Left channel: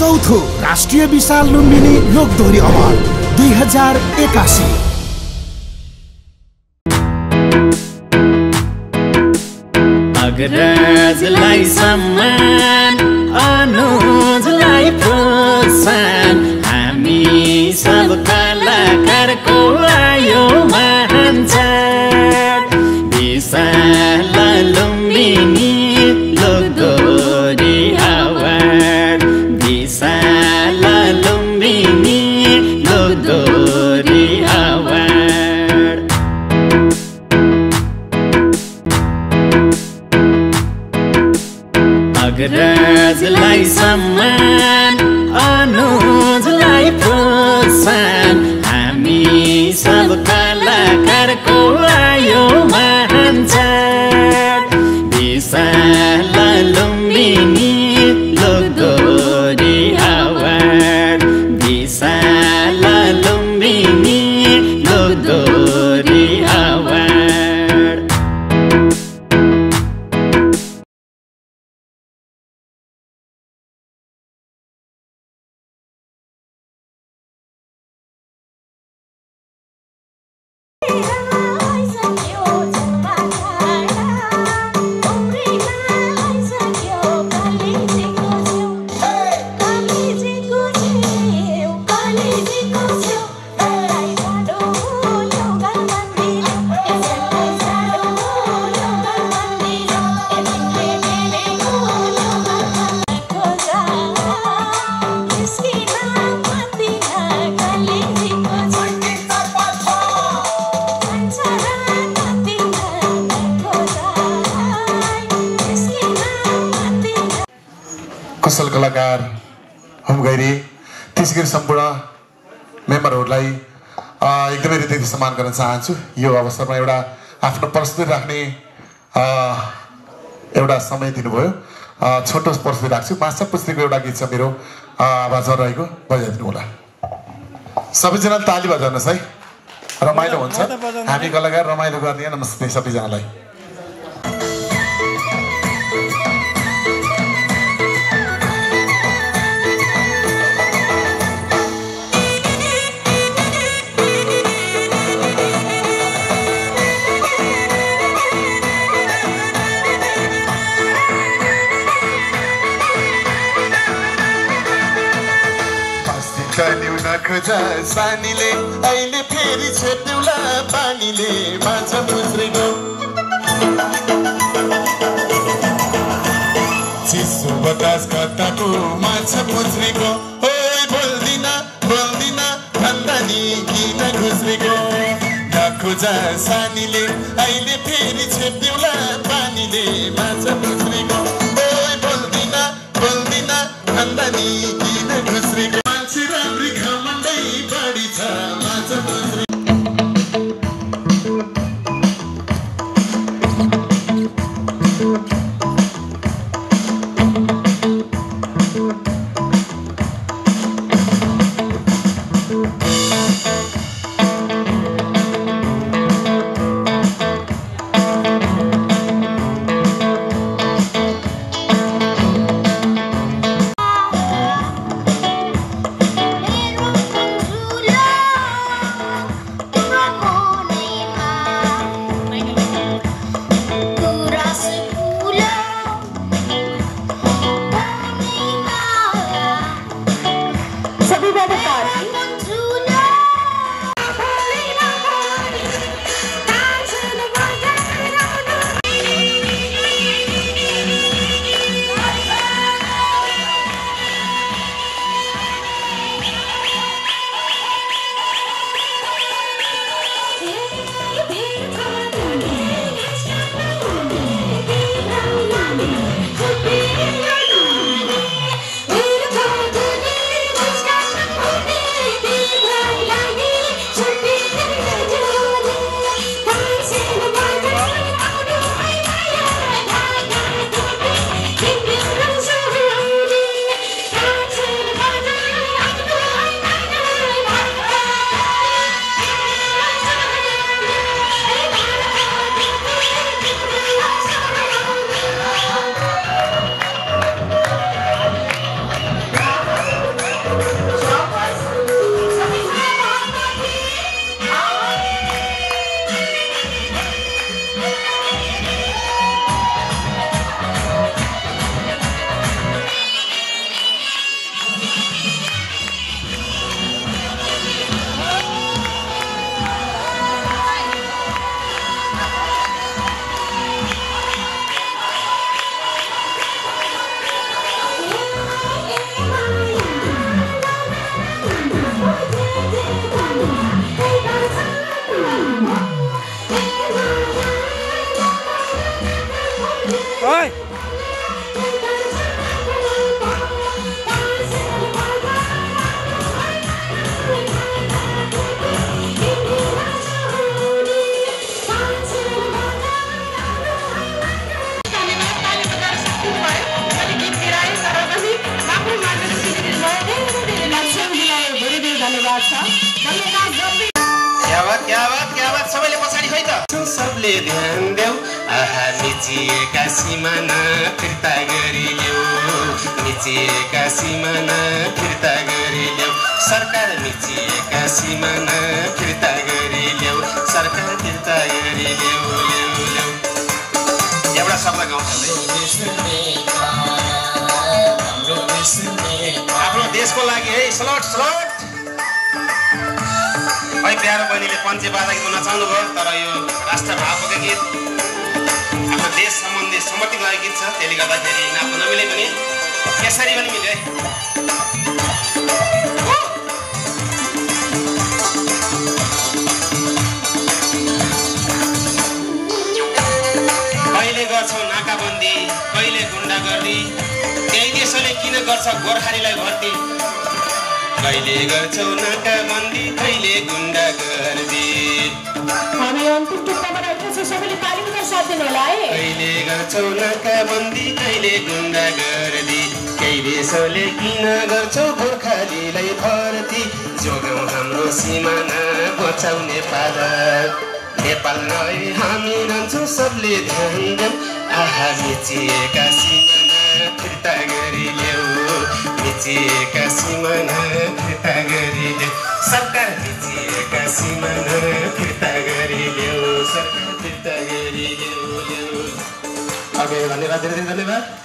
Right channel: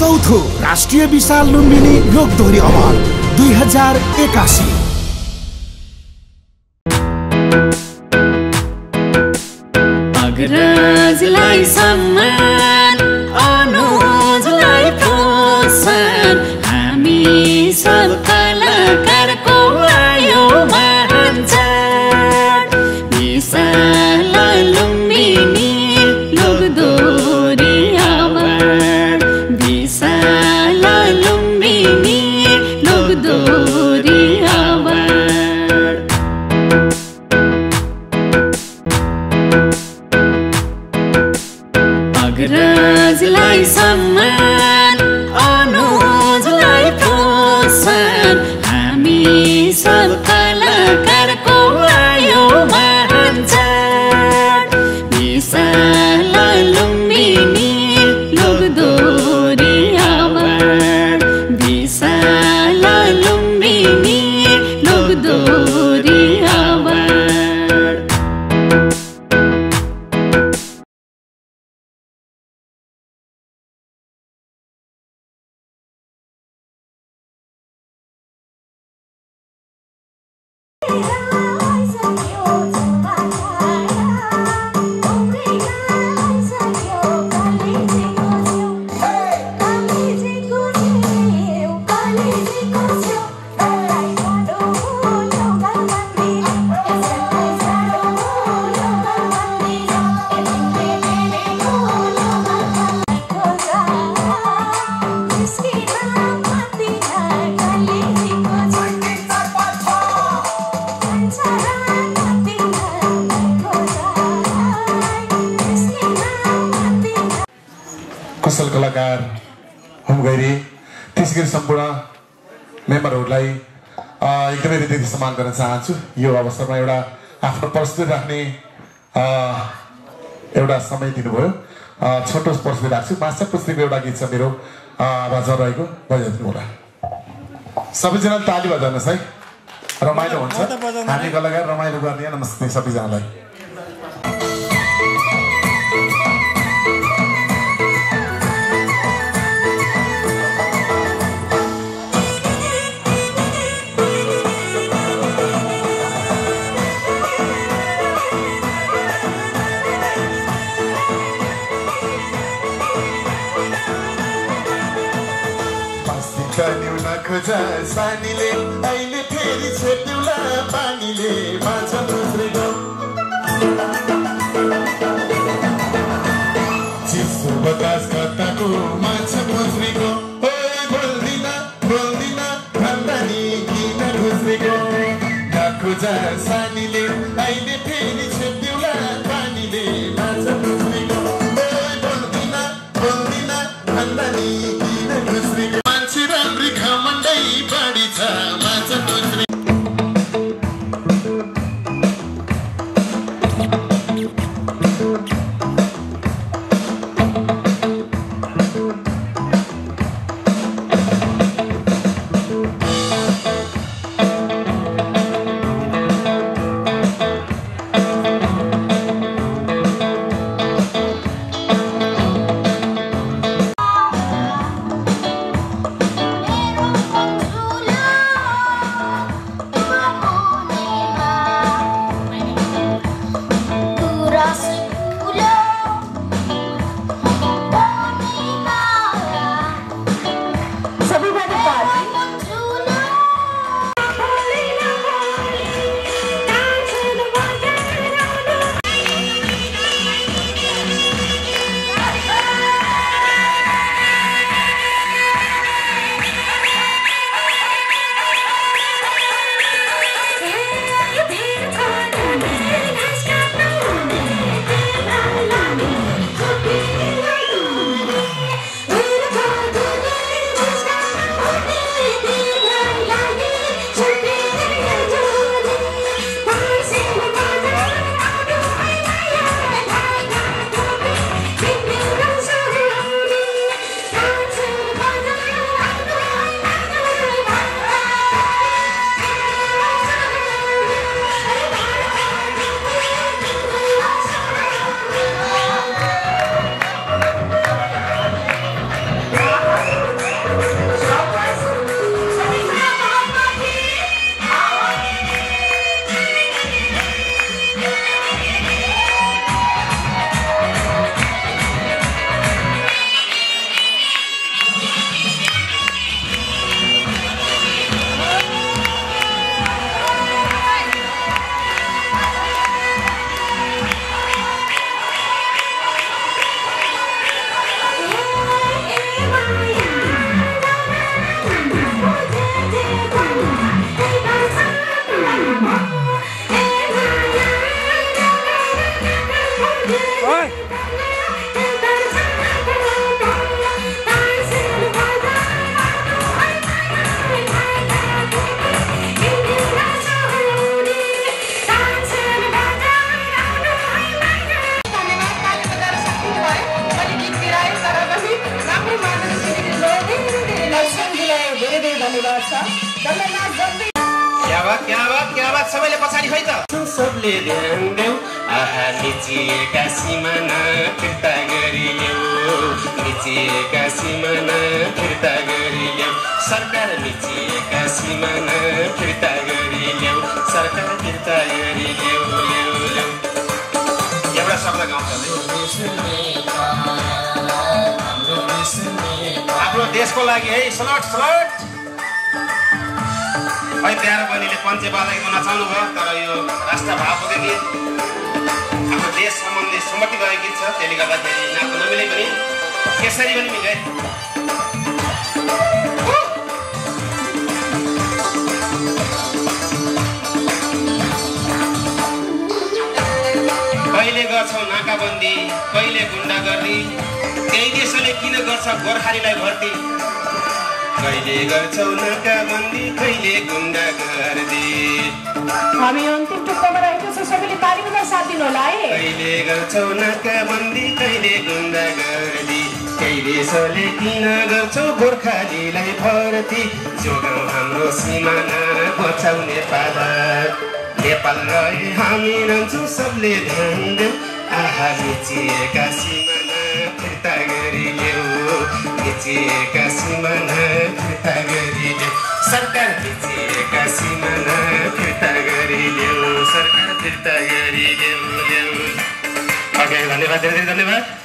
चौथो राष्ट्रिय विशाल लुम्बिनी लोकदोहोरी अवार्ड 2081। अग्रजलाई सम्मान, अनुजलाई प्रोत्साहन, हामी सब कलाकारको आयो महान चाड। विशाल लुम्बिनी लोकदोहोरी अवार्ड, विशाल लुम्बिनी लोकदोहोरी अवार्ड। अग्रजलाई सम्मान, अनुजलाई प्रोत्साहन, हामी सब कलाकारको आयो महान चाड। विशाल लुम्बिनी लोकदोहोरी अवार्ड, विशाल लुम्बिनी लोकदोहोरी अवार्ड। कुशल कलाकार होम गैरी त्यसगरी सम्पूर्ण मेम्बरहरूलाई एकदमै हृदयदेखि सम्मान गर्न चाहन्छु। यो अवसरमा एउटा आफ्नो प्रस्तुति राख्ने एउटा समय दिनुभयो। छोटो प्रस्तुति राख्छु। माछा पुस्तिको एउटा गीत छ मेरो आवाजमा रहेको, बजाइदिनु होला। सबैजना ताली बजाउनुहोस् है, रमाइलो हुन्छ। हामी कलाकार रमाइलो गर्ने। नमस्ते सबैजनालाई। सानीले अहिले फेरि छेट्युला पानीले माछा मुस्रेको चिसो बतास कताको माछा मुस्रेको बोल्दिन बोल्दिन भन्दा नि किन घुस्रेको नखोजा सानीले अहिले फेरि छेट्युला पानीले माछा मुस्रेको बोल्दिन बोल्दिन भन्दा नि किन घुस्रेको मान्छे राम्री खमण्डै बढी छ माछा मुस्रे क्या बात सबैले पछाडि खै त सबले ध्यान देऊ आहा मिचिएका सिमाना फिर्ता गरिदेऊ मिचिएका सिमाना फिर्ता गरिदेऊ सरकार मिचिएका सिमाना फिर्ता गरिदेऊ सरकार फिर्ता गरिदेऊ एउटा शब्द गाउँछ आफ्नो देशको लागि है सलट सलट है प्यारो बहिनीले पञ्चे बाजा गीत नचाउनु भयो तर यो राष्ट्रभावको गीत हाम्रो देश सम्बन्धी सम्मति गएको गीत छ त्यसले गर्दाखेरि नाच्न नमिले पनि यसरी पनि मिले कहिले गर्छौ नाकाबन्दी कहिले गुण्डागर्दी त्यही देशले किन गर्छ गोर्खालीलाई भर्ती कहिले गर्छौ नाकाबन्दी कहिले गुण्डागर्दी हामी अन्तिम टुप्पोमा रहेको छ सबैले तालीमा साथ दिनु होला है कहिले गर्छौ नाकाबन्दी कहिले गुण्डागर्दी केही देशले किन गर्छौ गोर्खालीलाई भर्ती जोगाउँ हाम्रो सिमाना बचाउ नेपाल रहे हामी रहन्छौँ सबले ध्यान देऊ आहा मिचिएका सिमाना फिर्ता गरिदेऊ मिचिएका सिमाना फिर्ता गरिदेऊ सरकार मिचिएका सिमाना फिर्ता गरिदेऊ सरकार फिर्ता गरिदेऊ ओके धन्यवाद धेरै धन्यवाद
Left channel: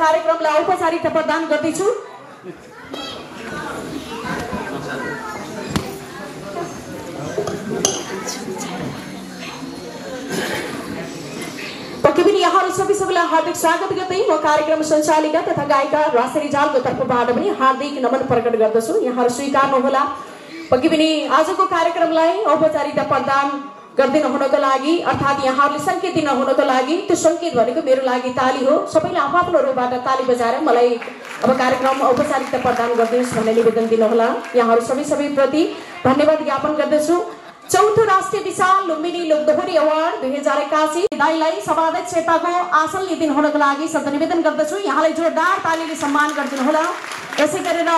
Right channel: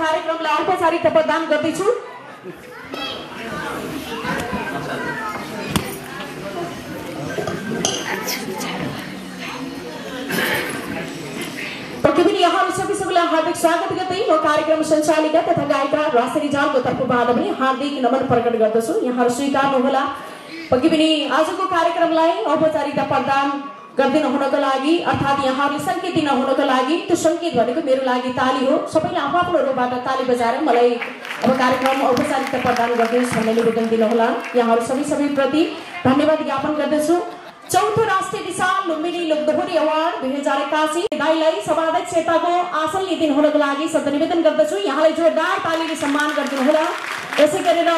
कार्यक्रमलाई औपचारिक प्रदान गर्दैछु प्रतिदिन यहाँहरू सबैलाई हार्दिक स्वागत गर्दै म कार्यक्रम सञ्चालिका तथा गायिका राशि रिजालको तर्फबाट पनि हार्दिक नमन प्रकट गर्दछु यहाँहरू स्वीकार्नु होला पक्कै पनि आजको कार्यक्रमलाई औपचारिकता प्रदान गर्दिन हुनको लागि अर्थात् यहाँहरूले सङ्केत दिन हुनको लागि त्यो सङ्केत भनेको मेरो लागि ताली हो। सबैले आफ्नो रूपबाट ताली बजाएर मलाई अब कार्यक्रममा औपचारिकता प्रदान गरिदिनुहोस् भन्ने निवेदन दिनुहोला। यहाँहरू सबैप्रति धन्यवाद ज्ञापन गर्दछु। चौथो राष्ट्रिय विशाल लुम्बिनी लोकदोहोरी अवार्ड 2081 दाइलाई सभाध्यक्षताको आसन लिइदिनु हुनको लागि सधैँ निवेदन गर्दछु। यहाँलाई जोरदार तालीले सम्मान गरिदिनु होला। यसै गरेर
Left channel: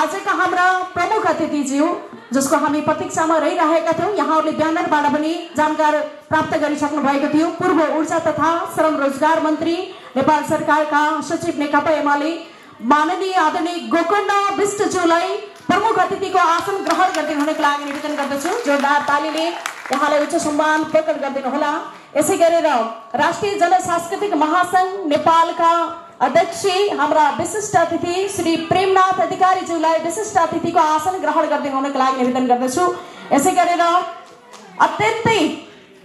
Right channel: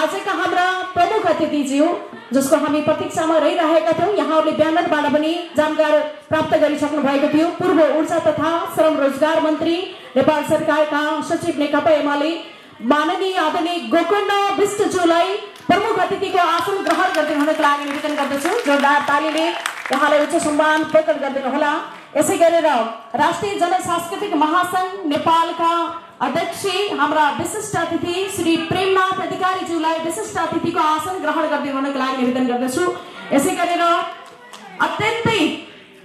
आजका हाम्रा प्रमुख अतिथिज्यू जसको हामी प्रतीक्षामा रहिरहेका थियौँ, यहाँहरूले ब्यानरबाट पनि जानकारी प्राप्त गरिसक्नु भएको थियो। पूर्व ऊर्जा तथा श्रम रोजगार मन्त्री नेपाल सरकारका सचिव नेकपा एमाले माननीय आदरणीय गोकर्ण विष्टज्यूलाई प्रमुख अतिथिको आसन ग्रहण गरिदिनु हुनको लागि निवेदन गर्दछु। जोरदार तालीले उहाँलाई उच्च सम्मान प्रकट गरिदिनु होला। यसै गरेर राष्ट्रिय जनसांस्कृतिक महासंघ नेपालका अध्यक्ष हाम्रा विशिष्ट अतिथि श्री प्रेमनाथ अधिकारीज्यूलाई विशिष्ट अतिथिको आसन ग्रहण गरिदिनु हुनको लागि निवेदन गर्दछु। यसै गरेर अत्यन्तै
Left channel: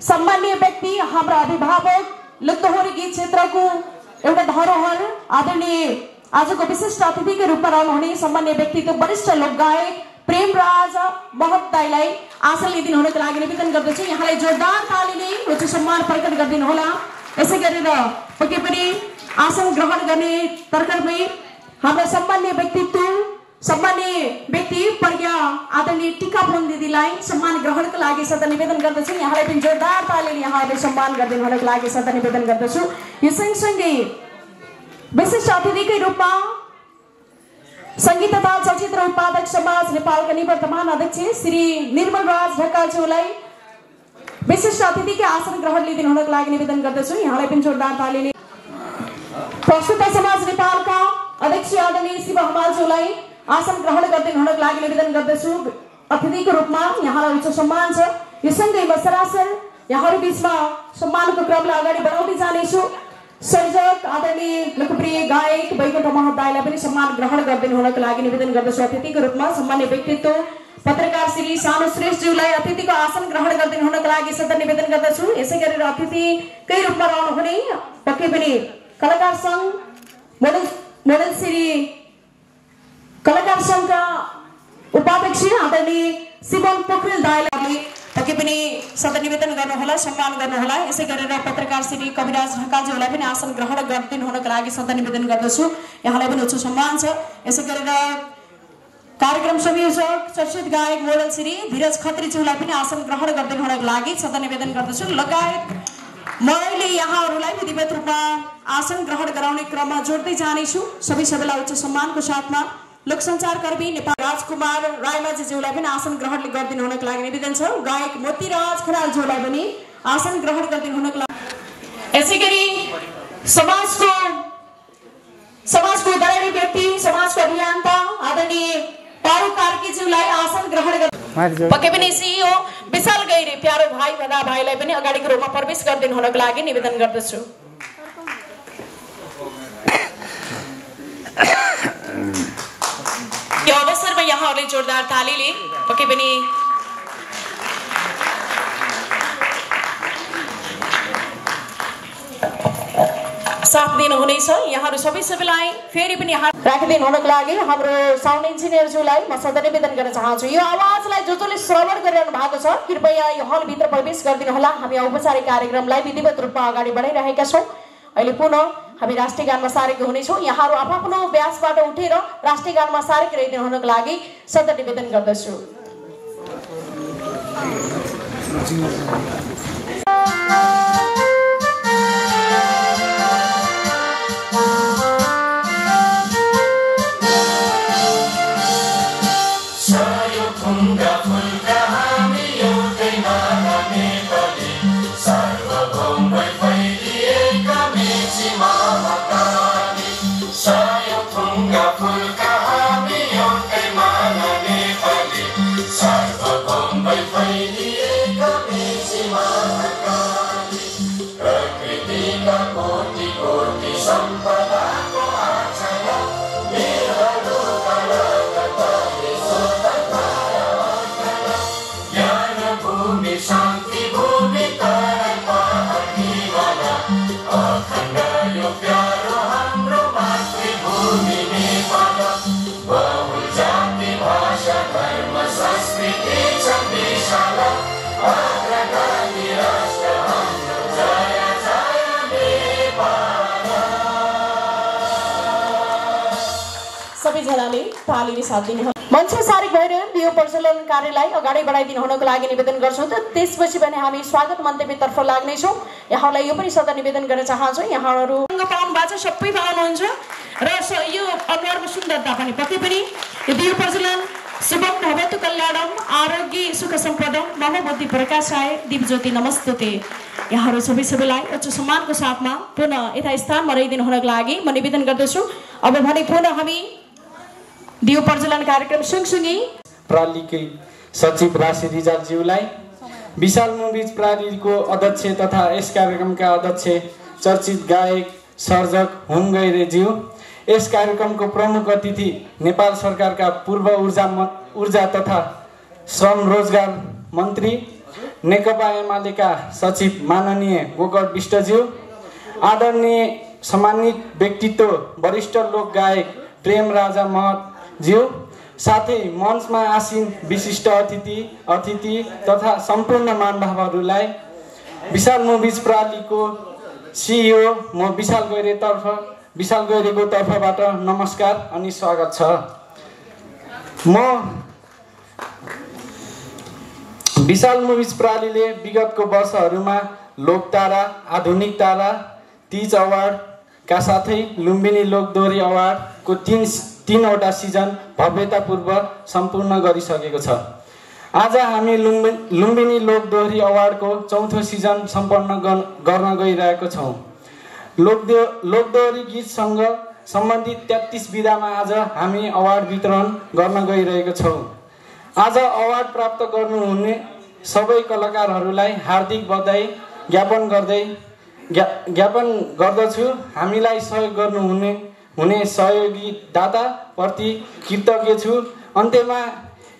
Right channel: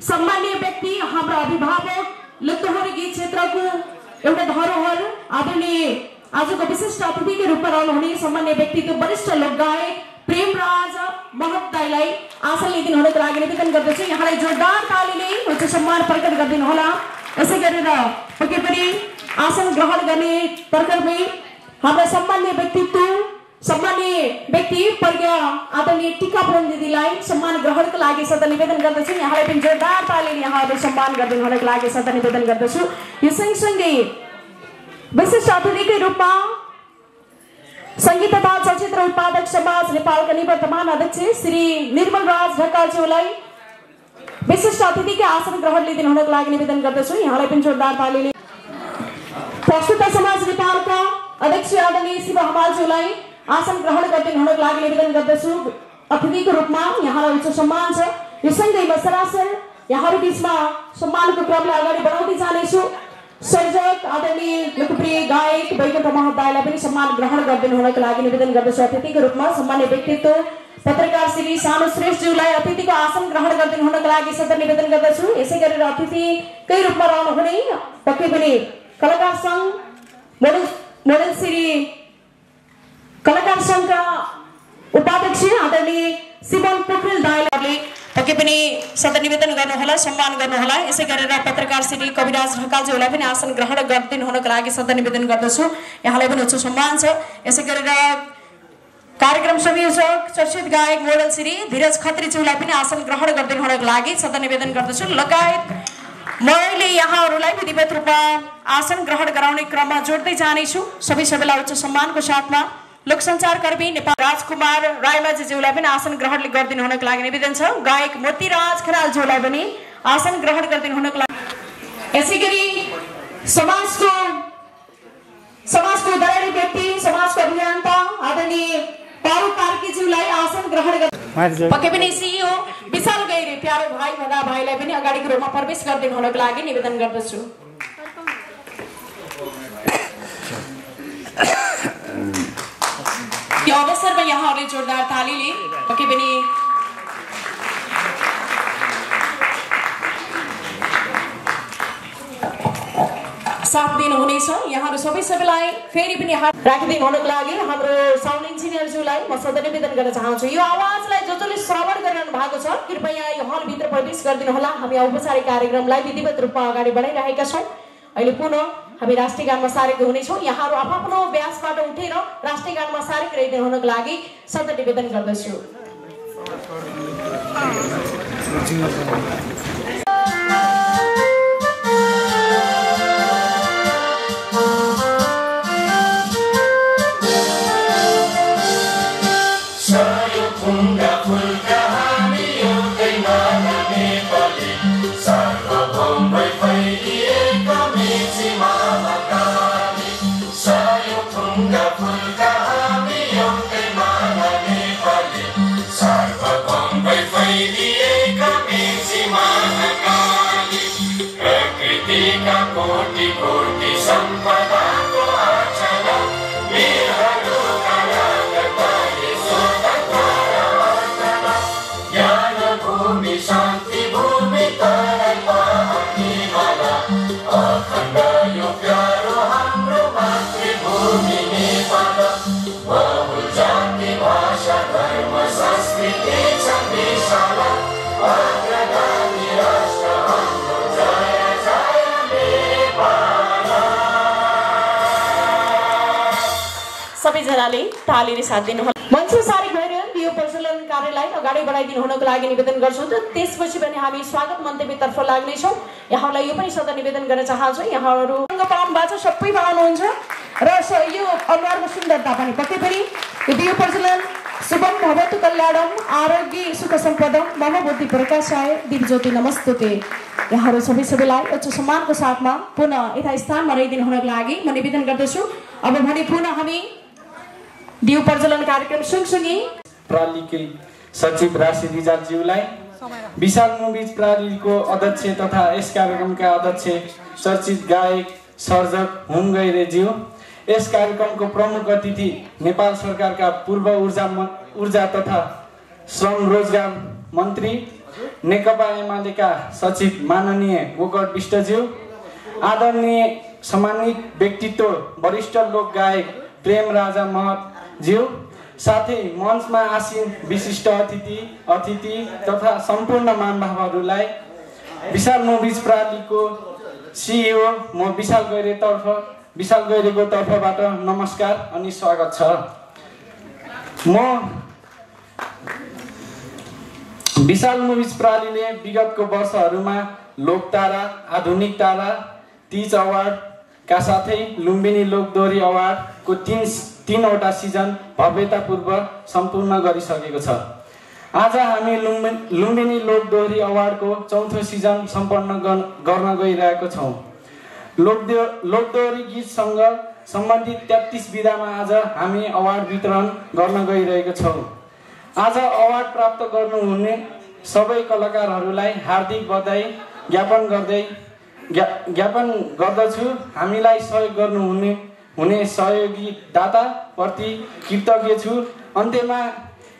सम्माननीय व्यक्ति हाम्रा अभिभावक लोकदोहोरी गीत क्षेत्रको एउटा धरोहर आदरणीय आजको विशिष्ट अतिथिको रूपमा रहनुहुने सम्माननीय व्यक्तित्व वरिष्ठ लोकगायक प्रेमराज महत दाइलाई आसन लिइदिनु हुनको लागि निवेदन गर्दछु। यहाँलाई जोरदार तालीले उच्च सम्मान प्रकट गरिदिनु होला। यसै गरेर पक्कै पनि आसन ग्रहण गर्ने तर्खरमै हाम्रा सम्माननीय व्यक्ति प्रज्ञा आदरणीय टीका पुरन दिदीलाई सम्मान ग्रहणको लागि सधैँ निवेदन गर्दछु। यहाँलाई पनि जोरदार तालीले यहाँहरू सम्मान गरिदिनु हुनको लागि सधैँ निवेदन गर्दछु। यो सँगसँगै विशिष्ट अतिथिकै रूपमा सङ्गीत तथा चलचित्र उत्पादक समाज नेपालका निवर्तमान अध्यक्ष श्री निर्मल राज ढकालज्यूलाई विशिष्ट अतिथिकै आसन ग्रहण लिइदिनु हुनको लागि निवेदन गर्दछु। यहाँलाई पनि जोरदार तालीले प्रस्तुत समाज नेपालका अध्यक्ष आदरणीय शिव हमालज्यूलाई आसन ग्रहण गरिदिनु हुनको लागि निवेदन गर्दछु। अतिथिको रूपमा यहाँलाई उच्च सम्मान छ। यो सँगै म सरासर यहाँहरू बिचमा सम्मानको क्रमलाई अगाडि बढाउँदै जानेछु। सर्जक आदरणीय लोकप्रिय गायक वैकुण्ठ महत दाइलाई पनि सम्मान ग्रहण गरिदिनु हुनको लागि निवेदन गर्दछु। अतिथिको रूपमा सम्मान्य व्यक्तित्व पत्रकार श्री सानु श्रेष्ठज्यूलाई अतिथिको आसन ग्रहण गरिदिनु हुनको लागि सधैँ निवेदन गर्दछु। यसै गरेर अतिथिकै रूपमा रहनुहुने पक्कै पनि कलाकार सङ्घ मोडल श्री कलाकार सङ्घका उपाध्यक्ष आदरणीय शिवन पोखरेल दाइले पक्कै पनि सधैँ निवेदन गर्नुहोला, सम्मान गर्नुहोला। यसै गरेर पत्रकार श्री कविराज ढकालज्यूलाई पनि आसन ग्रहण गरिदिनु हुनको लागि सधैँ निवेदन गर्दछु। यहाँलाई पनि उच्च सम्मान छ। यसै गरेर कार्यक्रम संयोजक चर्चित गायक मोडल श्री धीरज खत्रीज्यूलाई पनि आसन ग्रहण गरिदिनु हुनको लागि सधैँ निवेदन गर्दछु। लगायत मैले यहाँहरूलाई विधिवत रूपमा आसन ग्रहण गराउने क्रममा जोड्दै जानेछु। सबैलाई उच्च सम्मानको साथमा लोकसञ्चार कर्मी नेपाल राजकुमार रायमाझीज्यूलाई पनि आसन ग्रहण गरिदिनु हुनको लागि निवेदन छ। गायक मोतीराज खनालज्यूलाई पनि आसन ग्रहण गरिदिनु हुनको लागि। यसै गरी समाजको दयालु व्यक्ति समाजको अभियन्ता आदरणीय पारु कार्कीज्यूलाई आसन ग्रहण पक्कै पनि सिइओ विशाल गैरे प्यारो भाइ भन्दा भाइलाई पनि अगाडिको रूपमा प्रवेश गरिदिनु हुनको लागि निवेदन गर्दछु। यो अवसरमा यहाँहरूले जोरदार तालीले पक्कै पनि साथ दिनुहुनेछ। यहाँहरू सबैलाई फेरि पनि राखिदिनु हुनको लागि हाम्रो साउन्ड इन्जिनियरज्यूलाई म सधैँ निवेदन गर्न चाहन्छु। यो आवाजलाई जसले श्रवण गरिरहनु भएको छ कृपया यो हलभित्र प्रवेश गरिदिनु होला। हामी औपचारिक कार्यक्रमलाई विधिवत रूपमा अगाडि बढाइरहेका छौँ। अहिले पुनः हामी राष्ट्रिय गानमा सारेको हुनेछौँ। यहाँहरू आफ्नो व्यासबाट उठेर राष्ट्रिय गानमा सारेको रहिदिनु हुनको लागि सधैँ निवेदन गर्दछु। बहुल जाति भाषा धर्म संस्कृति सबैजनाले तालीले साथ दिनु। मञ्चमा सारिक भएर यो प्रचलन कार्यलाई अगाडि बढाइदिनु हुनको लागि निवेदन गर्छौँ। त त्यसपछि भने हामी स्वागत मन्तव्यतर्फ लाग्नेछौँ। यहाँलाई यो पनि सदा निवेदन गर्न चाहन्छु, यहाँहरू पाउनु भएको छ, सबै पाउनुहुन्छ र यो अनुहारको सुन्दरता पनि पक्कै पनि यो दियो प्रचलन शुभम भवतु कल्याणम आरोग्य सुख सम्पदम मम बुद्धि प्रकाशाय दिवज्योति नमस्तुते। यहाँहरू सबैलाई उच्च सम्मानको साथमा पुनः यथास्थानमा रहिदिनु हुनको लागि म निवेदन गर्दछु। अब भने पुनः हामी दियो प्रज्वलन कार्यक्रम सँगसँगै प्रालीकै सचिव राशि रिजालज्यूलाई, विशाल मुभिज प्रालीको अध्यक्ष तथा यस कार्यक्रमका अध्यक्ष चर्चित गायक सर्जक हुम गैरेज्यू, यस कार्यक्रमको प्रमुख अतिथि नेपाल सरकारका पूर्व ऊर्जा तथा श्रम रोजगार मन्त्री नेकपा एमालेका सचिव माननीय गोकर्ण विष्टज्यू, आदरणीय सम्मानित व्यक्तित्व वरिष्ठ लोक गायक प्रेम राजा महतज्यू, साथै मञ्चमा आसीन विशिष्ट अतिथि तथा सम्पूर्ण महानुभावहरूलाई विशाल मुभिज प्रालीको सिइओ म विशाल गैरेको तर्फबाट नमस्कार अनि स्वागत छ। म विशाल मुभिज प्रालीले विगतको वर्षहरूमा लोकतारा, आधुनिक तारा, तीज अवार्डका साथै लुम्बिनी लोकदोहोरी अवार्डको तीनवटा सिजन भव्यतापूर्वक सम्पूर्ण गरिसकेको छ। आज हामी लुम्बिनी लोकदोहोरी अवार्डको चौथो सिजन सम्पन्न गर्न गइरहेको छौँ। लोकदोहोरी गीतसँग सम्बन्धित 33 विधामा आज हामी अवार्ड वितरण गर्न गइरहेको छौँ। आज अवार्ड प्राप्त गर्नुहुने सबै कलाकारहरूलाई हार्दिक बधाई ज्ञापन गर्दछु। हामीलाई सहयोग गर्नुहुने सहयोगी दाताप्रति कृतज्ञ छु। अन्त्यमा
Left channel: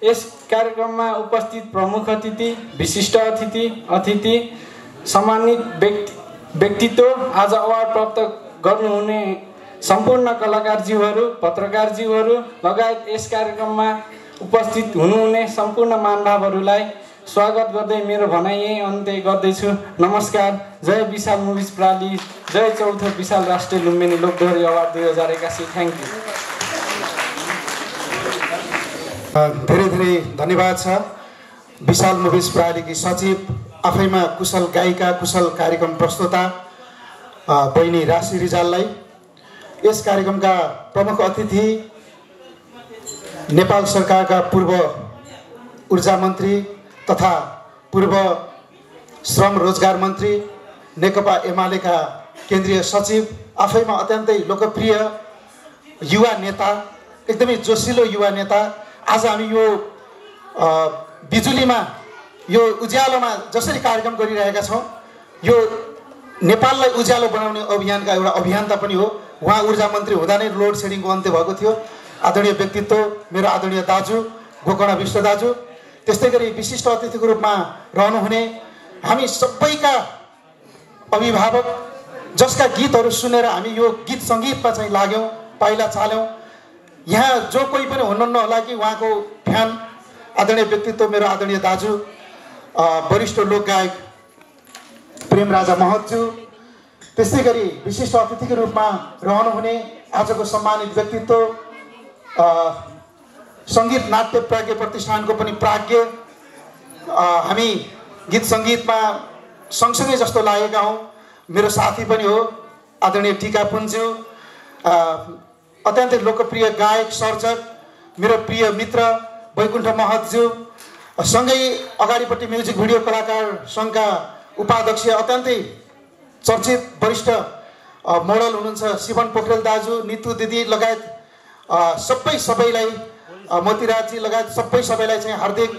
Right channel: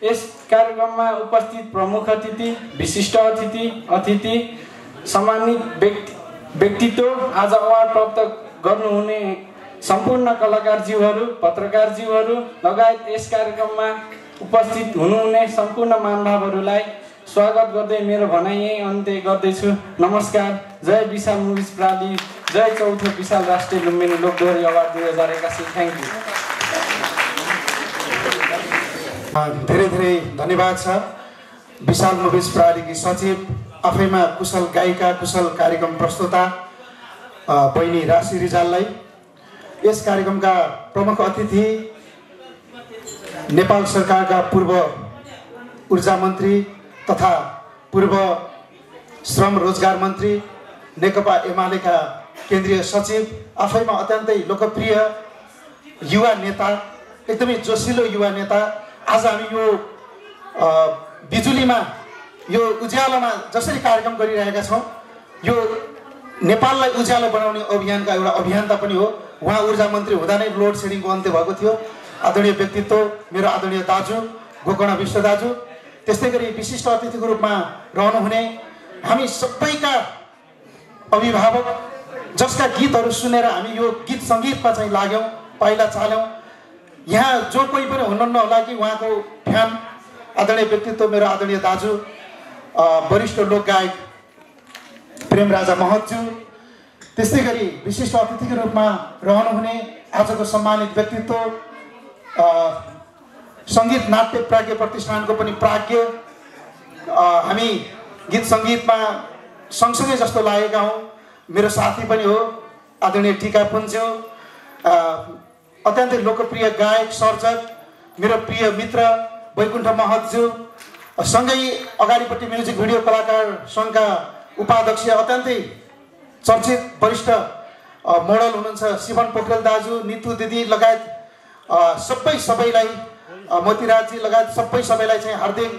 यस कार्यक्रममा उपस्थित प्रमुख अतिथि, विशिष्ट अतिथि, सम्मानित व्यक्तित्व, आज अवार्ड प्राप्त गर्नुहुने सम्पूर्ण कलाकारज्यूहरू, पत्रकारज्यूहरू लगायत यस कार्यक्रममा उपस्थित हुनुहुने सम्पूर्ण महानुभावहरूलाई स्वागत गर्दै मेरो भनाइ यही अन्त्य गर्दैछु। नमस्कार। जय विशाल मुभिज प्राली, जय चौथो विशाल राष्ट्रिय लुम्बिनी लोकदोहोरी अवार्ड 2081। Thank you. धेरै धेरै धन्यवाद छ विशाल मुभिज प्रालीकी सचिव, आफैमा कुशल गायिका, कुशल कार्यक्रम प्रस्तुता बहिनी राशि रिजाललाई। यस कार्यक्रमका प्रमुख अतिथि नेपाल सरकारका पूर्व ऊर्जा मन्त्री तथा पूर्व श्रम रोजगार मन्त्री, नेकपा एमालेका केन्द्रीय सचिव, आफैमा अत्यन्तै लोकप्रिय युवा नेता, एकदमै जोसिलो युवा नेता। आज हामी यो बिजुलीमा, यो उज्यालोमा जसरी कार्यक्रम गरिरहेका छौँ, यो नेपाललाई उज्यालो बनाउने अभियानका एउटा अभियन्ता पनि हो। उहाँ ऊर्जा मन्त्री हुँदा नै लोड सेडिङको अन्त्य भएको थियो। आदरणीय व्यक्तित्व मेरो आदरणीय दाजु गोकर्ण विष्ट दाजु, त्यस्तै गरी विशिष्ट अतिथिको रूपमा रहनुहुने हामी सबैका अभिभावक, जसका गीतहरू सुनेर हामी यो गीत सङ्गीतमा चाहिँ लाग्यौँ, पाइला चाल्यौँ। यहाँ जो कोही पनि हुनुहुन्न होला कि उहाँको फ्यान, आदरणीय व्यक्तित्व मेरो आदरणीय दाजु वरिष्ठ लोक गायक प्रेम राजा महतज्यू, त्यस्तै गरी विशिष्ट अतिथिको रूपमा रहनुहुने आजको सम्मानित व्यक्तित्व सङ्गीत नाट्य प्राज्ञ प्रतिष्ठानको पनि प्राज्ञ, हामी गीत सङ्गीतमा सँगसँगै जस्तो लागेका हौँ। मेरो साथी पनि हो आदरणीय टिका पुन्ज्यू, अत्यन्तै लोकप्रिय गायक सर्जक, मेरो प्रिय मित्र वैकुण्ठ महतज्यू, सँगै अगाडिपट्टि म्युजिक भिडियो कलाकार सङ्घका उपाध्यक्ष, अत्यन्तै चर्चित वरिष्ठ मोडल हुनुहुन्छ शिवन पोखरेल दाजु, नितु दिदी लगायत सबैलाई, मोतीराजी लगायत सबैलाई चाहिँ हार्दिक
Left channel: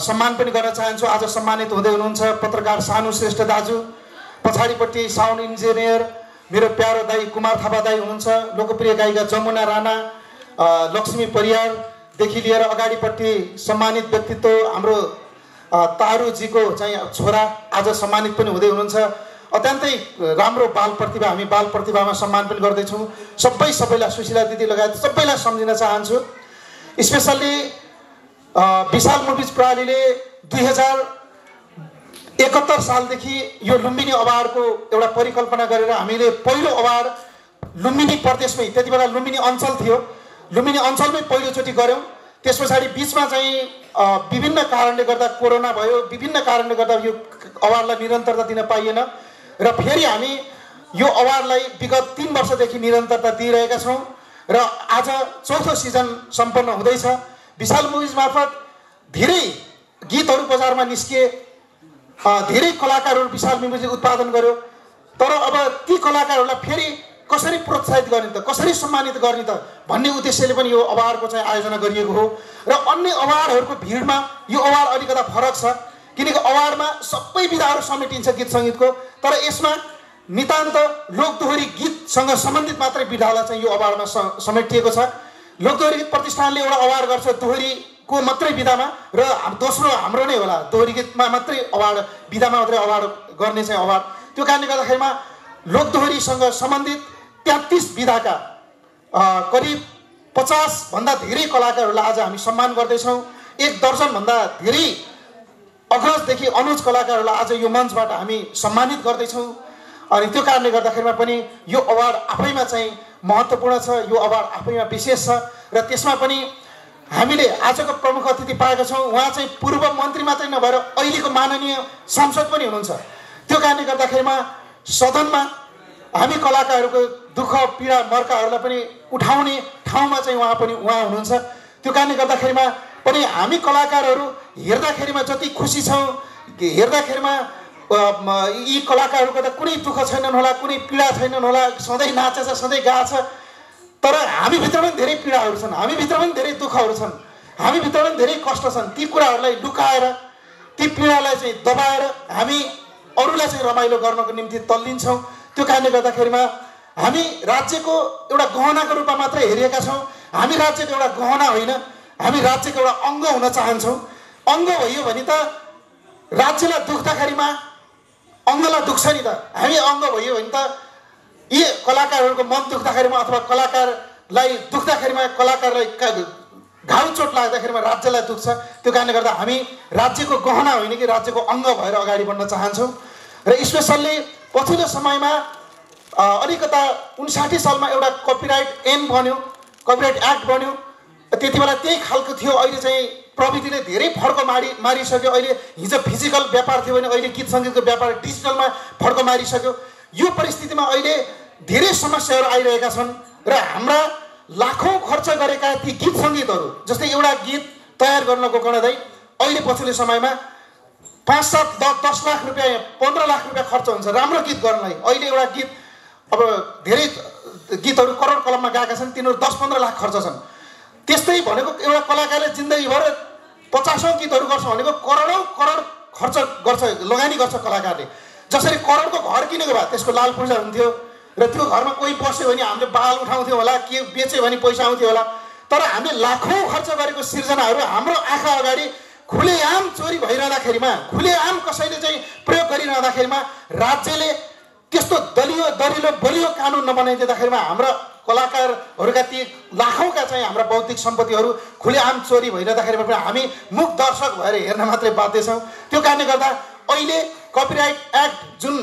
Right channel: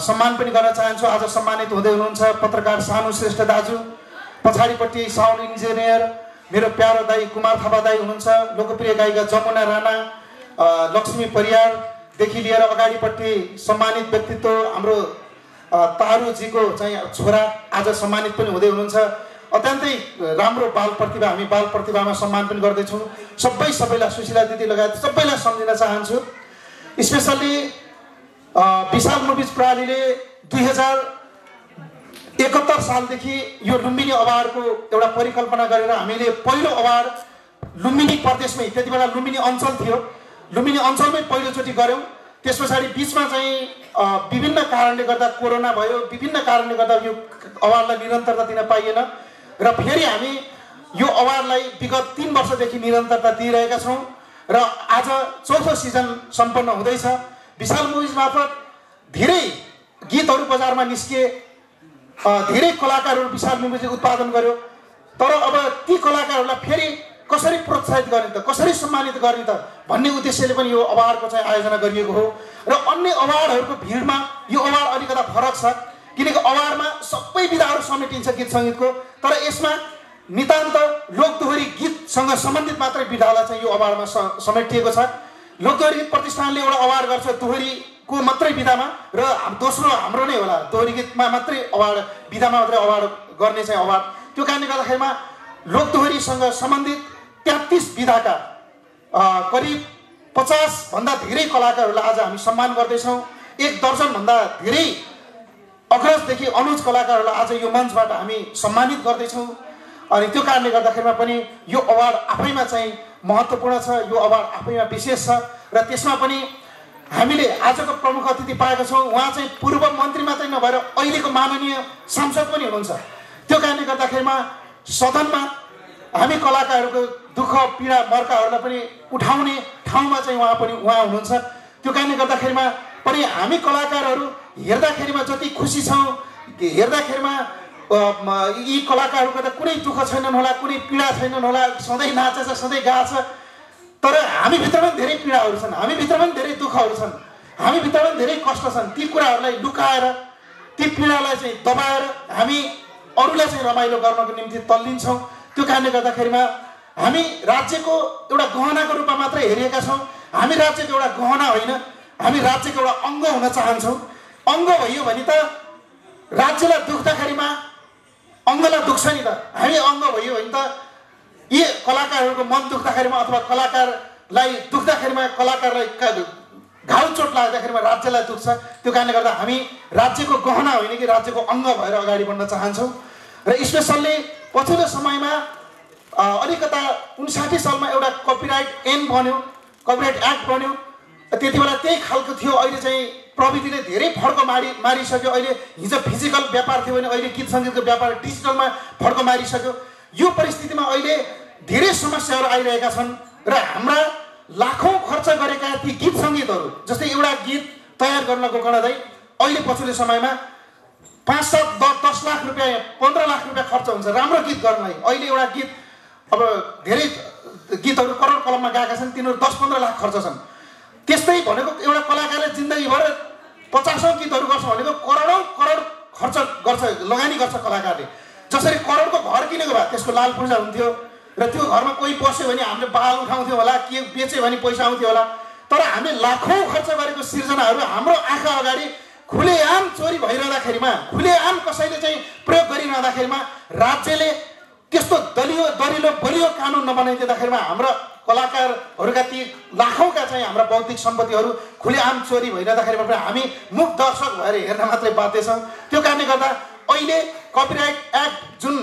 सम्मान पनि गर्न चाहन्छु। आज सम्मानित हुँदै हुनुहुन्छ पत्रकार सानु श्रेष्ठ दाजु, पछाडिपट्टि साउन्ड इन्जिनियर मेरो प्यारो दाई कुमार थापा दाई हुनुहुन्छ, लोकप्रिय गायिका जमुना राणा, लक्ष्मी परियारदेखि लिएर अगाडिपट्टि सम्मानित व्यक्तित्व हाम्रो तारुजीको चाहिँ छोरा आज सम्मानित पनि हुँदै हुनुहुन्छ। अत्यन्तै राम्रो बाल प्रतिभा, हामी बाल प्रतिभामा सम्मान पनि गर्दैछौँ। सबैलाई सुशीला दिदी लगायत सबैलाई सम्झिन चाहन्छु। स्पेसल्ली विशाल मुभिज प्रणालीले 2071 सालदेखि यो लुम्बिनी अवार्डको एउटा परिकल्पना गरेर हामीले पहिलो अवार्ड लुम्बिनी प्रदेशमै, त्यति बेला लुम्बिनी अञ्चल थियो, लुम्बिनी अञ्चलमै पहिलोचोटि गऱ्यौँ। त्यस पछाडि बिचमा चाहिँ विभिन्न कारणले गर्दा कोरोना भयो, विभिन्न कारणले गर्दा यो अवार्डलाई निरन्तरता दिन पाइएन र फेरि हामी यो अवार्डलाई विगत 3 वर्षदेखि निरन्तरता दिइरहेका छौँ र आज चौथो सिजन सम्पन्न हुँदैछ। विशाल मुभिज मार्फत धेरै गीतहरू बजारमा निस्के, धेरै कलाकारहरू विशाल मुभिजले उत्पादन गर्यो। तर अब ती कलाकारहरूलाई फेरि कसरी प्रोत्साहित गर्ने त, कसरी सम्मानित गर्ने त भन्ने उद्देश्यले पनि यो अवार्डको चाहिँ आयोजना गरिएको हो। र अन्य अवार्डहरूको भिडमा यो अवार्ड अलिकता फरक छ, किनकि अवार्डमा सबै विधाहरू समेटिन्छ गीत सङ्गीतको, तर यसमा नितान्त लोकदोहोरी गीतसँग सम्बन्धित मात्रै विधालाई चाहिँ यो अवार्डमा समेटिएको छ। लोकदोहोरी गीत प्रतिष्ठानले एउटा अवार्ड गर्छ दोहोरीको मात्रै विधामा, र दोस्रो हाम्रो नै होला दोहोरी गीतमा मात्रै अवार्ड, विधामा मात्रै अवार्ड गर्ने चाहिँ अवार्ड। त्यो कारणले गर्दाखेरिमा लोकदोहोरीसँग सम्बन्धित 33 विधाका करिब 50 भन्दा धेरै कलाकारहरूलाई आज हामी सम्मान गर्दैछौँ। 1 दर्जनभन्दा धेरै अग्रजदेखि अनुज कलाकारहरूलाई आज यो मञ्चबाट हामी सम्मानित गर्दैछौँ। अनि त्यो कारणले गर्दाखेरिमा पनि यो अवार्ड आफैमा चाहिँ महत्त्वपूर्ण छ, यो अवार्ड आफैमा विशेष छ। र त्यसमा पनि हामीले आजको प्रमुख अतिथि पाएका छौँ, उहाँ चाहिँ पूर्व मन्त्री मात्रै नभएर अहिलेको माननीय सांसद पनि हुनुहुन्छ। त्यो कारणले गर्दाखेरिमा सदनमा हामी कलाकारहरूको दुःख पीडा मर्काहरूलाई पनि उठाउने ठाउँमा चाहिँ उहाँ हुनुहुन्छ। त्यो कारणले गर्दाखेरिमा पनि हामी कलाकारहरू हेर्दाखेरिमा जति खुसी छौँ, हेर्दाखेरिमा यी कलाकारहरूको त कुनै दुःख छैनन् होला, कुनै पीडा छैनन् होला, सधैँ नाचेछ, सधैँ गाछ, तर हामीभित्र पनि धेरै पीडाहरू छन्, हामीभित्र पनि धेरै दुःखहरू छन्, हामीभित्र पनि धेरै कष्ट छन्। ती कुराहरूलाई लुकाएर, ती पीडालाई चाहिँ दबाएर हामी अरूलाई चाहिँ रमाइलो गर्नको निम्ति तल्लिन्छौँ। त्यो कारणले गर्दाखेरिमा हामी राज्यको एउटा गहनाको रूपमा मात्रै हेरिएका छौँ। हामी राज्यको एउटा गहना होइन, हामी राज्यको एउटा अङ्ग हुन चाहन्छौँ। अङ्ग भइयो भने त राज्यलाई दुख्दाखेरिमा अङ्गलाई दुख्छ नि त, हामी अङ्ग भइयो भने त यी कलाकारहरूको मन दुख्दाखेरिमा अथवा कलाकारलाई दुख्दाखेरिमा, कलाकारलाई घाउ चोट लाग्दाखेरिमा राज्यलाई दुख्छ। त्यो कारणले गर्दा हामी राज्यको गहना होइन कि राज्यको अङ्ग भएर अगाडि बढ्न चाहन्छौँ। र स्पेसल्ली पछिल्लो समयमा अलिकता 59 सालमा एउटा कपिराइट ऐन बन्यो, कपिराइट एक्ट बन्यो, त्यति बेला त्यही खालको थियो। अहिले चाहिँ प्रविधिले धेरै फड्को मारिसक्यो। अहिले हिजो फिजिकल व्यापार थियो भने अहिले गीत सङ्गीतको व्यापार डिजिटलमा फड्को मारिसक्यो। यो परिस्थितिमा अहिले धेरै समस्याहरू आइरहेका छन् र हाम्रा लाखौँ खर्च गरेका ती गीत सङ्गीतहरू, जस्तै एउटा गीत तयार गर्नको गणदै अहिले पछिल्लो समयमा 5, 7, 10 लाख रुपियाँ, 15 लाख रुपियाँ खर्च हुन्छ राम्रो गीत गर्नलाई। अहिले एउटा गीत, अब धेरै गीतहरू करोड कलममा गाएका छन्, तिनीहरू 10-15 लाख खर्च छन्। त्यस्तै भनेको एउटा कलाकारले जिन्दगीभर 50औं गीतहरू गर्छ भनेको करोडौँ करोड खर्च गर्छ, लगानी गर्छ कलाकारले। जसरी करोडको घर किनेको भए त्यसको लाल पूजा हुन्थ्यो र त्यो घरमा कोही बस्यो भने हामीले बाल उठाउँथ्यो होला, के बेच्यो भने पैसा आउँथ्यो होला। तर हामीले लाखौँ खर्च गरेको सिर्जनाहरू हाम्रो आँखा अगाडि खुलेआम चोरी भइरहँदाखेरिमा, खुलेआम कसैले चाहिँ प्रयोग गरिरहँदाखेरिमा राज्यले त्यस्तो दरिलो बलियो कानुन नबनाइदिँदाखेरिमा हाम्रा कलाकारहरूका ती लाखौँका चाहिँ हाम्रा बौद्धिक सम्पत्तिहरू खुलेआम चोरी भइरहँदाखेरिमा पनि हामी मुख दर्शक भएर हेर्न मात्रै बाध्य छौँ। त्यो कारणले गर्दा अहिले कपिराइट एक्ट जुन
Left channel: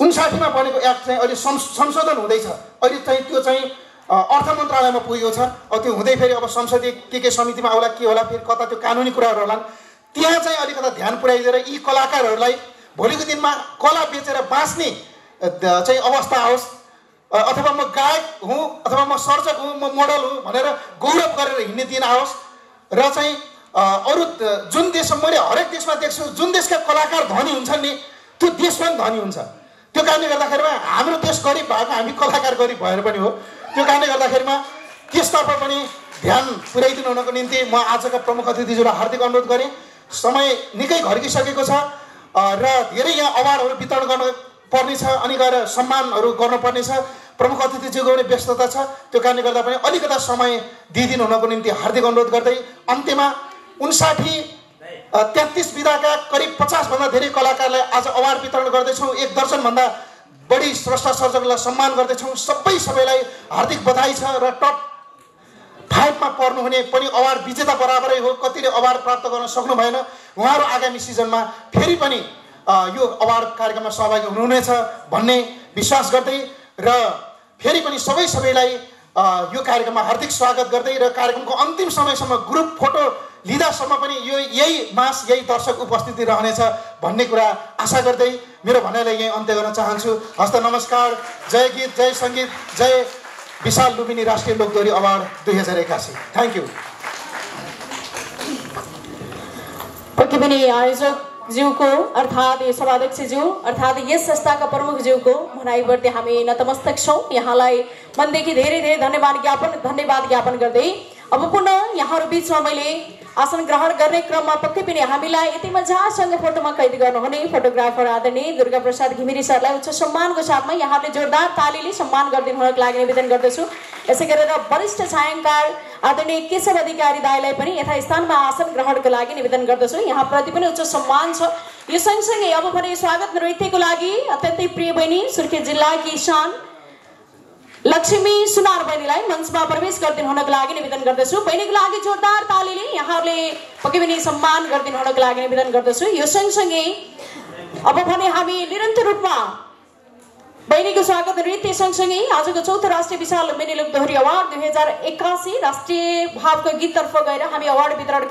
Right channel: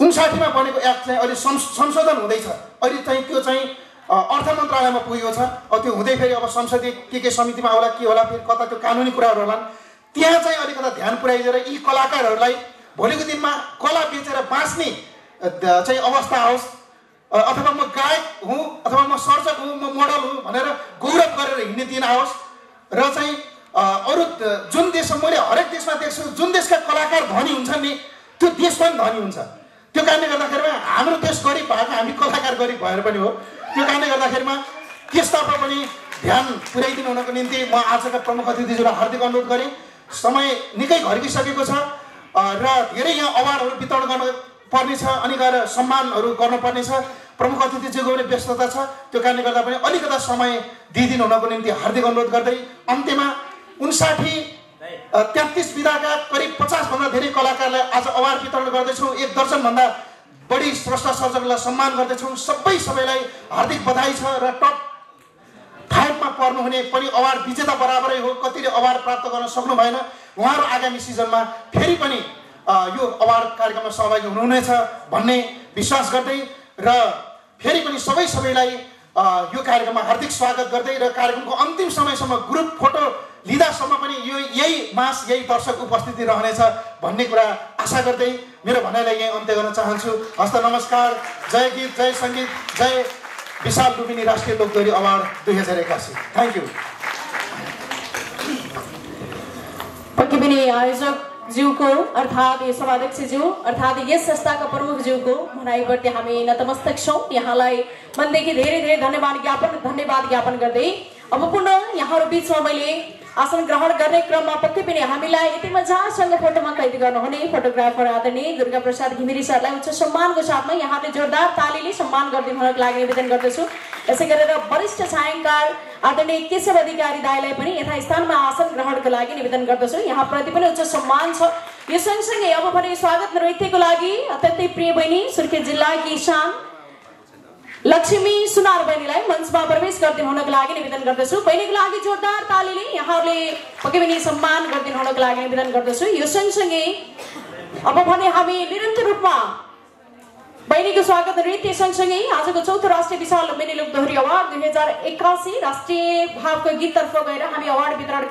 59 मा बनेको एक्ट चाहिँ अहिले संशोधन हुँदैछ। अहिले चाहिँ त्यो चाहिँ अर्थ मन्त्रालयमा पुगेको छ। अब त्यो हुँदै फेरि अब संसदीय के समितिमा आउला, के होला, फेरि कता त्यो कानुनी कुराहरू होलान्। त्यहाँ चाहिँ अलिकता ध्यान पुर्याइदिएर यी कलाकारहरूलाई भोलिको दिनमा कला बेचेर बाँच्ने चाहिँ अवस्था आओस्, अथवा म गायक हुँ, अथवा म सर्जक हुँ, म मोडल हुँ भनेर गौरव गरेर हिँड्ने दिन आओस्। र चाहिँ अरू जुन देशमा, मैले हरेक देशमा देख्छु, जुन देशका कलाकार धनी हुन्छन् नि त्यो देश पनि धनी हुन्छ। त्यो कारणले गर्दाखेरिमा हाम्रो देश गरिब भएको, हामी कलाकार गरिब भएर पनि हो। त्यो कारणले गर्दाखेरिमा त्यसतर्फ पनि ध्यान पुर्याइदिनु हुनको निम्ति म आजका प्रमुख अतिथिज्यूलाई हार्दिक अनुरोध गरेँ। समय निकै घर्किसकेको छ र धेरै यहाँ अवार्डहरू वितरण गर्न पर्नेछ, अनि गएर सम्मानहरू गर्नुपर्नेछ। प्रमुख अतिथिज्यूको पनि व्यस्तता छ। त्यो कारणले गर्दा पनि अलिकता समय दिइदिनु हुनको निम्ति हार्दिक अनुरोध गर्दै अन्त्यमा 33 विधाका करिब 50 भन्दा धेरै कलाकारलाई आज अवार्ड वितरण गर्दैछौँ। 1 दर्जनभन्दा बढी स्रष्टा सर्जकलाई सम्मान गर्दैछौँ। सबैलाई हार्दिक बधाई छ र टप 5 मा पर्नुहुने पनि अवार्ड विजेता बराबरै हो। कतिले अवार्ड प्राप्त गर्न सक्नु भएन, उहाँहरू आगामी सिजनमा फेरि पनि यो अवार्ड कार्यक्रममा सहभागी हुनुहुनेछ भन्ने विश्वास गर्दै र फेरि पनि सबैलाई यो कार्यक्रममा हार्दिक स्वागत गर्दै र कार्यक्रमको अन्तिम समयसम्म ग्रुप फोटो लिँदासम्म पनि यही मास यही दर्शक उपस्थिति रहनेछ भन्ने कुरा आशा गर्दै मेरो भनाइलाई यही अन्त्य गर्न चाहन्छु। हस्त नमस्कार। जय गीत, जय सङ्गीत, जय विशाल लुम्बिनी राष्ट्रिय लोकदोहोरी अवार्ड 2081। Thank you. पक्कै पनि आयोजकज्यूको अर्थात् यो सभाध्यक्षज्यू अर्थात् यस संस्थाका प्रमुखज्यूको भनाइप्रति हामी नतमस्तक छौँ। यहाँलाई मनदेखि धेरै धेरै धन्यवाद ज्ञापन गर्दै अब पुनः यहाँहरू बिचमा मैले आसन ग्रहण गर्ने क्रममा पक्कै पनि हामीलाई यति मजासँग फोटोमा कैद गर्नुहुने फोटोग्राफर आदरणीय दुर्गा प्रसाद घिमिरे सरलाई उच्च सम्मानको साथमा यहाँले जोरदार तालीले सम्मान गरिदिनुको लागि निवेदन गर्दछु। यसै गरेर वरिष्ठ छायाङ्ककार आदरणीय केशव अधिकारी दाइलाई पनि यथास्थानमा आसन ग्रहणको लागि निवेदन गर्दछु। यहाँप्रति पनि उच्च सम्मान छ। यो सँगसँगै अब भने स्वागत नृत्यको लागि अत्यन्तै प्रिय बहिनी सुर्खेत जिल्लाकी शान लक्ष्मी सुनार बहिनीलाई मञ्चमा प्रवेश गरिदिनु हुनको लागि निवेदन गर्दछु। बहिनीको लागि जोरदार तालीले यहाँहरूले पक्कै पनि सम्मान गरिदिनु हुनको लागि निवेदन गर्दछु। यो सँगसँगै अब भने हामी निरन्तर रूपमा बहिनीको स्वागत नृत्य सँगसँगै आजको चौथो राष्ट्रिय विशाल लुम्बिनी लोकदोहोरी अवार्ड 2081 राष्ट्रिय भावको गीततर्फ गएर हामी अवार्ड वितरण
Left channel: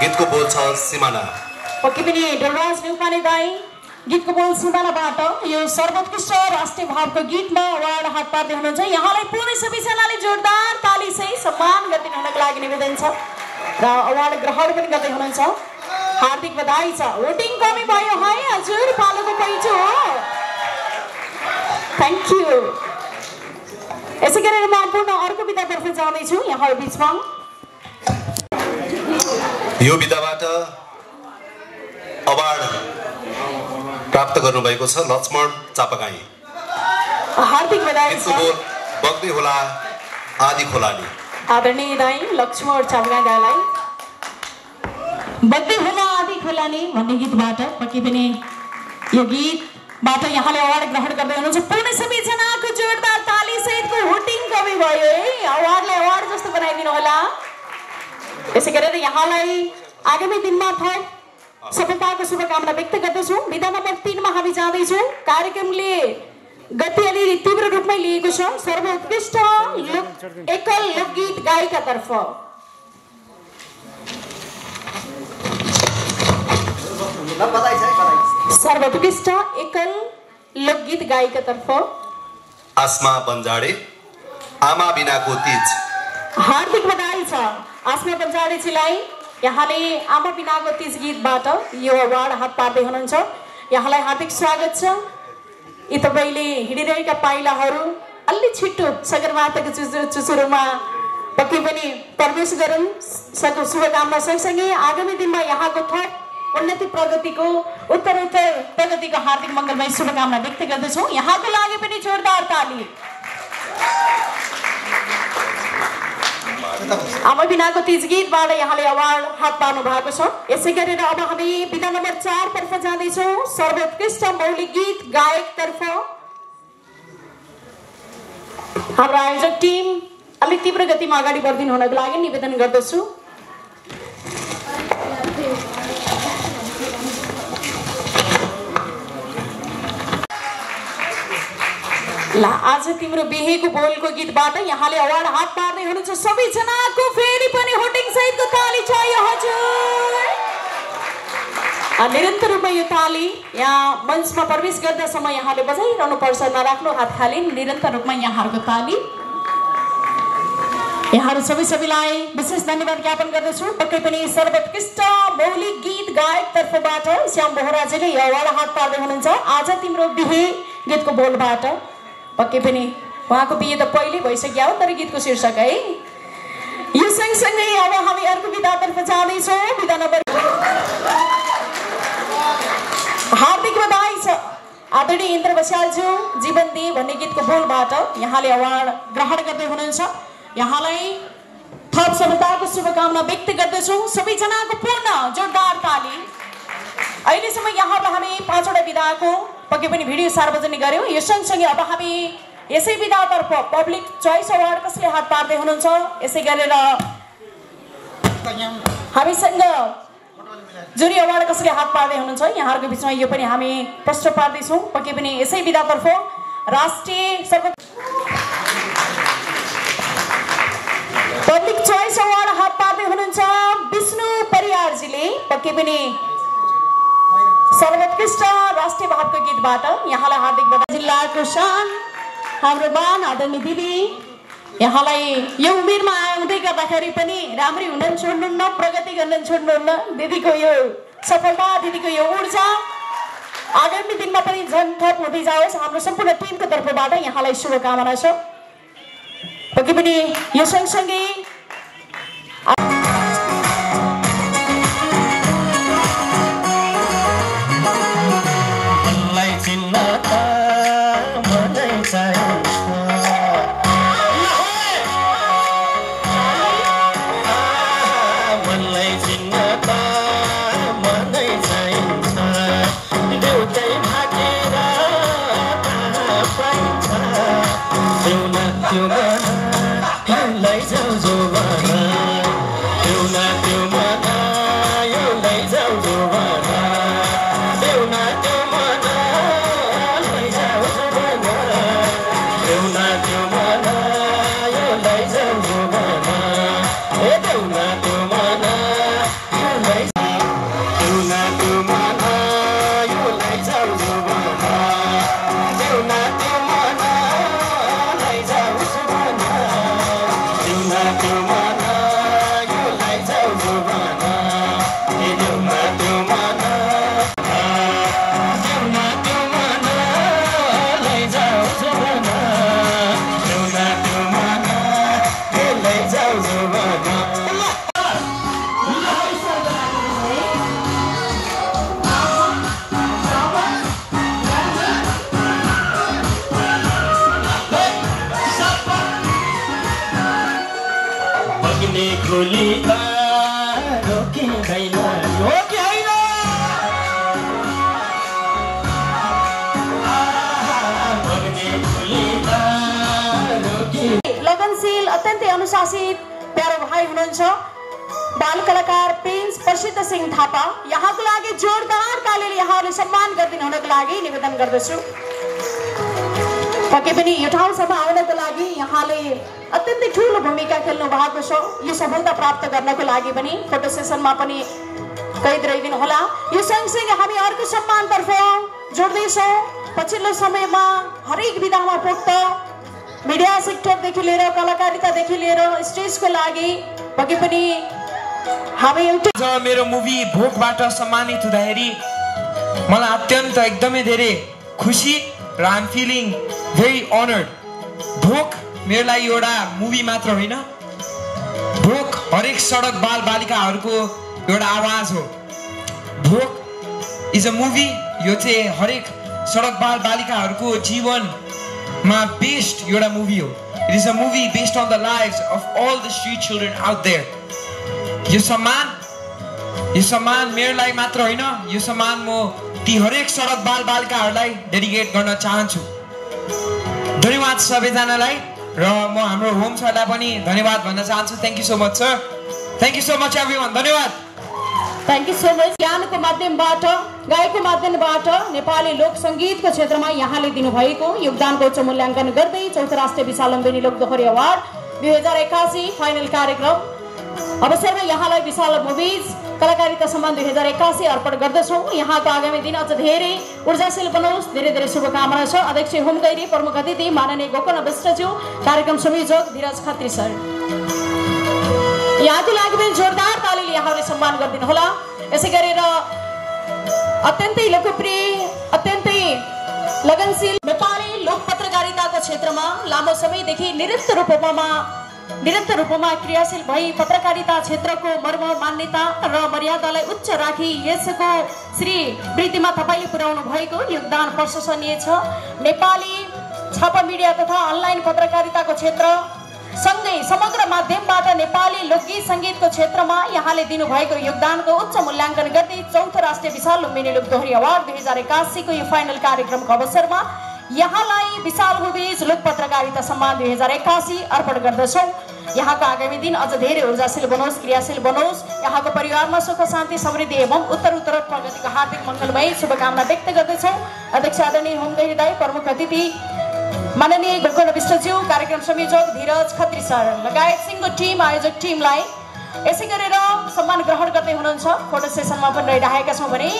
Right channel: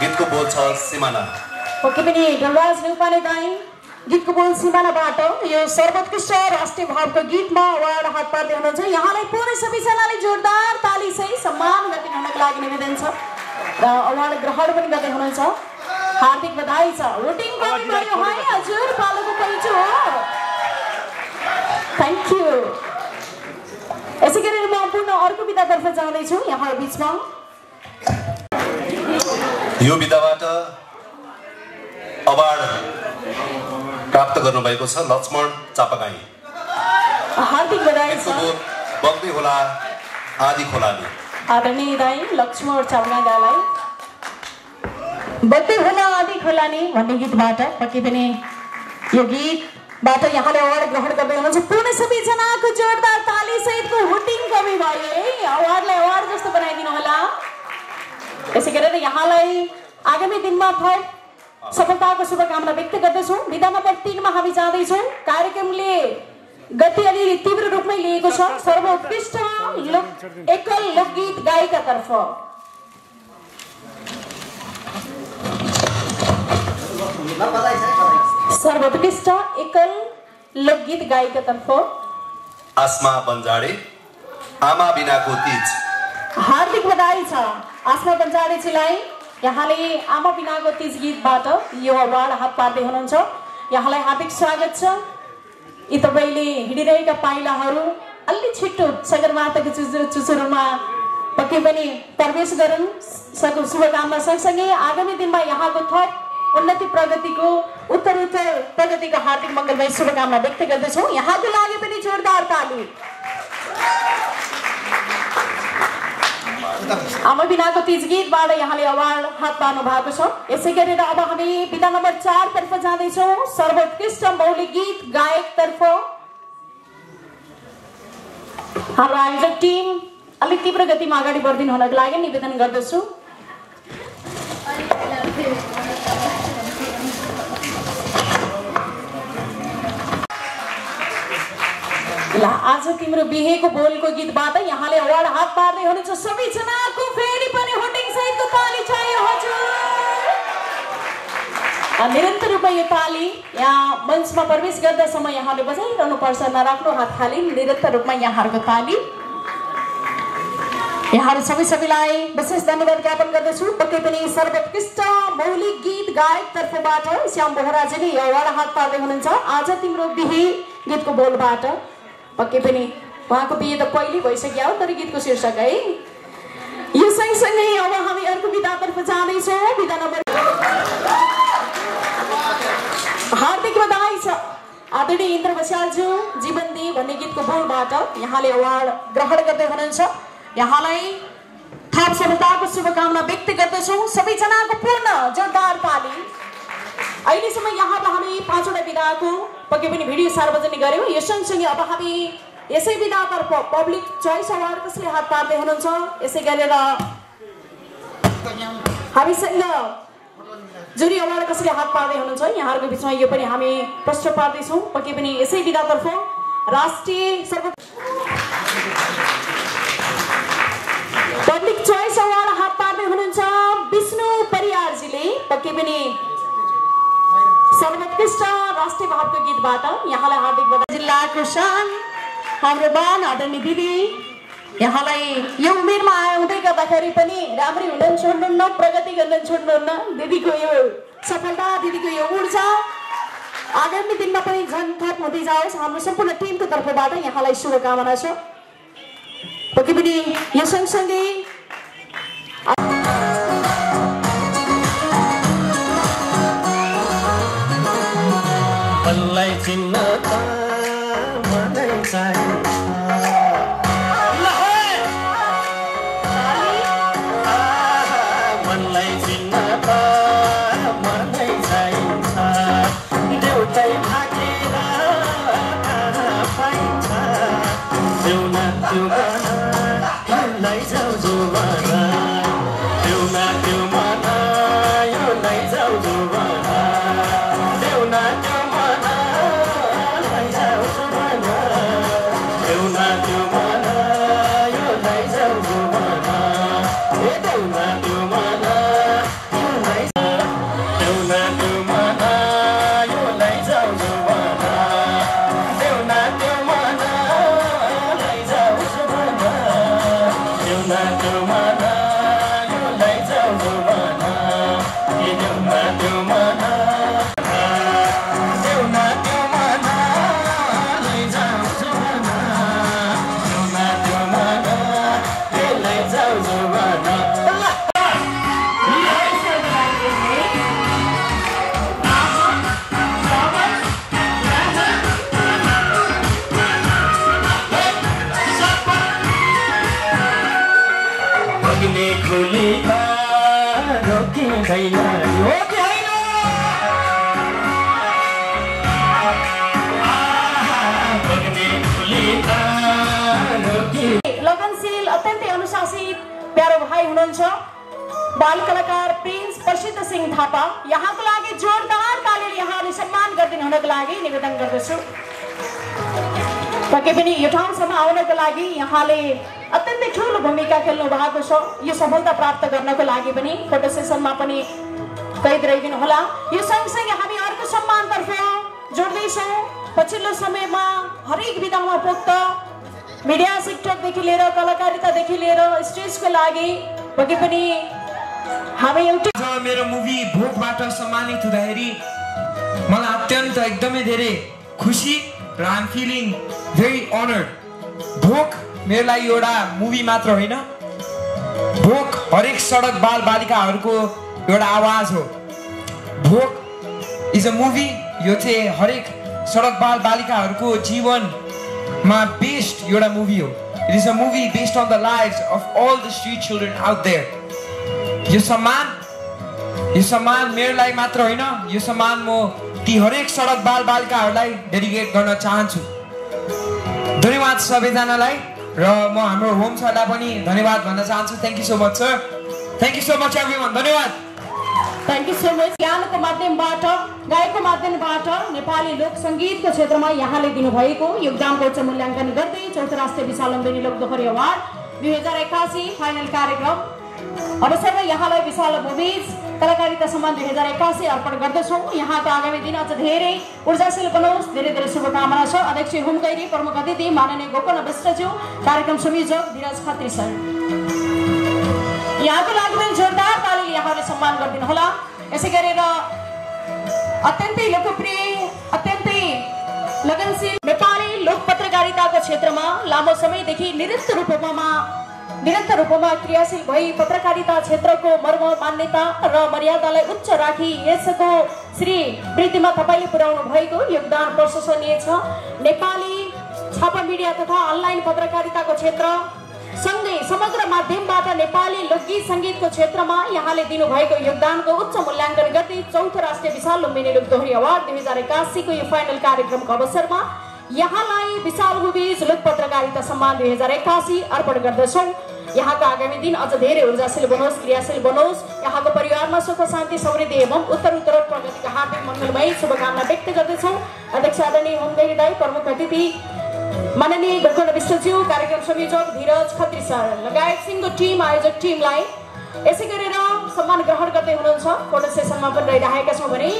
गीतको बोल छ सिमाना। पक्कै पनि ढुलराज ढुङ्गाने दाई गीतको बोल सिमानाबाट यो सर्वोत्कृष्ट राष्ट्रिय भावको गीतमा अवार्ड हात पार्दै हुनुहुन्छ। यहाँलाई पूर्ण सबैजनाले जोरदार तालीसहित सम्मान गरिदिनु हुनको लागि निवेदन छ र अवार्ड ग्रहण पनि गर्दै हुनुहुन्छ। हार्दिक बधाई छ। वोटिङ कमी भयो है हजुर, पालोको पहिचो हो। Thank you. यसै गरेर म पूर्ण अर्को विधातर्फ जाँदैछु यहाँहरू बिचमा। यो विधाबाट अवार्ड प्राप्त गर्नुभएको छ लक्ष्मण चापागाई। हार्दिक बधाई छ। बग्दै होला आदि खोलाली। आदरणीय दाई लक्ष्मण चापागाई दाईलाई बग्दै होला आदि खोलाली भन्ने गीतबाट पक्कै पनि यो गीतबाट यहाँले अवार्ड ग्रहण गर्दै हुनुहुन्छ। पूर्ण सबैजनाको जोरदार ताली सहितको हुटिङ कमी भयो है। अवार्डले अवार्ड जस्तो बनाइदिनु होला। यसै गरेर यहाँलाई आगामी दिनमा थप सफलताको शुभकामना व्यक्त गर्दछौँ। विधा नम्बर 3 मा हामी जाँदैछौँ। कार्यक्रमले गति अलि तीव्र रूपमै लिएको छ। सर्वोत्कृष्ट एकल लोकगीत गायिकातर्फ बधाई छ। सर्वोत्कृष्ट एकल लोकगीत गायिकातर्फ आसमा बन्जाडे आमा बिनाको तीज। हार्दिक बधाई छ आसमा बन्जाडेजीलाई। यहाँले आमा बिनाको तीज गीतबाट यो अवार्ड हात पार्दै हुनुहुन्छ। यहाँलाई हार्दिक स्वागत छ। यी तपाईँले हिँडिरहेका पाइलाहरू अलि छिट्टो सगरमाथाको चुचुरोमा पक्कै पनि प्रवेश गरून्। शुभकामना सँगसँगै आगामी दिनमा यहाँको थप उन्नति प्रगतिको उत्तरोत्तर प्रगतिको हार्दिक मङ्गलमय शुभकामना व्यक्त गर्दछौँ। यहाँको लागि पनि जोरदार ताली। आमा बिनाको तीज गीतबाट यहाँले अवार्ड हात पार्नु भएको छ। यसै गरेर अब हामी विधा नम्बर 4 तर्फ जाँदैछौँ। सर्वोत्कृष्ट मौलिक गीत गायक तर्फ हाम्रो आयोजक टिम अलिक तीव्र गतिमा अगाडि बढिदिनु हुनको लागि निवेदन गर्दछु। आज तिम्रो बिहेको बोलको गीतबाट यहाँले अवार्ड हात पार्दै हुनुहुन्छ। सबैजनाको फेरि पनि होटिङ सहितको ताली चाहियो हजुर। निरन्तर रूपमा यो ताली यहाँ मञ्चमा प्रवेश गर्दा समय यहाँले बजाइरहनु पर्छ। नराख्नु हात खाली। निरन्तर रूपमा यहाँहरूको ताली। यहाँहरू सबैलाई विशेष धन्यवाद ज्ञापन गर्दछु। पक्कै पनि सर्वोत्कृष्ट मौलिक गीत गायक तर्फबाट श्याम बोहराजीले यो अवार्ड हात पार्दै हुनुहुन्छ। आज तिम्रो बिहे गीतको बोलबाट पक्कै पनि उहाँको बिहे त पहिले भइसक्यो हो, तर गीतको शीर्षक है। यो सँगसँगै अब हामी अर्को विधातर्फ जाँदैछौँ। विधा नम्बर हार्दिक बधाई छ आदरणीय इन्द्र बस्यालज्यू जीवन दे भन्ने गीतको बोलबाट यहाँले अवार्ड ग्रहण गर्दै हुनुहुन्छ। यहाँलाई थप सफलताको शुभकामना व्यक्त गर्दछौँ। सबैजनाको पूर्ण जोरदार ताली। अहिलेसम्म यहाँलाई हामी 5वटा विधाको पक्कै पनि भिडियो सार्वजनिक गर्यौँ। यो सँगसँगै अब हामी यसै विधातर्फ पब्लिक चोइस अवार्ड कसले हात पार्दै हुनुहुन्छ यसै गरेर हामीसँग जुरी अवार्ड कसले हात पार्दै हुनुहुन्छ यहाँहरूको बिचमा यो पनि हामी प्रश्न पार्दैछौँ। पक्कै पनि यसै विधातर्फ राष्ट्रिय पब्लिक चोइस अवार्ड हात पार्दै हुनुहुन्छ विष्णु परियारजीले। पक्कै पनि सर्वोत्कृष्ट राष्ट्रिय भावको गीतबाट यहाँलाई हार्दिक बधाई। जिल्लाको शान हाम्रो बान आदरणीय दिदी, यहाँलाई यो उमेरमा आउँदै गर्दाखेरि पनि राम्रै हुन छोड्नुहुन्न, प्रगति गर्न छोड्नुहुन्न। दिदीको यो सफलता, दिदीको यो ऊर्जा आगामी दिनमा पनि झन् थप हुँदै जाओस्। हाम्रो सम्पूर्ण टिमको तर्फबाट यहाँलाई शुभकामना छ। पक्कै पनि यो सँगसँगै लगनशील अत्यन्तै अनुशासित प्यारो भाइ हुनुहुन्छ बाल कलाकार प्रिन्स प्रसिद्ध सिंह थापा। यहाँको लागि जोरदार तालीले यहाँहरूले सम्मान गरिदिनु हुनको लागि निवेदन गर्दछु। पक्कै पनि यो ठाउँसम्म आउनको लागि यहाँले अत्यन्तै ठुलो भूमिका खेल्नु भएको छ। यो सफलता प्राप्त गर्नको लागि पनि फोटो सेसनमा पनि कैद रहिदिनु होला। यो सँगसँगै हामी अर्को सम्मानतर्फ जोड्दैछौँ। पछिल्लो समयमा हरेक विधामा पोख्त मिडिया सेक्टरदेखि लिएर कलाकारितादेखि लिएर स्टेजको लागि पक्कै पनि हामी एउटा मेरो मुभी भोकबाट सम्मानित हुँदाखेरि मलाई अत्यन्त एकदमै धेरै खुसी र I am feeling very honoured. भोक मेरो लागि एउटा मुभी मात्र होइन, भोक हरेक सडक बाल बालिकाहरूको एउटा आवाज हो। भोक इज अ मुभी, यो चाहिँ हरेक सडक बाल बालिकाहरूको जीवनमा बेस्ड एउटा मुभी हो। It is a movie based on the lives of all the street children out there. यो सम्मान मेरो लागि मात्र होइन, यो सम्मान म ती हरेक सडक बाल बालिकाहरूलाई डेडिकेट गर्न चाहन्छु। धन्यवाद सबैजनालाई र म हाम्रो होम सरलाई पनि धन्यवाद भन्न चाहन्छु। Thank you so much sir, thank you so much everyone, धन्यवाद। Thank you so much. ज्ञानको माध्यमबाट गायकको माध्यमबाट नेपाली लोक सङ्गीतको क्षेत्रमा यहाँले दिनुभएको योगदानको उच्च मूल्याङ्कन गर्दै चौथो राष्ट्रिय विशाल लम्बिनी लोक दोहोरी अवार्ड 2081 फाइनल कार्यक्रम अवसरमा यहाँलाई विशाल मुभिज कलाकारिता सम्मान 2081 अर्पण गर्दछौँ। यहाँको आगामी दिन अझ धेरै ऊर्जाशील बनोस्, धेरै धेरै शुभकामना छ। अध्यक्ष हुम गैरी, प्रमुख अतिथि माननीय गोकर्ण विष्टज्यू, कार्यक्रम संयोजक धीरज खत्री सर, यहाँको लागि पनि जोरदार तालीले यहाँले सम्मान गरिदिनु होला। यसै गरेर अत्यन्तै लोकप्रिय, अत्यन्तै लगनशील नेपाली लोक पत्रकारिताको क्षेत्रमा लामो समयदेखि निरन्तर रूपमा क्रियाशील भई पत्रकारिता क्षेत्रको मर्म, मान्यता र मर्यादालाई उच्च राखी यसको श्री वृद्धिमा तपाईँले पुर्याउनु भएको योगदान प्रशंसनीय छ। नेपाली छापा मिडिया तथा अनलाइन पत्रकारिताको क्षेत्र सँगै समग्र माध्यमबाट नेपाली लोकगीत सङ्गीतको क्षेत्रमा यहाँले दिनुभएको योगदानको उच्च मूल्याङ्कन गर्दै चौथो राष्ट्रिय विशाल लुम्बिनी लोक दोहोरी अवार्ड 2081 को यो फाइनल कार्यक्रमको अवसरमा यहाँलाई विशाल मुभिज लोक पत्रकारिता सम्मान 2081 अर्पण गर्दछौँ। यहाँको आगामी दिन अझ धेरै ऊर्जाशील बनोस्, क्रियाशील बनोस्, यहाँको परिवारमा सुख शान्ति समृद्धि एवं उत्तर प्रगतिका हार्दिक मङ्गलमय शुभकामना व्यक्त गर्दछौँ। अध्यक्ष आदरणीय होम गैरी दाई, प्रमुख अतिथि माननीय गोकर्ण विष्टज्यू, कार्यक्रम संयोजक धीरज खत्री सर लगायत सिङ्गो टिम, आयोजक टिमलाई यसै गरेर सम्मान ग्रहण गर्दै हुनुहुन्छ। फोटो सेसनमा पनि रहिरहेका छौँ भने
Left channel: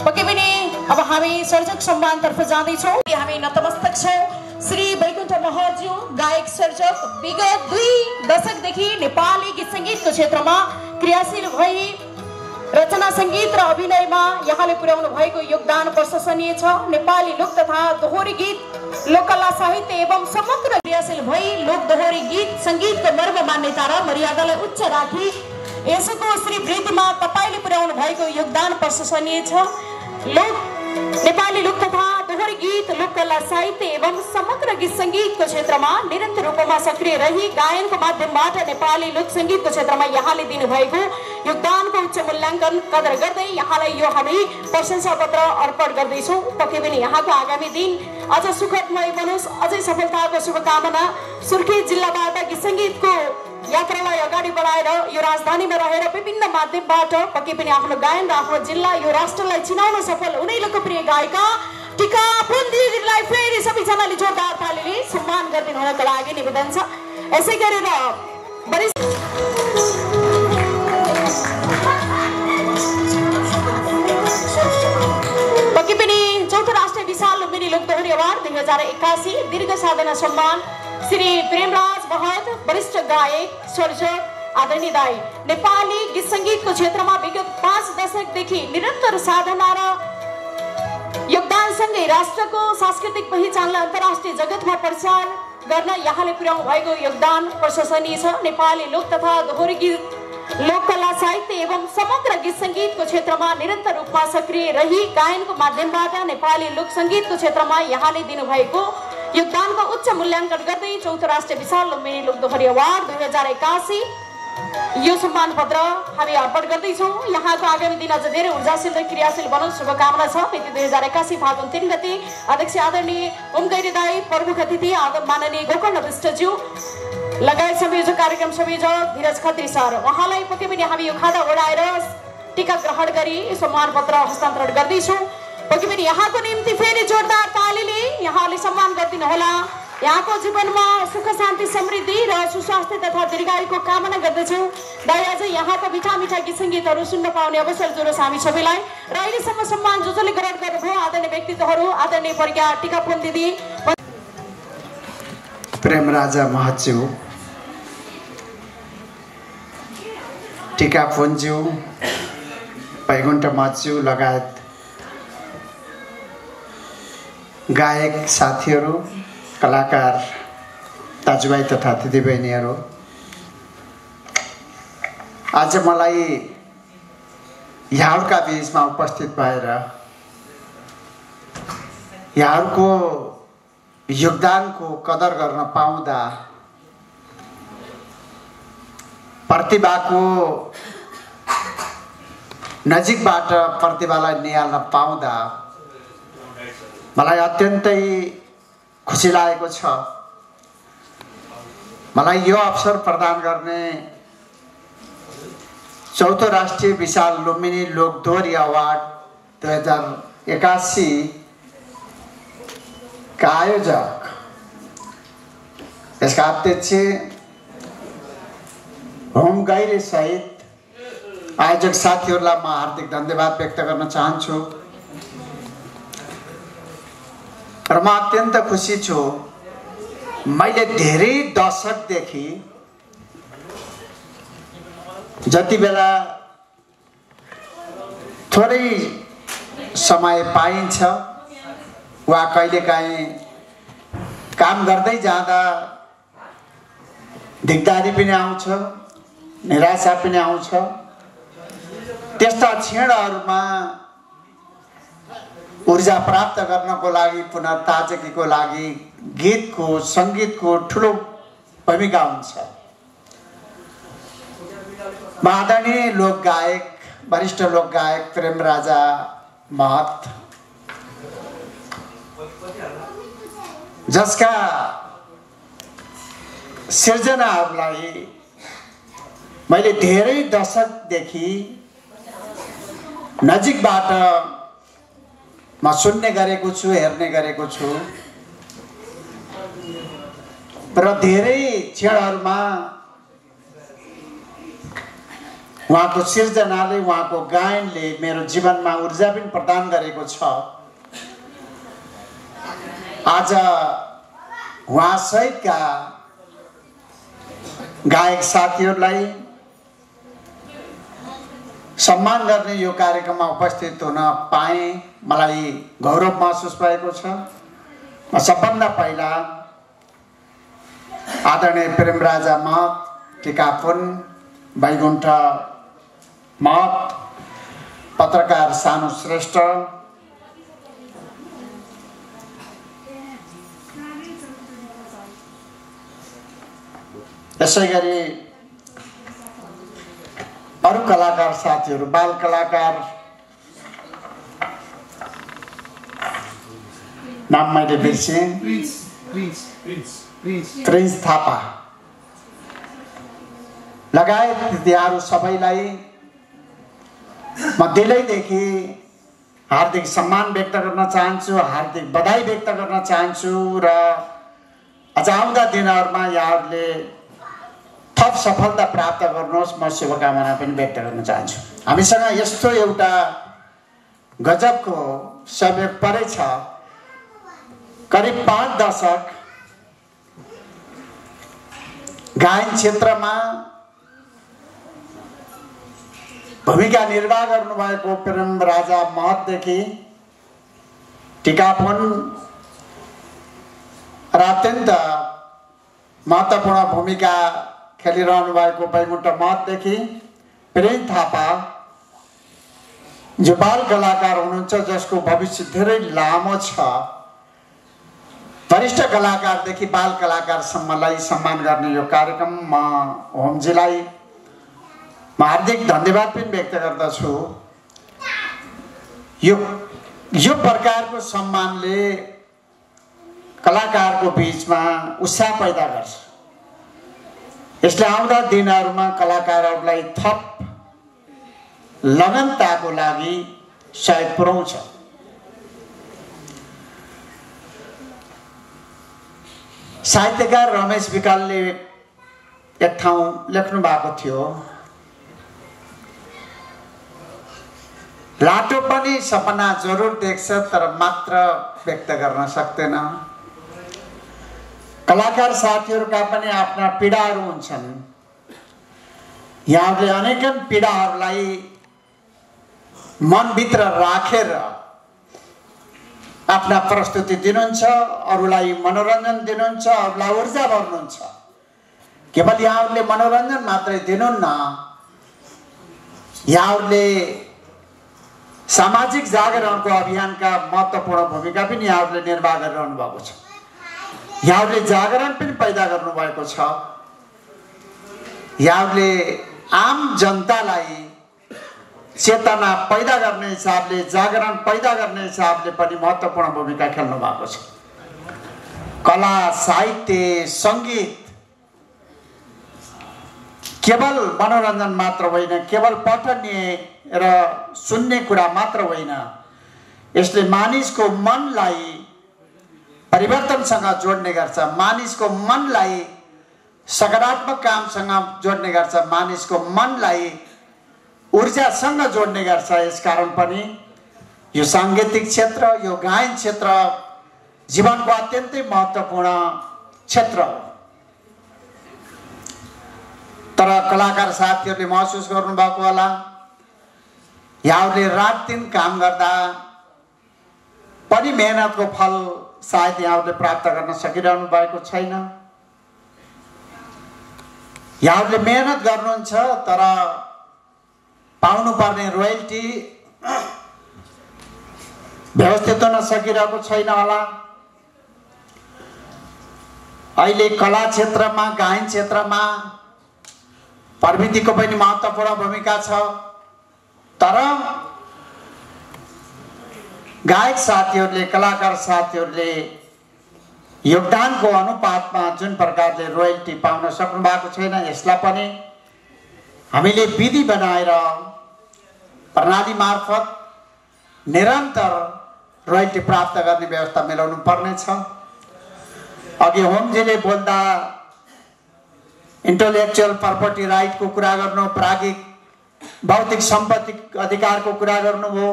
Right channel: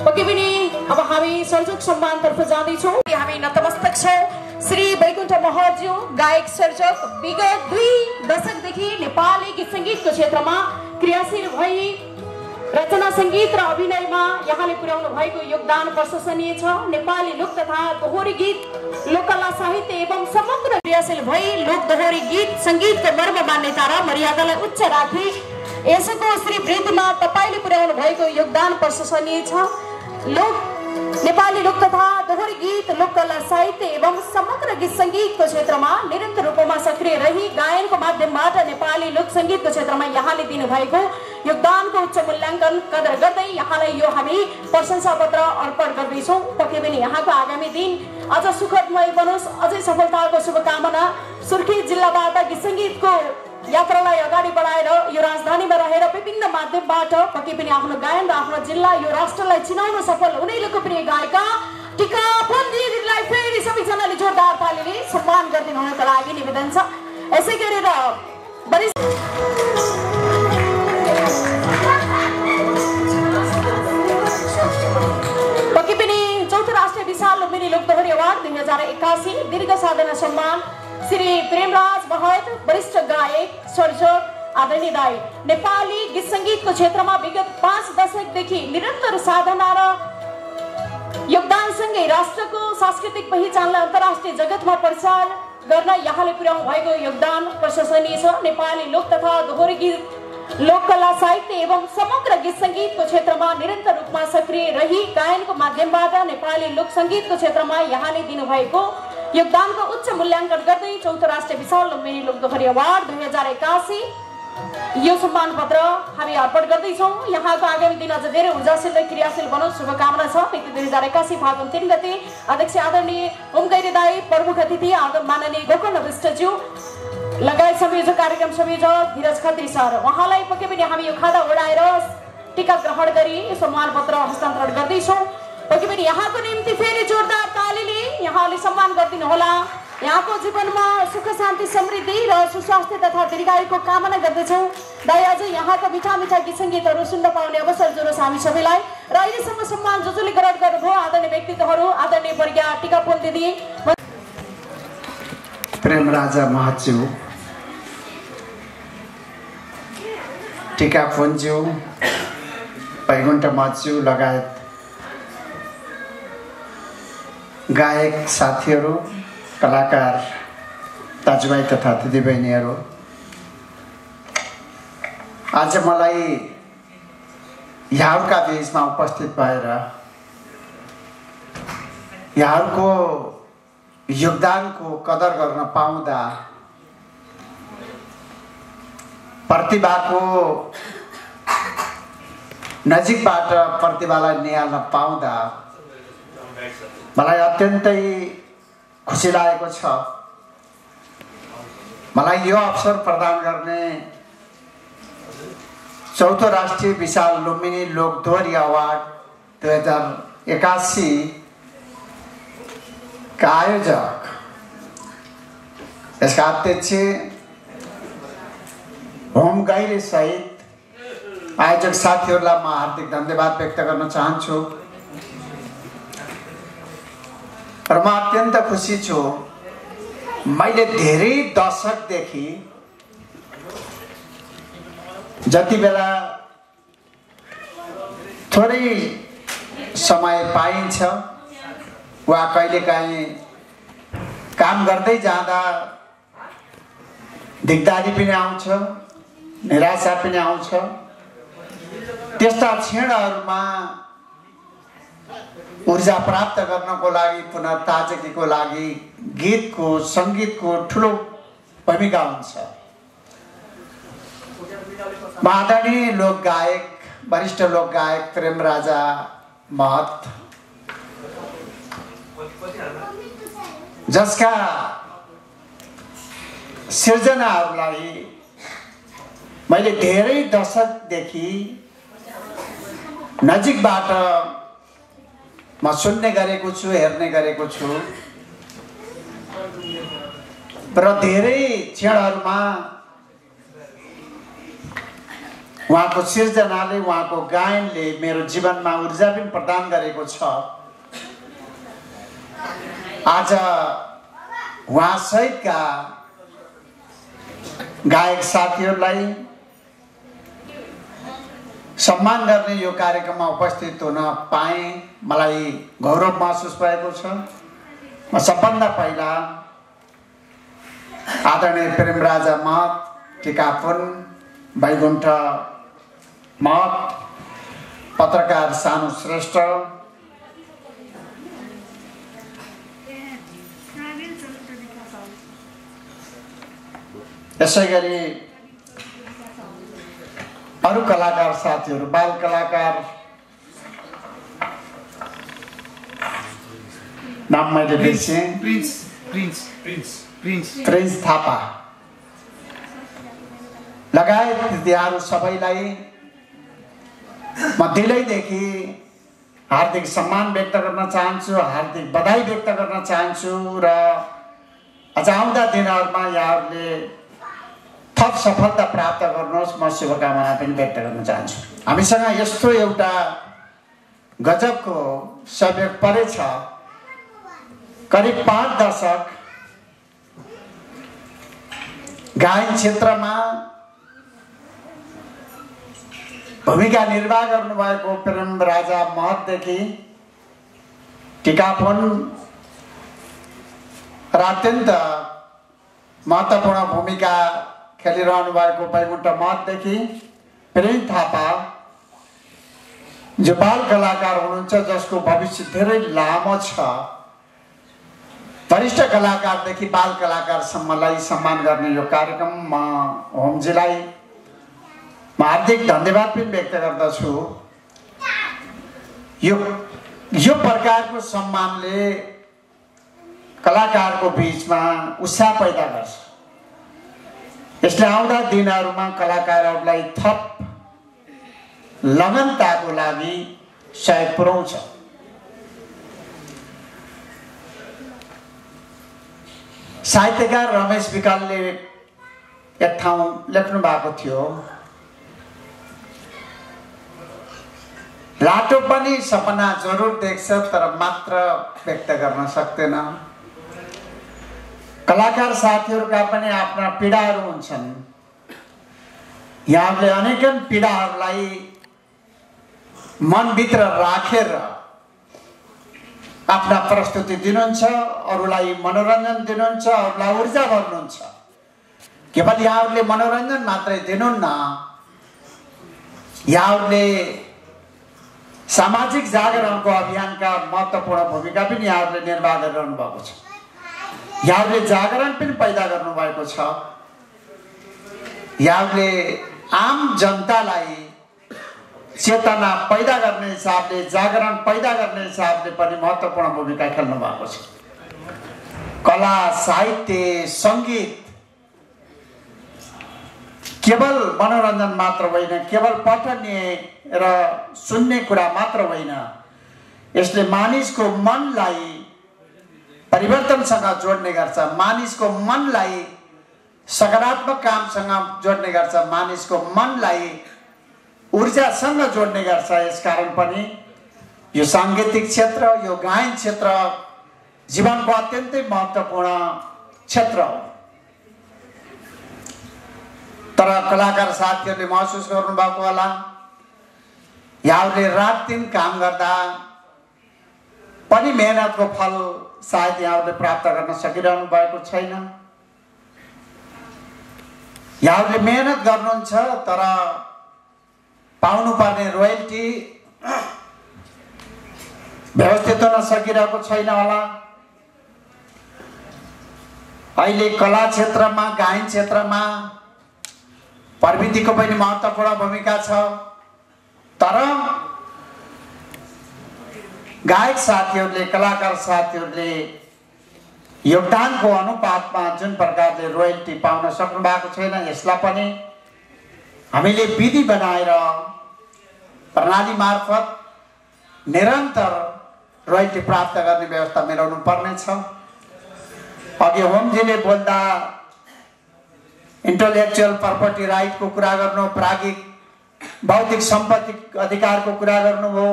पक्कै पनि अब हामी सर्जक सम्मानतर्फ जाँदैछौँ। हामी नतमस्तक छौँ श्री वैकुण्ठ महर्ज्यू, गायक सर्जक, विगत 2 दशकदेखि नेपाली गीत सङ्गीतको क्षेत्रमा क्रियाशील भई रचना सङ्गीत र अभिनयमा यहाँले पुर्याउनु भएको योगदान प्रशंसनीय छ। नेपाली लोक तथा दोहोरी गीत, लोककला साहित्य एवं समग्र क्रियाशील भई लोक दोहोरी गीत सङ्गीतको मर्म, मान्यता र मर्यादालाई उच्च राखी यसको श्री वृद्धिमा तपाईँले पुर्याउनु भएको योगदान प्रशंसनीय छ। नेपाली लोक तथा दोहोरी गीत, लोककला साहित्य एवं समग्र गीत सङ्गीतको क्षेत्रमा निरन्तर रूपमा सक्रिय रही गायनको माध्यमबाट नेपाली लोक सङ्गीतको क्षेत्रमा यहाँले दिनुभएको योगदानको उच्च मूल्याङ्कन कदर गर्दै यहाँलाई यो हामी प्रशंसा पत्र अर्पण गर्दैछौँ। पक्कै पनि यहाँको आगामी दिन अझ सुखदमय बनोस्, अझै सफलताको शुभकामना। सुर्खेत जिल्लाबाट गीत सङ्गीतको यात्रालाई अगाडि बढाएर यो राजधानीमा रहेर विभिन्न माध्यमबाट पक्कै पनि आफ्नो गायन र आफ्नो जिल्ला, यो राष्ट्रलाई चिनाउन सफल हुने लोकप्रिय गायिका टिका पुन्जीजीलाई फेरि सबैजनाले जोरदार तालीले सम्मान गरिदिनु हुनको लागि निवेदन छ। यसै गरेर पक्कै पनि चौथो राष्ट्रिय विशाल लुम्बिनी लोक दोहोरी अवार्ड 2081 दीर्घ साधना सम्मान श्री प्रेमराज महत, वरिष्ठ गायक सर्जक आदरणीय दाई, नेपाली गीत सङ्गीतको क्षेत्रमा विगत 5 दशकदेखि निरन्तर साधना र योगदानसँगै राष्ट्रको सांस्कृतिक पहिचानलाई अन्तर्राष्ट्रिय जगतमा प्रचार गर्न यहाँले पुर्याउनु भएको योगदान प्रशंसनीय छ। नेपाली लोक तथा दोहोरी गीत, लोककला साहित्य एवं समग्र गीत सङ्गीतको क्षेत्रमा निरन्तर रूपमा सक्रिय रही गायनको माध्यमबाट नेपाली लोक सङ्गीतको क्षेत्रमा यहाँले दिनुभएको योगदानको उच्च मूल्याङ्कन गर्दै चौथो राष्ट्रिय विशाल लुम्बिनी लोक दोहोरी अवार्ड 2081 यो सम्मान पत्र हामी अर्पण गर्दैछौँ। यहाँको आगामी दिन अझ धेरै ऊर्जाशील र क्रियाशील बनोस्, शुभकामना छ। मिति 2081 फागुन 3 गते अध्यक्ष आदरणीय होम गैरी दाई, प्रमुख अतिथि माननीय गोकर्ण विष्टज्यू लगायत संयोजक, कार्यक्रम संयोजक धीरज खत्री सर, उहाँलाई पक्कै पनि हामी यो खादा ओढाएर टीका ग्रहण गरी सम्मान पत्र हस्तान्तरण गर्दैछौँ। पक्कै पनि यहाँको निम्ति फेरि जोरदार तालीले यहाँले सम्मान गरिदिनु होला। यहाँको जीवनमा सुख शान्ति समृद्धि र सुस्वास्थ्य तथा दीर्घायुको कामना गर्दछौँ। दाइ अझै यहाँका मिठा मिठा गीत सङ्गीतहरू सुन्न पाउने अवसर जुनुहोस् हामी सबैलाई। र अहिलेसम्म सम्मान जसले ग्रहण गर्नुभयो आदरणीय व्यक्तित्वहरू आदरणीय प्रज्ञा टिकापुन दिदी, प्रेमराजा महज्यू, टिकापुन्ज्यू, वैकुण्ठ महज्यू लगायत गायक साथीहरू, कलाकार दाजुभाइ तथा दिदीबहिनीहरू, आज मलाई यहाँका बीचमा उपस्थित भएर यहाँको योगदानको कदर गर्न पाउँदा, प्रतिभाको नजिकबाट प्रतिभालाई निहाल्न पाउँदा मलाई अत्यन्तै खुसी लागेको छ। मलाई यो अवसर प्रदान गर्ने चौथो राष्ट्रिय विशाल लुम्बिनी लोकदोहोरी अवार्ड 2081 का आयोजक, यसका अध्यक्ष होम गैरे सहित आयोजक साथीहरूलाई म हार्दिक धन्यवाद व्यक्त गर्न चाहन्छु। र म अत्यन्त खुसी छु, मैले धेरै दशकदेखि जति बेला थोरै समय पाइन्छ वा कहिलेकाहीँ काम गर्दै जाँदा दिगदारी पनि आउँछ, निराशा पनि आउँछ, त्यस्ता क्षणहरूमा ऊर्जा प्राप्त गर्नको लागि, पुनः ताजगीको लागि गीतको सङ्गीतको ठुलो भूमिका हुन्छ। आदरणीय लोकगायक, वरिष्ठ लोकगायक प्रेमराजा महत, जसका सिर्जनाहरूलाई मैले धेरै दशकदेखि नजिकबाट म सुन्ने गरेको छु, हेर्ने गरेको छु र धेरै क्षणहरूमा उहाँको सिर्जनाले, उहाँको गायनले मेरो जीवनमा ऊर्जा पनि प्रदान गरेको छ। आज उहाँसहितका गायक साथीहरूलाई सम्मान गर्ने यो कार्यक्रममा उपस्थित हुन पाएँ, मलाई गौरव महसुस भएको छ। म सबभन्दा पहिला आदरणीय प्रेमराजा महत, टिकापुन, वैकुण्ठ महत, पत्रकार सानु श्रेष्ठ, यसै गरी अरू कलाकार साथीहरू, बाल कलाकार, नाम मैले बिर्सेँ, प्रिन्स थापा लगायत दिदीहरू सबैलाई म दिलैदेखि हार्दिक सम्मान व्यक्त गर्न चाहन्छु, हार्दिक बधाई व्यक्त गर्न चाहन्छु र अझ आउँदा दिनहरूमा यहाँहरूले थप सफलता प्राप्त गर्नुहोस्, म शुभकामना पनि व्यक्त गर्न चाहन्छु। हामीसँग यस्तो एउटा गजबको सहयोग परेछ, करिब 5 दशक गायन क्षेत्रमा भूमिका निर्वाह गर्नुभएको प्रेमराजा महतदेखि टिकापुन र अत्यन्त महत्त्वपूर्ण भूमिका खेलिरहनु भएको वैकुण्ठ महतदेखि प्रेम थापा, जो बाल कलाकार हुनुहुन्छ, जसको भविष्य धेरै लामो छ, वरिष्ठ कलाकारदेखि बाल कलाकारसम्मलाई सम्मान गर्ने यो कार्यक्रम म होमजीलाई म हार्दिक धन्यवाद पनि व्यक्त गर्दछु। यो प्रकारको सम्मानले कलाकारको बीचमा उत्साह पैदा गर्छ। यसले आउँदा दिनहरूमा कलाकारहरूलाई थप लगनताको लागि सहयोग पुर्याउँछ। साहित्यकार रमेश विकलले एक ठाउँ लेख्नु भएको थियो, लाटो पनि सपना जरुर देख्छ तर मात्र व्यक्त गर्न सक्दैन। कलाकार साथीहरूका पनि आफ्ना पीडाहरू हुन्छन्। यहाँले अनेकन पीडाहरूलाई मनभित्र राखेर आफ्ना प्रस्तुति दिनुहुन्छ, अरूलाई मनोरञ्जन दिनुहुन्छ, अरूलाई ऊर्जा भर्नुहुन्छ। केवल यहाँहरूले मनोरञ्जन मात्रै दिनुहुन्न, यहाँहरूले सामाजिक जागरणको अभियानका महत्त्वपूर्ण भूमिका पनि यहाँहरूले निर्वाह गरिरहनु भएको छ। यहाँहरूले जागरण पनि पैदा गर्नुभएको छ। यहाँहरूले आम जनतालाई चेतना पैदा गर्ने हिसाबले, जागरण पैदा गर्ने हिसाबले पनि महत्त्वपूर्ण भूमिका खेल्नु भएको छ। कला, साहित्य, सङ्गीत केवल मनोरञ्जन मात्र होइन, केवल पठनीय र सुन्ने कुरा मात्र होइन, यसले मानिसको मनलाई परिवर्तनसँग जोड्ने गर्छ, मानिसको मनलाई सकारात्मक कामसँग जोड्ने गर्छ, मानिसको मनलाई ऊर्जासँग जोड्ने गर्छ। यसकारण पनि यो साङ्गीतिक क्षेत्र, यो गायन क्षेत्र जीवनको अत्यन्तै महत्त्वपूर्ण क्षेत्र हो। तर कलाकार साथीहरूले महसुस गर्नुभएको होला, यहाँहरूले रात दिन काम गर्दा पनि मेहनतको फल सायद यहाँहरूले प्राप्त गर्न सकिरहनु भएको छैन। यहाँहरूले मेहनत गर्नुहुन्छ तर पाउनुपर्ने रोयल्टी व्यवस्थित हुन सकिरहेको छैन होला। अहिले कला क्षेत्रमा, गायन क्षेत्रमा प्रविधिको पनि महत्त्वपूर्ण भूमिका छ, तर गायक साथीहरूले, कलाकार साथीहरूले योगदानको अनुपातमा जुन प्रकारले रोयल्टी पाउन सक्नु भएको छैन, यसलाई पनि हामीले विधि बनाएर प्रणाली मार्फत निरन्तर रोयल्टी प्राप्त गर्ने व्यवस्था मिलाउनु पर्नेछ। अघि होमजीले बोल्दा इन्टेलेक्चुअल प्रपर्टी राइटको कुरा गर्नु, प्राज्ञिक बौद्धिक सम्पत्ति अधिकारको कुरा गर्नुभयो।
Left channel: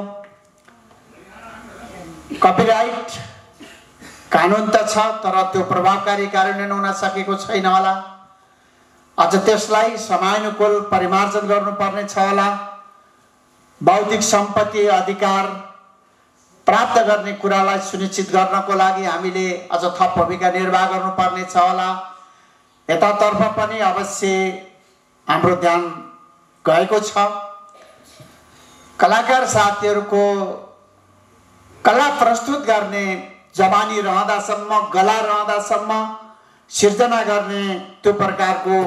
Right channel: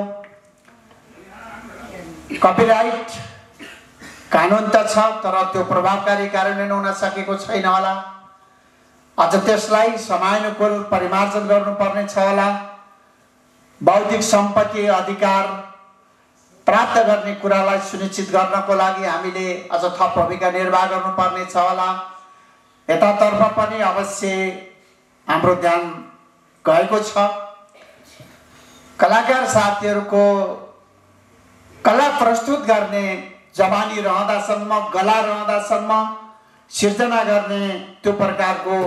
कपिराइट कानुन त छ तर त्यो प्रभावकारी कार्यान्वयन हुन सकेको छैन होला। अझ त्यसलाई समयानुकूल परिमार्जन गर्नुपर्ने छ होला। बौद्धिक सम्पत्ति अधिकार प्राप्त गर्ने कुरालाई सुनिश्चित गर्नको लागि हामीले अझ थप भूमिका निर्वाह गर्नुपर्ने छ होला। यतातर्फ पनि अवश्य हाम्रो ध्यान गएको छ। कलाकार साथीहरूको कला प्रस्तुत गर्ने जवानी रहँदासम्म, गला रहँदासम्म, सिर्जना गर्ने त्यो प्रकारको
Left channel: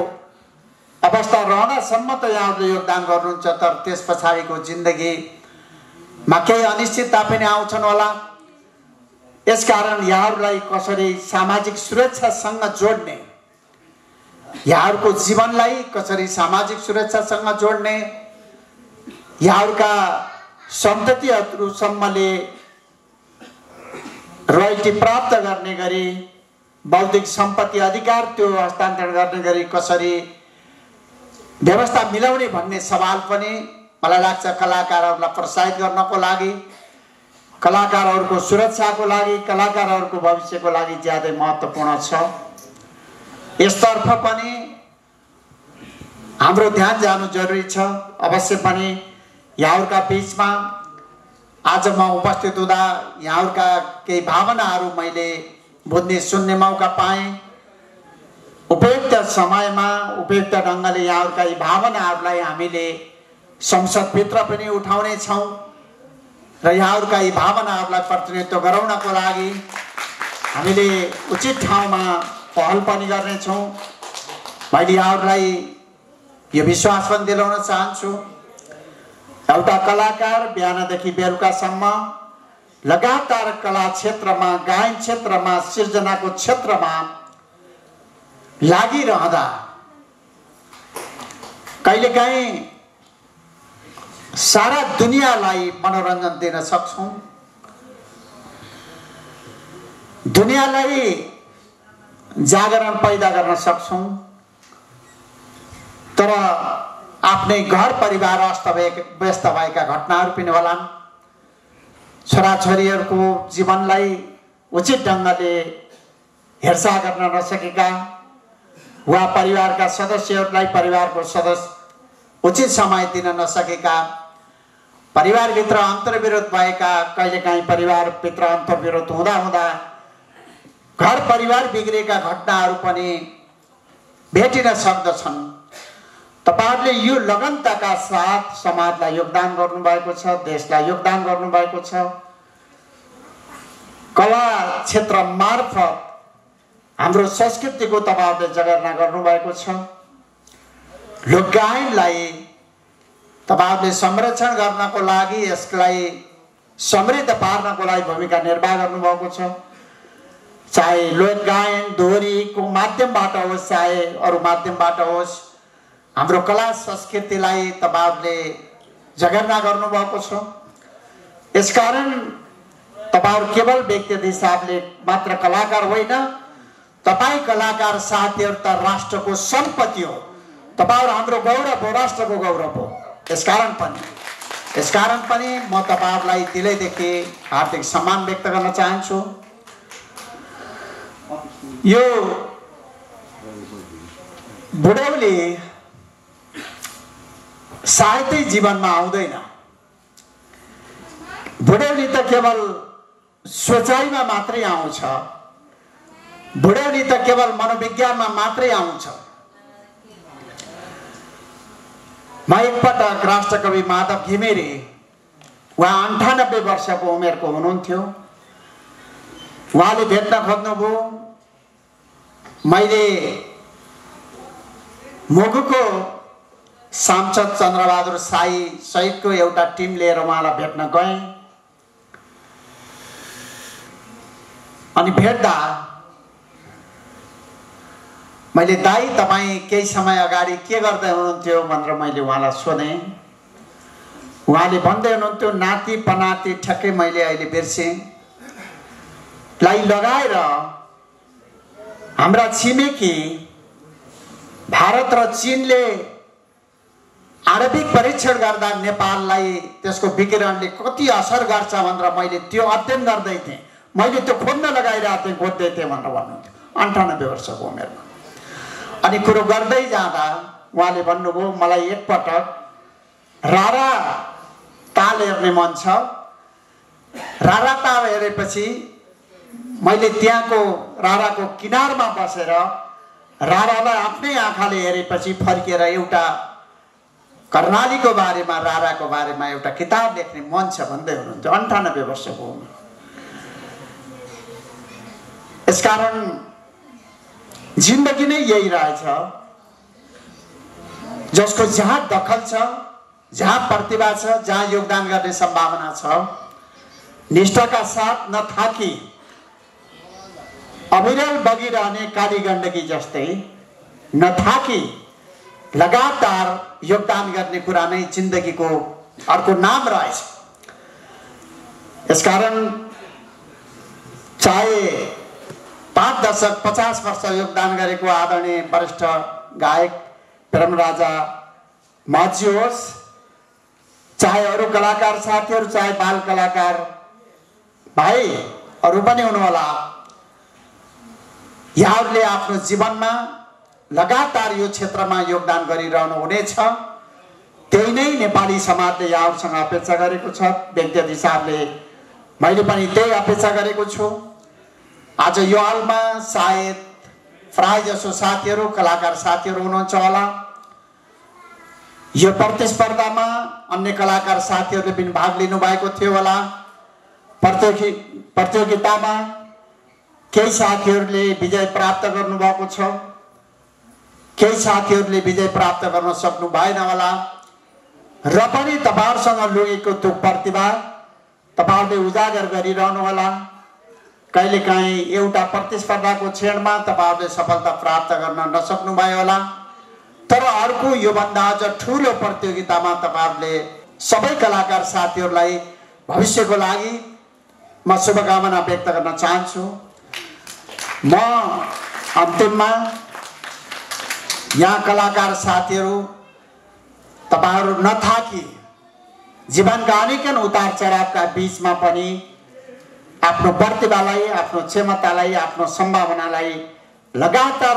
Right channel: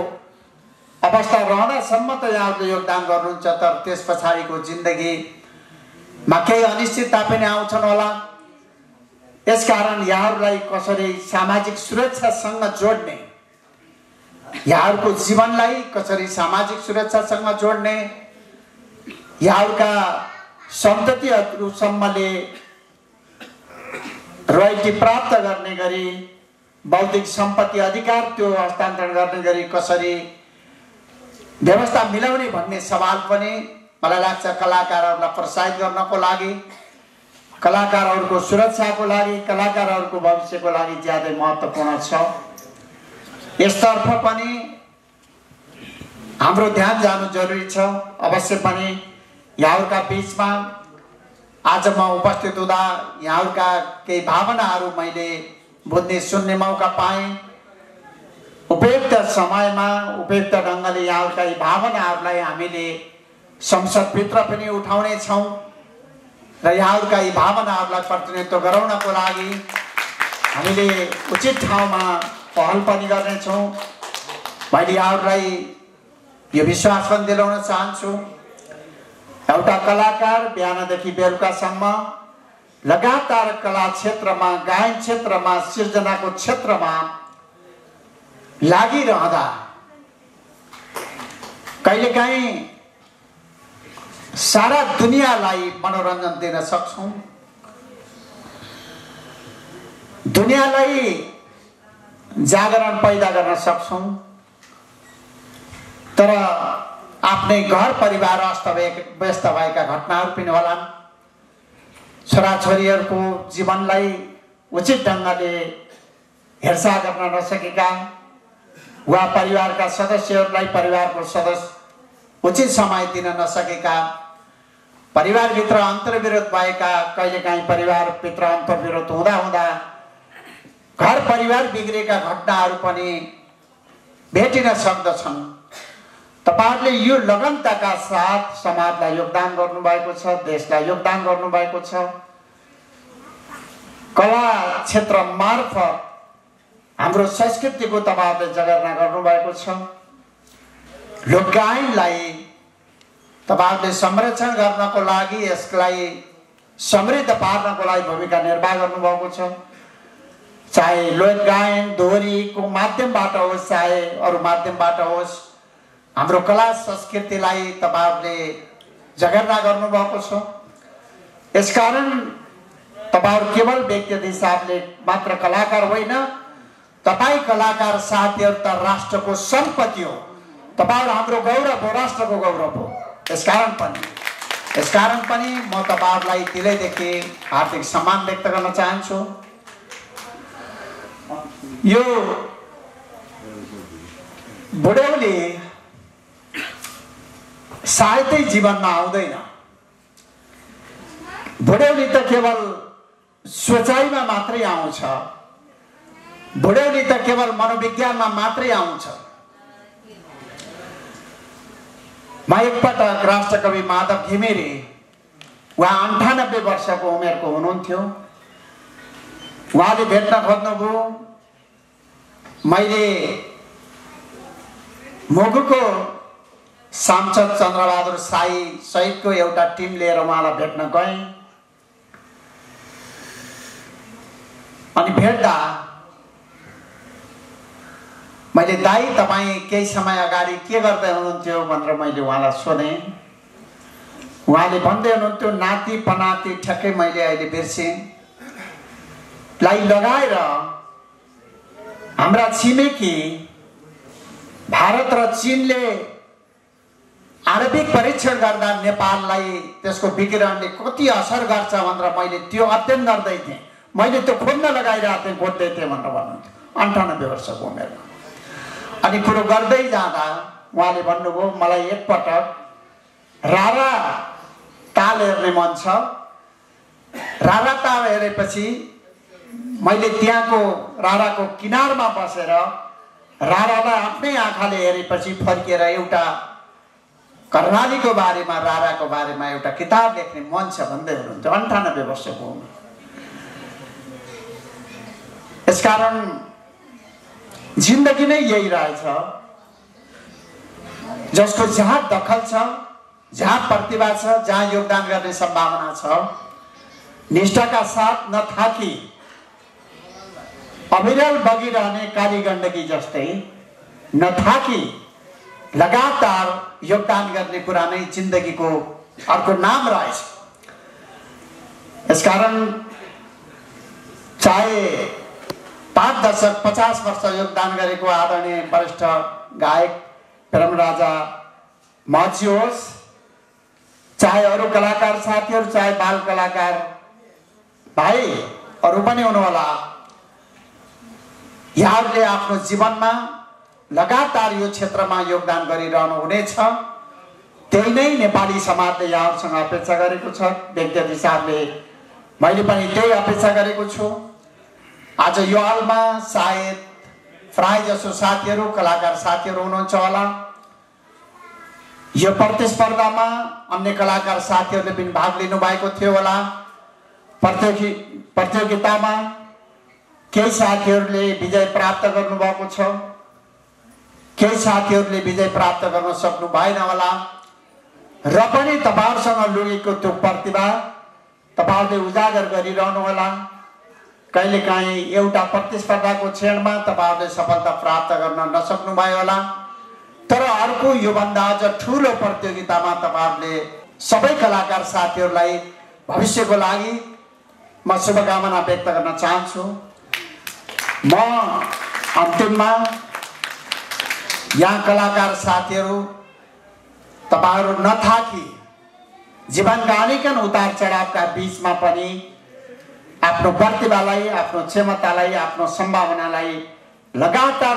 अवस्था रहँदासम्म त यहाँहरूले योगदान गर्नुहुन्छ, तर त्यस पछाडिको जिन्दगीमा केही अनिश्चितता पनि आउँछन् होला। यसकारण यहाँहरूलाई कसरी सामाजिक सुरक्षासँग जोड्ने, यहाँहरूको जीवनलाई कसरी सामाजिक सुरक्षासँग जोड्ने, यहाँहरूका सन्ततिहरूसम्मले रोयल्टी प्राप्त गर्ने गरी, बौद्धिक सम्पत्ति अधिकार त्यो हस्तान्तरण गर्ने गरी कसरी व्यवस्था मिलाउने भन्ने सवाल पनि मलाई लाग्छ कलाकारहरूलाई प्रोत्साहित गर्नको लागि, कलाकारहरूको सुरक्षाको लागि, कलाकारहरूको भविष्यको लागि ज्यादै महत्त्वपूर्ण छ। यसतर्फ पनि हाम्रो ध्यान जानु जरुरी छ। अवश्य पनि यहाँहरूका बिचमा आज म उपस्थित हुँदा यहाँहरूका केही भावनाहरू मैले बुझ्ने, सुन्ने मौका पाएँ। उपयुक्त समयमा उपयुक्त ढङ्गले यहाँहरूका यी भावनाहरूलाई हामीले संसदभित्र पनि उठाउने छौँ र यहाँहरूका यी भावनाहरूलाई प्रतिनिधित्व गराउनको लागि हामीले उचित ठाउँमा पहल पनि गर्नेछौँ। मैले यहाँहरूलाई यो विश्वास पनि दिलाउन चाहन्छु, एउटा कलाकार बिहानदेखि बेलुकासम्म लगातार कला क्षेत्रमा, गायन क्षेत्रमा, सिर्जनाको क्षेत्रमा लागिरहँदा कहिलेकाहीँ सारा दुनियाँलाई मनोरञ्जन दिन सक्छौँ। दुनियाँलाई जागरण पैदा गर्न सक्छौँ, तर आफ्नै घर परिवार अस्तव्यस्त भएका घटनाहरू पनि होलान्। छोराछोरीहरूको जीवनलाई उचित ढङ्गले हेरचाह गर्न नसकेका वा परिवारका सदस्यहरूलाई परिवारको सदस्य उचित समय दिन नसकेका, परिवारभित्र अन्तर्विरोध भएका, कहिलेकाहीँ परिवारभित्र अन्तर्विरोध हुँदा हुँदा घर परिवार बिग्रेका घटनाहरू पनि भेटिन सक्दछन्। तपाईहरुले यो लगनताका साथ समाजलाई योगदान गर्नुभएको छ, देशलाई योगदान गर्नुभएको छ। कला क्षेत्र मार्फत हाम्रो संस्कृतिको तपाईहरुले जगेर्ना गर्नुभएको छ। लोकगायनलाई तपाईहरुले संरक्षण गर्नको लागि, यसलाई समृद्ध पार्नको लागि भूमिका निर्वाह गर्नुभएको छ। चाहे लोकगायन दोहोरीको माध्यमबाट होस्, चाहे अरू माध्यमबाट होस्, हाम्रो कला संस्कृतिलाई तपाईहरुले जगेर्ना गर्नुभएको छ। यसकारण तपाईहरु केवल व्यक्तिगत हिसाबले मात्र कलाकार होइन, तपाई कलाकार साथीहरु त राष्ट्रको सम्पत्ति हो। तपाईहरु हाम्रो गौरव हो, राष्ट्रको गौरव हो। यसकारण पनि म तपाईहरुलाई दिलैदेखि हार्दिक सम्मान व्यक्त गर्न चाहन्छु। यो बुढौली सायदै जीवनमा आउँदैन। बुढौली त केवल सोचाइमा मात्रै आउँछ, बुढौली त केवल मनोविज्ञानमा मात्रै आउँछ। म एकपटक राष्ट्रकवि माधव घिमिरे, उहाँ 98 वर्षको उमेरको हुनुहुन्थ्यो, उहाँले भेट्न खोज्नुभयो। मैले मुगुको सांसद चन्द्रबहादुर साई सहितको एउटा टिम लिएर उहाँलाई भेट्न गएँ। अनि भेट्दा मैले दाइ तपाईँ केही समय अगाडि के गर्दै हुनुहुन्थ्यो भनेर मैले उहाँलाई सोधेँ। उहाँले भन्दै हुनुहुन्थ्यो नाति पनाति ठ्याक्कै मैले अहिले बिर्सेँ लाई लगाएर हाम्रा छिमेकी भारत र चीनले आणविक परीक्षण गर्दा नेपाललाई त्यसको विकिरणले कति असर गर्छ भनेर मैले त्यो अध्ययन गर्दै थिएँ। मैले त्यो खोज्न लगाइरहेको थिएँ, खोज्दै थिएँ भनेर भन्नुहुन्थ्यो 98 वर्षको उमेरमा। अनि कुरो गर्दै जाँदा उहाँले भन्नुभयो मलाई एकपटक रारा ताल हेर्ने मन छ। रारा ताल हेरेपछि मैले त्यहाँको राराको किनारमा बसेर रारालाई आफ्नै आँखाले हेरेपछि फर्केर एउटा कर्णालीको बारेमा, राराको बारेमा एउटा किताब लेख्ने मन छ भन्दै हुनुहुन्छ। 98 वर्षको उमेर। यसकारण जिन्दगी नै यही रहेछ, जसको जहाँ दखल छ, जहाँ प्रतिभा छ, जहाँ योगदान गर्ने सम्भावना छ, निष्ठाका साथ नथाकी अविरल बगिरहने काली गण्डकी जस्तै नथाकी लगातार योगदान गर्ने कुरा नै जिन्दगीको अर्को नाम रहेछ। यसकारण चाहे 5 दशक 50 वर्ष योगदान गरेको आदरणीय वरिष्ठ गायक प्रेमराजा महर्षि होस्, चाहे अरू कलाकार साथीहरू, चाहे बाल कलाकार भाइहरू पनि हुनुहोला, यहाँहरूले आफ्नो जीवनमा लगातार यो क्षेत्रमा योगदान गरिरहनु हुनेछ। त्यही नै नेपाली समाजले यहाँहरूसँग अपेक्षा गरेको छ। व्यक्तिगत हिसाबले मैले पनि त्यही अपेक्षा गरेको छु। आज यो हलमा सायद प्राय जसो साथीहरू, कलाकार साथीहरू हुनुहुन्छ होला। यो प्रतिस्पर्धामा अन्य कलाकार साथीहरूले पनि भाग लिनु भएको थियो होला। प्रतियोगितामा केही साथीहरूले विजय प्राप्त गर्नुभएको छ, केही साथीहरूले विजय प्राप्त गर्न सक्नु भएन होला। र पनि तपाईहरुसँग लुकेको त्यो प्रतिभा तपाईहरुले उजागर गरिरहनु होला। कहिलेकाहीँ एउटा प्रतिस्पर्धाको क्षणमा तपाईहरुले सफलता प्राप्त गर्न नसक्नु भयो होला, तर अर्को योभन्दा अझ ठुलो प्रतियोगितामा तपाईहरुले सबै कलाकार साथीहरूलाई भविष्यको लागि म शुभकामना व्यक्त गर्न चाहन्छु। म अन्तिममा यहाँ कलाकार साथीहरू तपाईहरु नथाकी जीवनका अनेकन उतार चढावका बीचमा पनि आफ्नो प्रतिभालाई, आफ्नो क्षमतालाई, आफ्नो सम्भावनालाई लगातार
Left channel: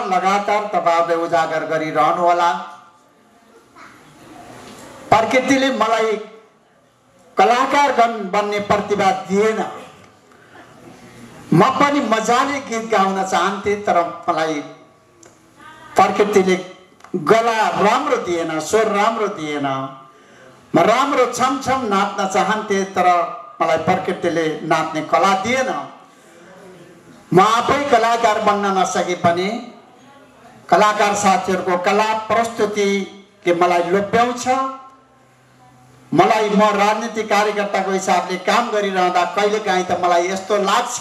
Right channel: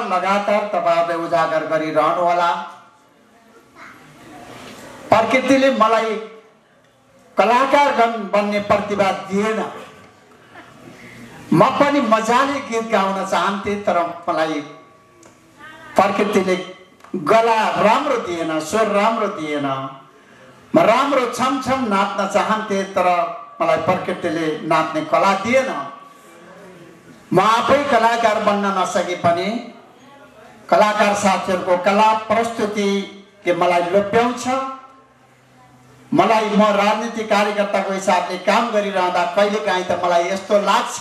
तपाईहरुले उजागर गरिरहनु होला। प्रकृतिले मलाई कलाकार बन्ने प्रतिभा दिएन। म पनि मजाले गीत गाउन चाहन्थे, तर मलाई प्रकृतिले गला राम्रो दिएन, स्वर राम्रो दिएन। म राम्रो छमछम नाच्न चाहन्थे, तर मलाई प्रकृतिले नाच्ने कला दिएन। म आफै कलाकार बन्न नसके पनि कलाकार साथीहरूको कला प्रस्तुतिले मलाई लोभ्याउँछ। मलाई म राजनीतिक कार्यकर्ताको हिसाबले काम गरिरहँदा कहिलेकाहीँ त मलाई यस्तो लाग्छ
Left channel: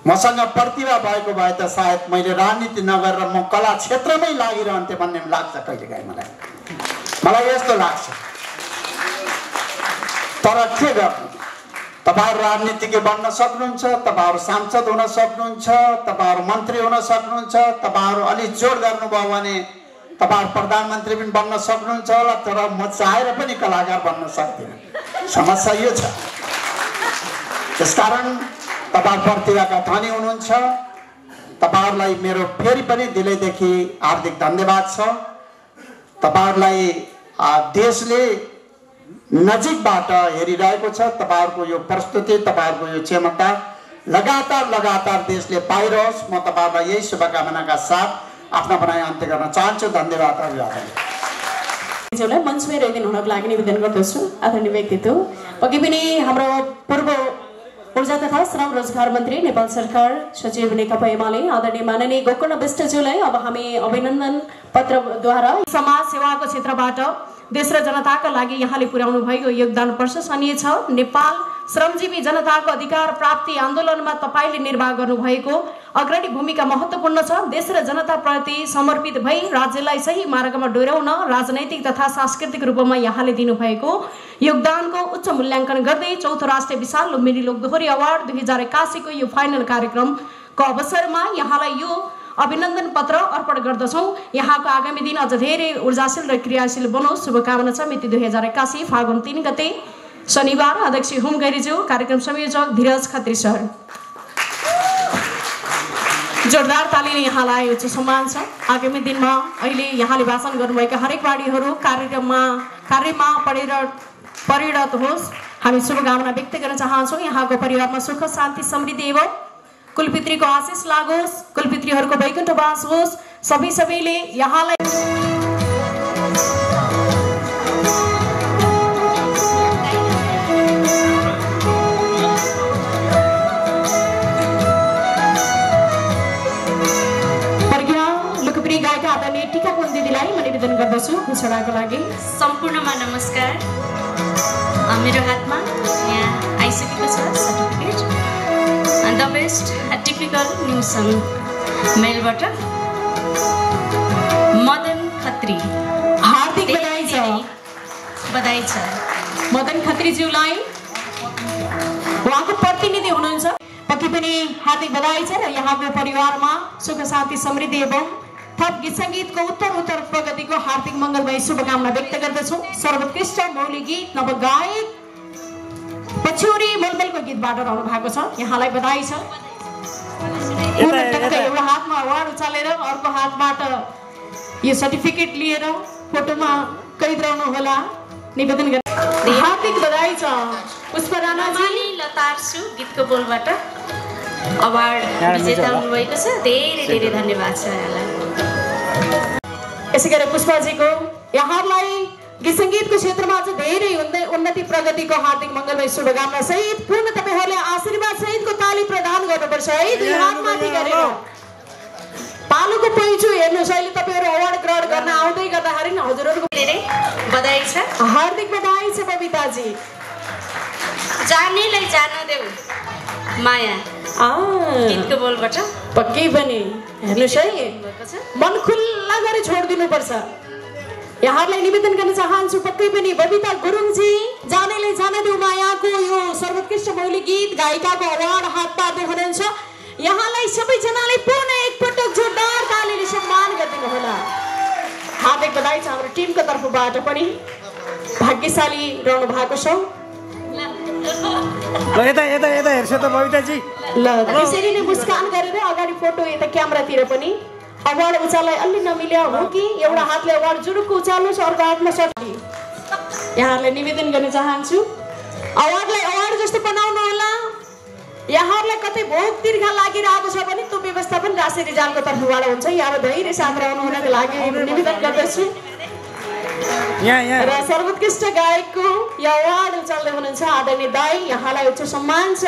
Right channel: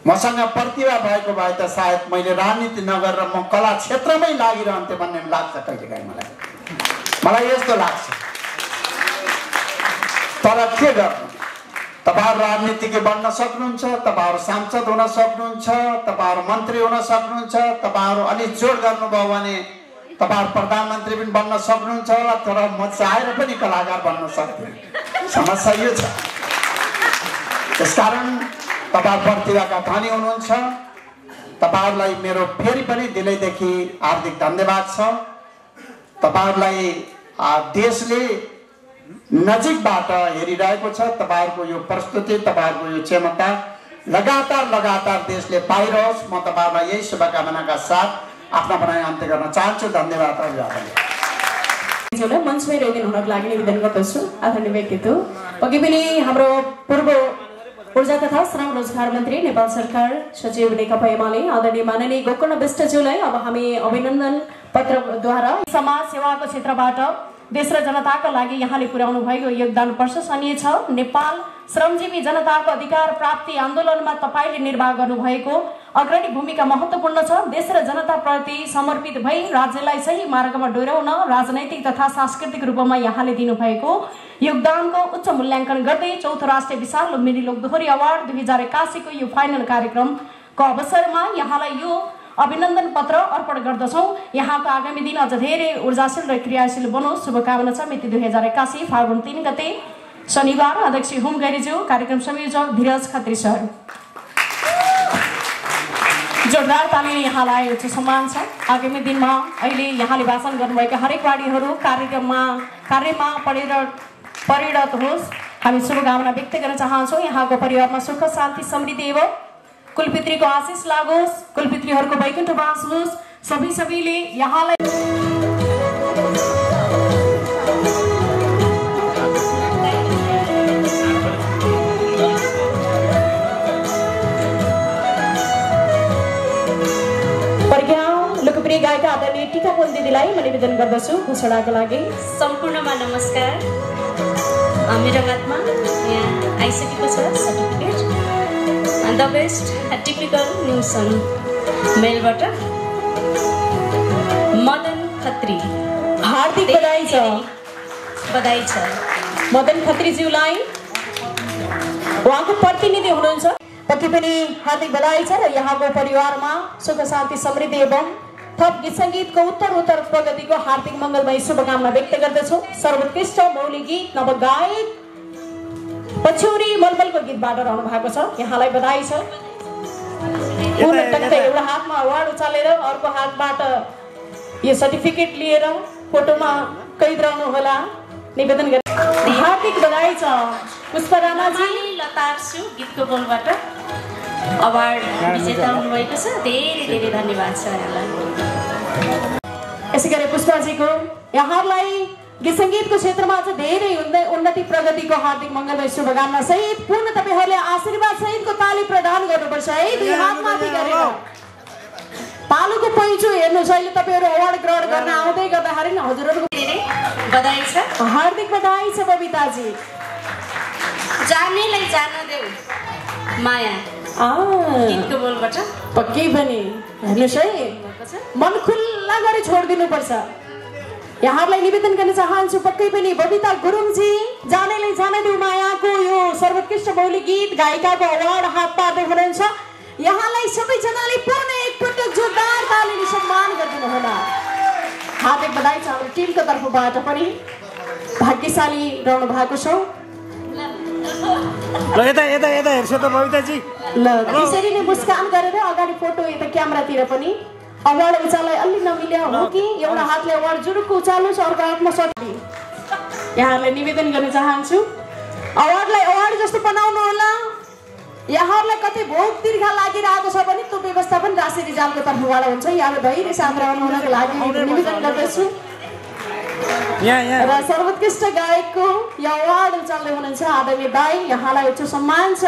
मसँग प्रतिभा भएको भए त सायद मैले राजनीति नगरेर म कला क्षेत्रमै लागिरहन्थे भन्ने लाग्छ कहिलेकाहीँ मलाई यस्तो लाग्छ। तर के गर्नु, तपाईहरु राजनीतिज्ञ बन्न सक्नुहुन्छ, तपाईहरु सांसद हुन सक्नुहुन्छ, तपाईहरु मन्त्री हुन सक्नुहुन्छ, तपाईहरु अलि जोड गर्नुभयो भने तपाईहरु प्रधानमन्त्री पनि बन्न सक्नुहुन्छ होला। तर म चाहेर पनि कलाकार बन्न सक्दिनँ। समस्या यो छ। त्यसकारण तपाईहरु प्रतिभाका धनी हुनुहुन्छ। तपाईहरुलाई मेरो फेरि पनि दिलैदेखि हार्दिक धन्यवाद छ। तपाईहरुलाई देशले नजिकबाट हेरिरहेको छ। तपाईहरुको यो प्रस्तुति, तपाईहरुको यो क्षमता लगातार देशले पाइरहोस्। म तपाईहरुलाई यही शुभकामनाका साथ आफ्नो भनाइ अन्त्य गर्न चाहन्छु। धन्यवाद। मञ्चमै रहिदिनु हुनको लागि निवेदन गर्दछु। आदरणीय व्यक्तित्व अघि पनि हाम्रो पूर्व ऊर्जा तथा श्रम रोजगार मन्त्री नेपाल सरकार सचिव नेकपा एमाले आदरणीय माननीय गोकर्ण विष्टज्यूलाई अब हामी अभिनन्दन पत्रद्वारा समाज सेवाको क्षेत्रबाट देश र जनताका लागि यहाँले पुर्याउनु भएको योगदान प्रशंसनीय छ। नेपाल श्रमजीवी जनताको अधिकार प्राप्ति आन्दोलनमा तपाईले निर्वाह गर्नुभएको अग्रणी भूमिका महत्त्वपूर्ण छ। देश र जनताप्रति समर्पित भई राज्यलाई सही मार्गमा डोर्याउन राजनैतिक तथा सांस्कृतिक रूपमा यहाँले दिनुभएको योगदानको उच्च मूल्याङ्कन गर्दै चौथो राष्ट्रिय विशाल लुम्बिनी लोकदोहोरी अवार्ड 2081 को यो फाइनल कार्यक्रमको अवसरमा यहाँलाई यो अभिनन्दन पत्र अर्पण गर्दछौं। यहाँको आगामी दिन अझ धेरै ऊर्जाशील र क्रियाशील बनोस् शुभकामना छ। मिति 2081 फागुन 3 गते शनिबार। अध्यक्ष हुम गैरीज्यू, कार्यक्रम संयोजक धीरज खत्री सर। जोरदार तालीले यहाँलाई उच्च सम्मान छ। आगामी दिनमा अहिले यहाँले भाषण गर्नुभएका हरेक वाणीहरू कार्यमा परिणत होस् हामी शुभकामना व्यक्त गर्न चाहन्छौँ। यहाँको परिवारमा सुख शान्ति समृद्धि एवं कुलपितृको आशिष लागोस्, कुलपितृहरूको वैकुण्ठवास होस्। सबैले यहाँलाई लोकप्रिय गायिका आदरणीय टीका कोल दिदीलाई म निवेदन गर्दछु घोषणाको लागि। सम्पूर्णमा नमस्कार। मेरो हातमा यहाँ आइसकेको छ certificate the best typical news song मेलबाट मदन खत्री। हार्दिक बधाई छ। बधाई छ मदन खत्रीज्यूलाई। उहाँको प्रतिनिधि हुनुहुन्छ, पति पनि हार्दिक बधाई छ र यहाँको परिवारमा सुख शान्ति समृद्धि एवं थप गीत सङ्गीतको उत्तर प्रगतिको हार्दिक मङ्गलमय शुभकामना व्यक्त गर्दछु। सर्वोत्कृष्ट मौलिक गीत नवगायक पछौरी मलमलको गीतबाट रहनु भएको छ। यहाँलाई बधाई छ। एउटा हातमा अवार्ड उचालेर अर्को हातबाट यो सर्टिफिकेट लिएर फोटोमा कैद रहनु होला निवेदन गर्छु। हार्दिक बधाई छ। पुष्पा राणाजी लतार्सु गीतको बोलबाट अवार्ड विजेता हुनुभएको छ। धेरै धन्यवाद छ यहाँलाई। यसै गरी पुष्पाजीको यहाँलाई गीत सङ्गीतको क्षेत्रमा अझ धेरै उन्नति प्रगतिको हार्दिक मङ्गलमय शुभकामना सहित पूर्ण तपाईहरुले आशीर्वाद सहितको ताली प्रदान गर्नुपर्छ है। पालोको पहिचो हेर्नुहोस्, अहिले तपाईहरु अवार्ड ग्रहण गर्न आउँदै गर्दाखेरि नि हजुरहरुको धेरै बधाई छ। हार्दिक बधाई छ बबिताजी। जानेलाई जान देऊ माया गीतको बोलबाट पक्कै पनि हेर्नुहोस् है, मन खुल्ला गरी छोडिदिनु पर्छ। यहाँलाई निवेदन गर्न चाहन्छु पक्कै पनि बबिता गुरुङजी जानेलाई जान देऊ मायाको यो सर्वोत्कृष्ट मौलिक गीत गायिकाको अवार्ड हात पार्दै हुनुहुन्छ। यहाँलाई सबैजनाले पूर्ण एक टिमको तर्फबाट पनि भाग्यशाली रहनु भएको छ। ल यता यता यता हेर्छ त बबिताजी। ल त्यसरी नै मुस्कान गरेर अगाडि फोटो यता क्यामेरातिर पनि अवार्ड उचाल्दै अलि नमिल्या हो कि एउटा हातले अवार्ड जुरुक्क उचाल्नुहोस् अर्को हातमा सट्टी। यहाँहरूलाई निवेदन गर्न चाहन्छु अवार्डलाई अवार्ड जस्तो बनाउनु होला। यहाँहरूलाई कतै भोक तिर्खा लागिरहेको छ भने त्यो व्यवस्थापन राशि रिजालको तर्फबाट हुन्छ। यहाँहरू धैर्य साथ रहनु हुनको लागि निवेदन गर्दछु। र सर्वोत्कृष्ट गायकको यो अवार्ड उचाल्दै हुनुहुन्छ आदरणीय दाई, यहाँलाई उच्च सम्मान छ।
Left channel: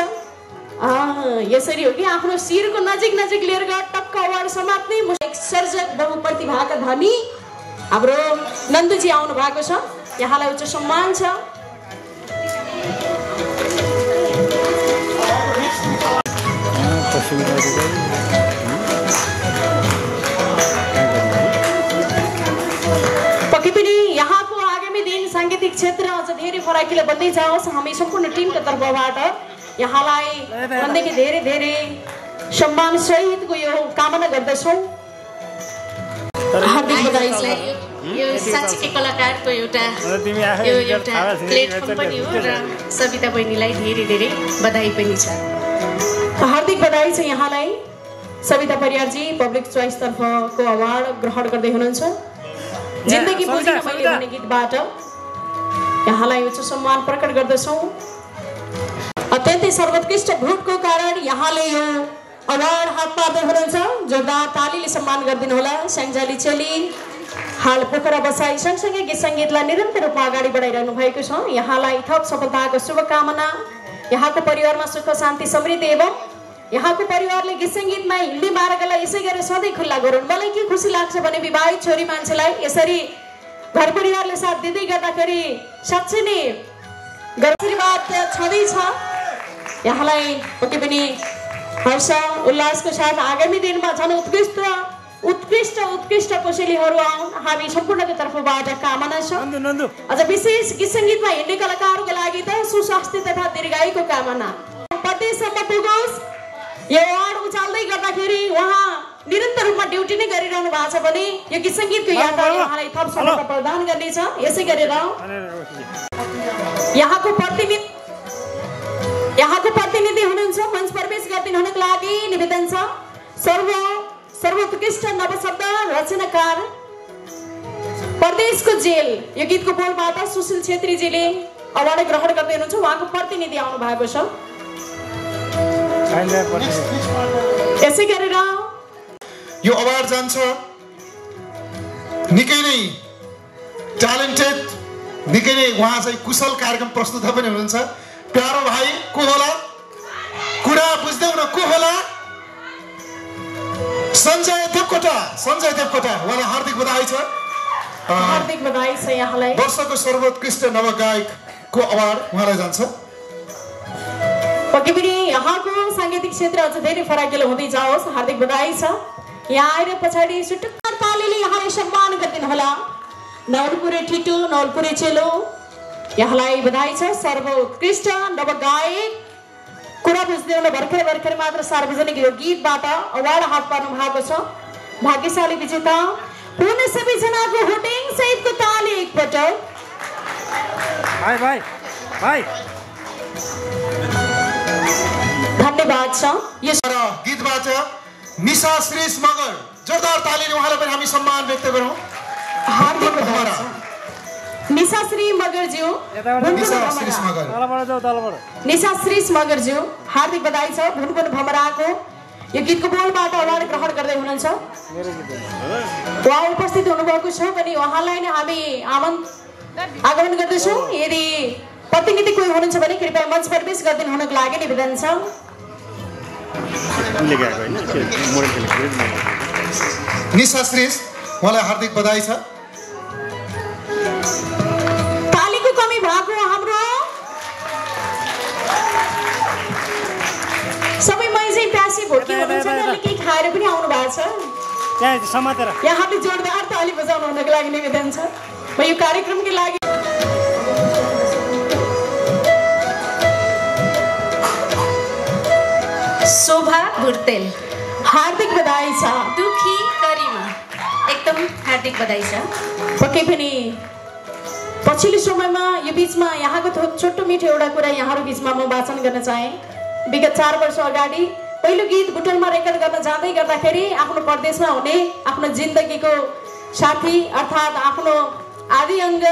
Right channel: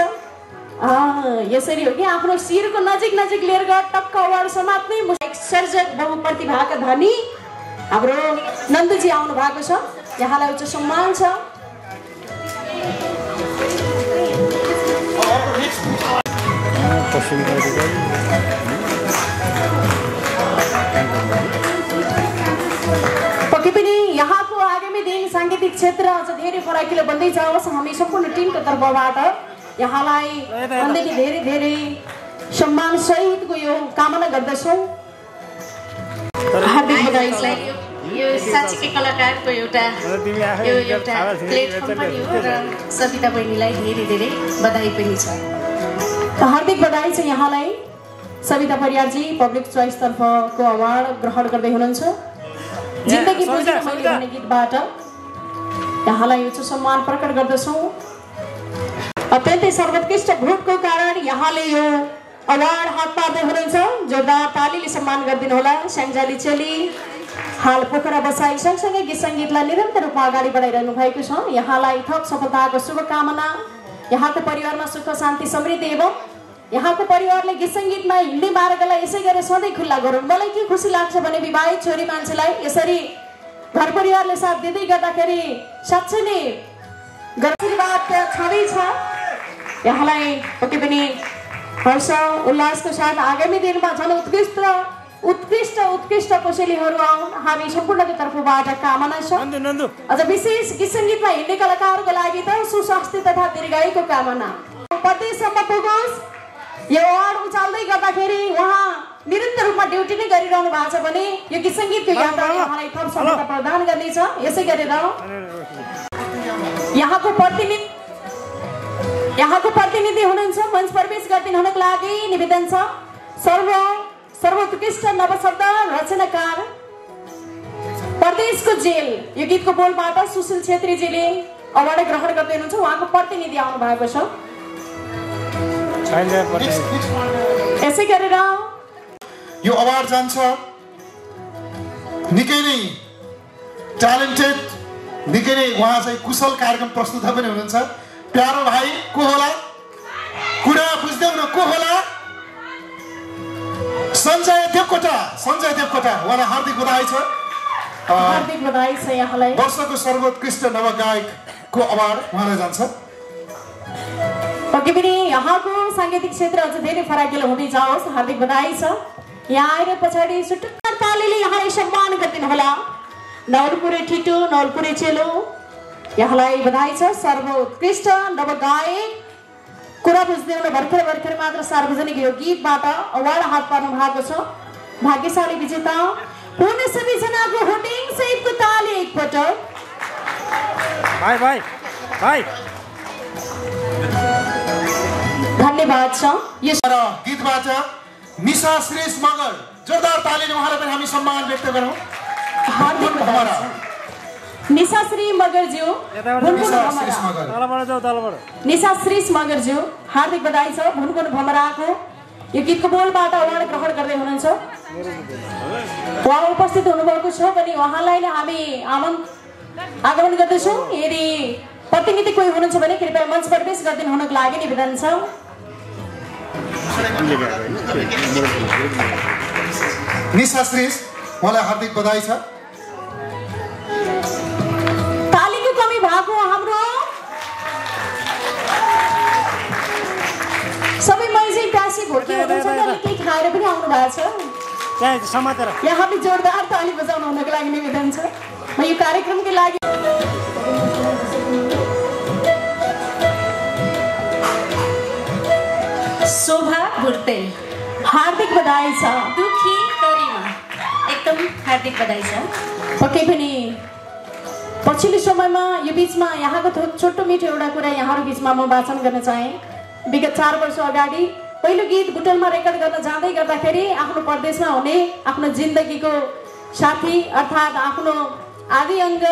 यसरी हो कि आफ्नो शिरको नजिक नजिक लिएर गएर टक्क अवार्ड समात्ने सर्जक बहुप्रतिभाका धनी हाम्रो नन्दुजी आउनु भएको छ, यहाँलाई उच्च सम्मान छ। पक्कै पनि यहाँको आगामी दिन साङ्गीतिक क्षेत्र अझ धेरै फराकिलो बन्दै जाओस्। हामी सम्पूर्ण टिमको तर्फबाट यहाँलाई मनदेखि धेरै धेरै सम्मान सहितको यो कामना गर्दछौँ। हार्दिक बधाई। यो साँच्चीकै कलाकारको एउटा प्लेटफर्म पनि हो र सविता बहिनीलाई धेरै धेरै बधाई पनि छ। हार्दिक बधाई छ यहाँलाई। सविता परियारजी पब्लिक चोइस तर्फको अवार्ड ग्रहण गर्दै हुनुहुन्छ। जिन्दगी भन्ने गीतबाट यहाँलाई उच्च सम्मान प्रकट गर्दछौँ। अत्यन्तै सर्वोत्कृष्ट भोटको कारण यहाँले यो अवार्ड हात पार्दै हुनुहुन्छ। जोरदार तालीले सम्मान गरिदिनु होला। स्याङ्जाली चेली हाल पोखरा बसाई सँगसँगै गीत सङ्गीतलाई निरन्तर रूपमा अगाडि बढाइरहनु भएको छ। यहाँलाई थप सफलताको शुभकामना। यहाँको परिवारमा सुख शान्ति समृद्धि एवं यहाँको परिवारले गीत सङ्गीतमा हिँड्ने मार्गलाई यसै गरेर सधैँ खुल्ला गरून्। मलाई के खुसी लाग्छ भने विवाहित छोरी मान्छेलाई यसरी घर परिवारले साथ दिँदै गर्दाखेरि साँच्चै नै आशीर्वाद छँदैछ। यहाँलाई पक्कै पनि हर्ष उल्लासको साथ आगामी दिनमा झन् उत्कृष्ट कोसेलीहरू आउन् हामी सम्पूर्णको तर्फबाट कामना छ। अझ विशेष गीत सङ्गीतमा हिँड्ने कलाकारको लागि त सुस्वास्थ्य तथा दीर्घायुको कामना। प्रदेशसम्म पुगोस्। यो अवार्ड उचाल्दै गर्दाखेरि उहाँ निरन्तर रूपमा ड्युटी नै गरिरहनु भएको छ भने यो गीत सङ्गीतको यहाँलाई थप सफलता प्रदान गर्नेछ। यसै गरेर यहाँको प्रतिनिधि हुनुहुन्छ मञ्च प्रवेश गरिदिनु हुनको लागि निवेदन छ। सर्वोत्कृष्ट नवशब्द रचनाकार प्रदेशको जेल यो गीतको बोलबाट सुशील छेत्रीजीले अवार्ड ग्रहण गर्दै हुनुहुन्छ। उहाँको प्रतिनिधि आउनु भएको छ। यसै गरेर यो अवार्ड जान्छ निकै नै ट्यालेन्टेड निकै नै उहाँ चाहिँ कुशल कार्यक्रम प्रस्तुता पनि हुनुहुन्छ। प्यारो भाइ को होला कुरा बुझ्दै न को होला सञ्जय देवकोटा उहाँलाई हार्दिक बधाई छ। हार्दिक बधाई छ यहाँलाई। वर्षको सर्वोत्कृष्ट नवगायकको अवार्ड उहाँलाई जान्छ। पक्कै पनि यहाँको साङ्गीतिक क्षेत्र अझ धेरै फराकिलो हुँदै जाओस्। हार्दिक बधाई छ। यहाँ आएर पछाडि सुटुक्क तालीले यहाँलाई सम्मान गरिदिनु होला। नवलपुरे ठिटो नवलपुरे चेलो यहाँलाई बधाई छ। सर्वोत्कृष्ट नवगायक कुरा बुझ्दै हुने भर्खर मात्र सार्वजनिक यो गीतबाट अवार्ड हात पार्नु भएको छ। भाग्यशाली विजेता हुने सबैजनाको होटिङ सहितको ताली एकपटक। धन्यवाद छ। यस गीतबाट निशा श्रेष्ठ मगर जोरदार तालीले उहाँलाई पनि हामी सम्मान व्यक्त गरौँ। हार्दिक बधाई छ। निशा श्री मगरज्यू हार्दिक बधाई छ। भुनभुन भमराको यो गीतको बोलबाट अवार्ड ग्रहण गर्दै हुनुहुन्छ। उहाँ उपस्थित हुनुभएको छ भने उहाँलाई नै हामी आगमन गर्दैछौँ। यदि प्रतिनिधि कोही हुनुहुन्छ भने कृपया मञ्च प्रवेश गरिदिनु हुनको लागि निवेदन छ। निशा श्रेष्ठ उहाँलाई हार्दिक बधाई छ। तालीको कमी भएको हाम्रो सबै मैजै प्यासी भोकी हुनुहुन्छ भने केही खाएर पनि आउनु भएको छ। यहाँले जोरदार ताली बजाउनु हुनको लागि निवेदन छ। म यो कार्यक्रमको लागि शोभा बुर्तेल हार्दिक बधाई छ। दुखी करिमा एकदमै हार्दिक बधाई छ। पक्कै पनि पछिल्लो समयमा यो बिचमा यहाँको छोटो मिठो एउटा कुरा यहाँहरू बिचमा म वाचन गर्न चाहे। विगत 4 वर्ष अगाडि पहिलो गीत बुटोलमा रेकर्ड गर्न जाँदै गर्दाखेरि आफ्नो परदेशमा हुने आफ्नो जिन्दगीको साथी अर्थात् आफ्नो आदि अङ्ग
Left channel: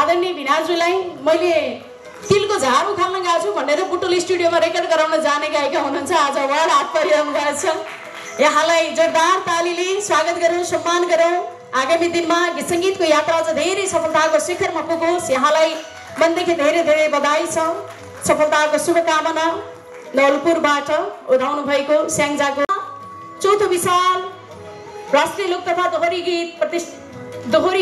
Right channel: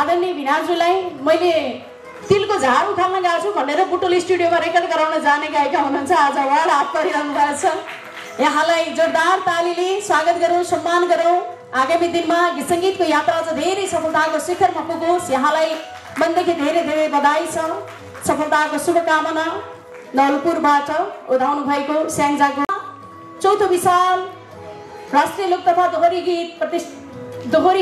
आदरणीय भिनाजुलाई मैले तिलको झार उखाल्न गएको छु भनेर बुटोल स्टुडियोमा रेकर्ड गराउन जाने गायिका हुनुहुन्छ। आज उहाँ हात परिरहनु भएको छ। यहाँलाई जोरदार तालीले स्वागत गरौँ, सम्मान गरौँ। आगामी दिनमा गीत सङ्गीतको यात्रा अझ धेरै सफलताको शिखरमा पुगोस्। यहाँलाई मनदेखि धेरै धेरै बधाई छ। सफलताको शुभकामना। ललितपुरबाट उठाउनु भएको स्याङ्जाको चौथो विशाल राष्ट्रिय लोक तथा दोहोरी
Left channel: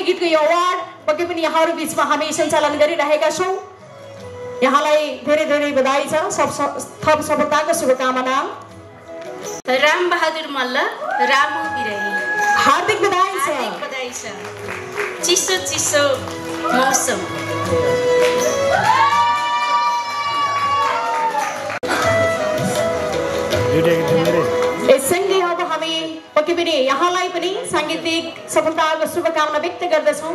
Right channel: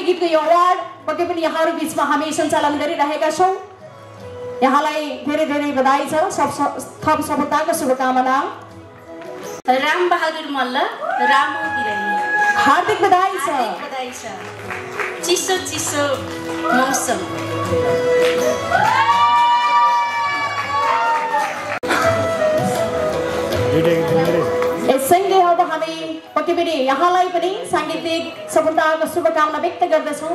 गीतको यो अवार्ड पक्कै पनि यहाँहरू बिचमा हामी सञ्चालन गरिरहेका छौँ। यहाँलाई धेरै धेरै बधाई छ। थप सफलताको शुभकामना। राम बहादुर मल्ल रामु बिराई हार्दिक बधाई छ। चिसो चिसो मौसम। यससँगै अब हामी पक्कै पनि यहाँलाई पनि साङ्गीतिक सफलताको शुभकामना व्यक्त गर्दछौँ।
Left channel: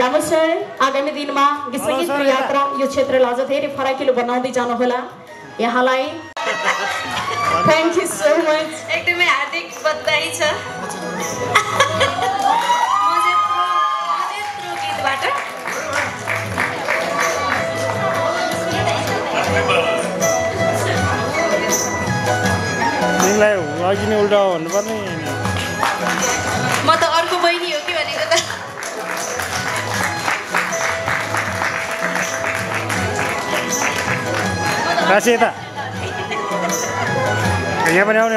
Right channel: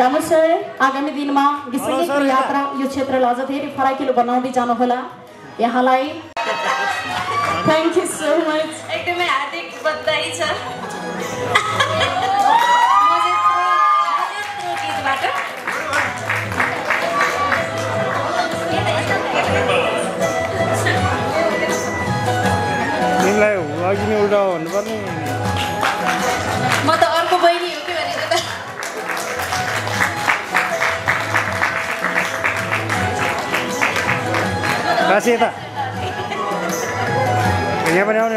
रामु सर आगामी दिनमा गीत सङ्गीतको यात्रा यो क्षेत्रलाई अझ धेरै फराकिलो बनाउँदै जानुहोला। यहाँलाई थ्याङ्क यू सो मच। एकदमै हार्दिक बधाई छ। तिमीलाई अघि नै उल्टा भन्नुपर्ने। म त अर्को बहिनी हो कि भनेको त। राशि यता यहाँ पनि आउने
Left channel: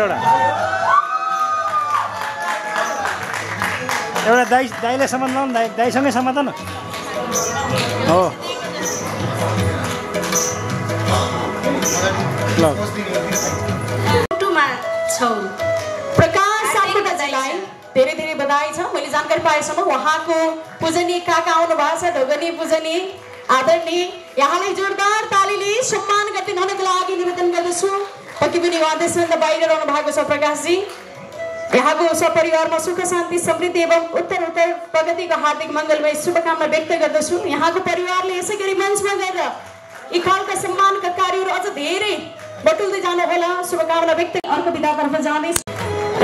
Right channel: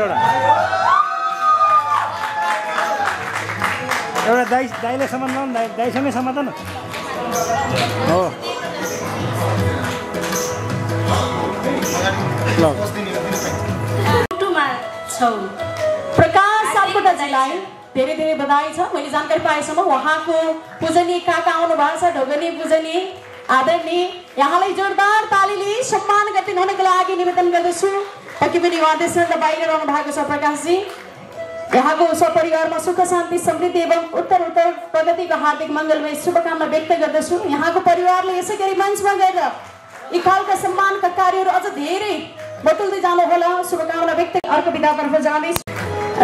एउटा दाइले सम्बन्ध न दाइसँगै सम्बन्ध न हो ल। प्रकाश सापकोटाजीलाई धेरै धेरै बधाई छ। मैले जानकारी पाएसम्म उहाँको पूजनीय काका आउनु भएको छ, ढोगनी पूजनीय आदरणीय। यहाँलाई जोरदार तालीले सम्मान गरिदिनु हुनको लागि निवेदन गर्दछु। पक्कै पनि उहाँ देशभन्दा बाहिर रहनु भएको छ प्रकाशजी। यहाँको सपरिवारमा सुख शान्ति समृद्धि एवं उत्तर प्रगतिको हार्दिक मङ्गलमय शुभकामना व्यक्त गर्दछु। यहाँको परिवारले यसै गरी मञ्चमा गएर यी खालका सम्मानका कार्यहरू अझ धेरै बटुल्दै जानुहोला। शुभकामना व्यक्त। अर्को विधातर्फ जाने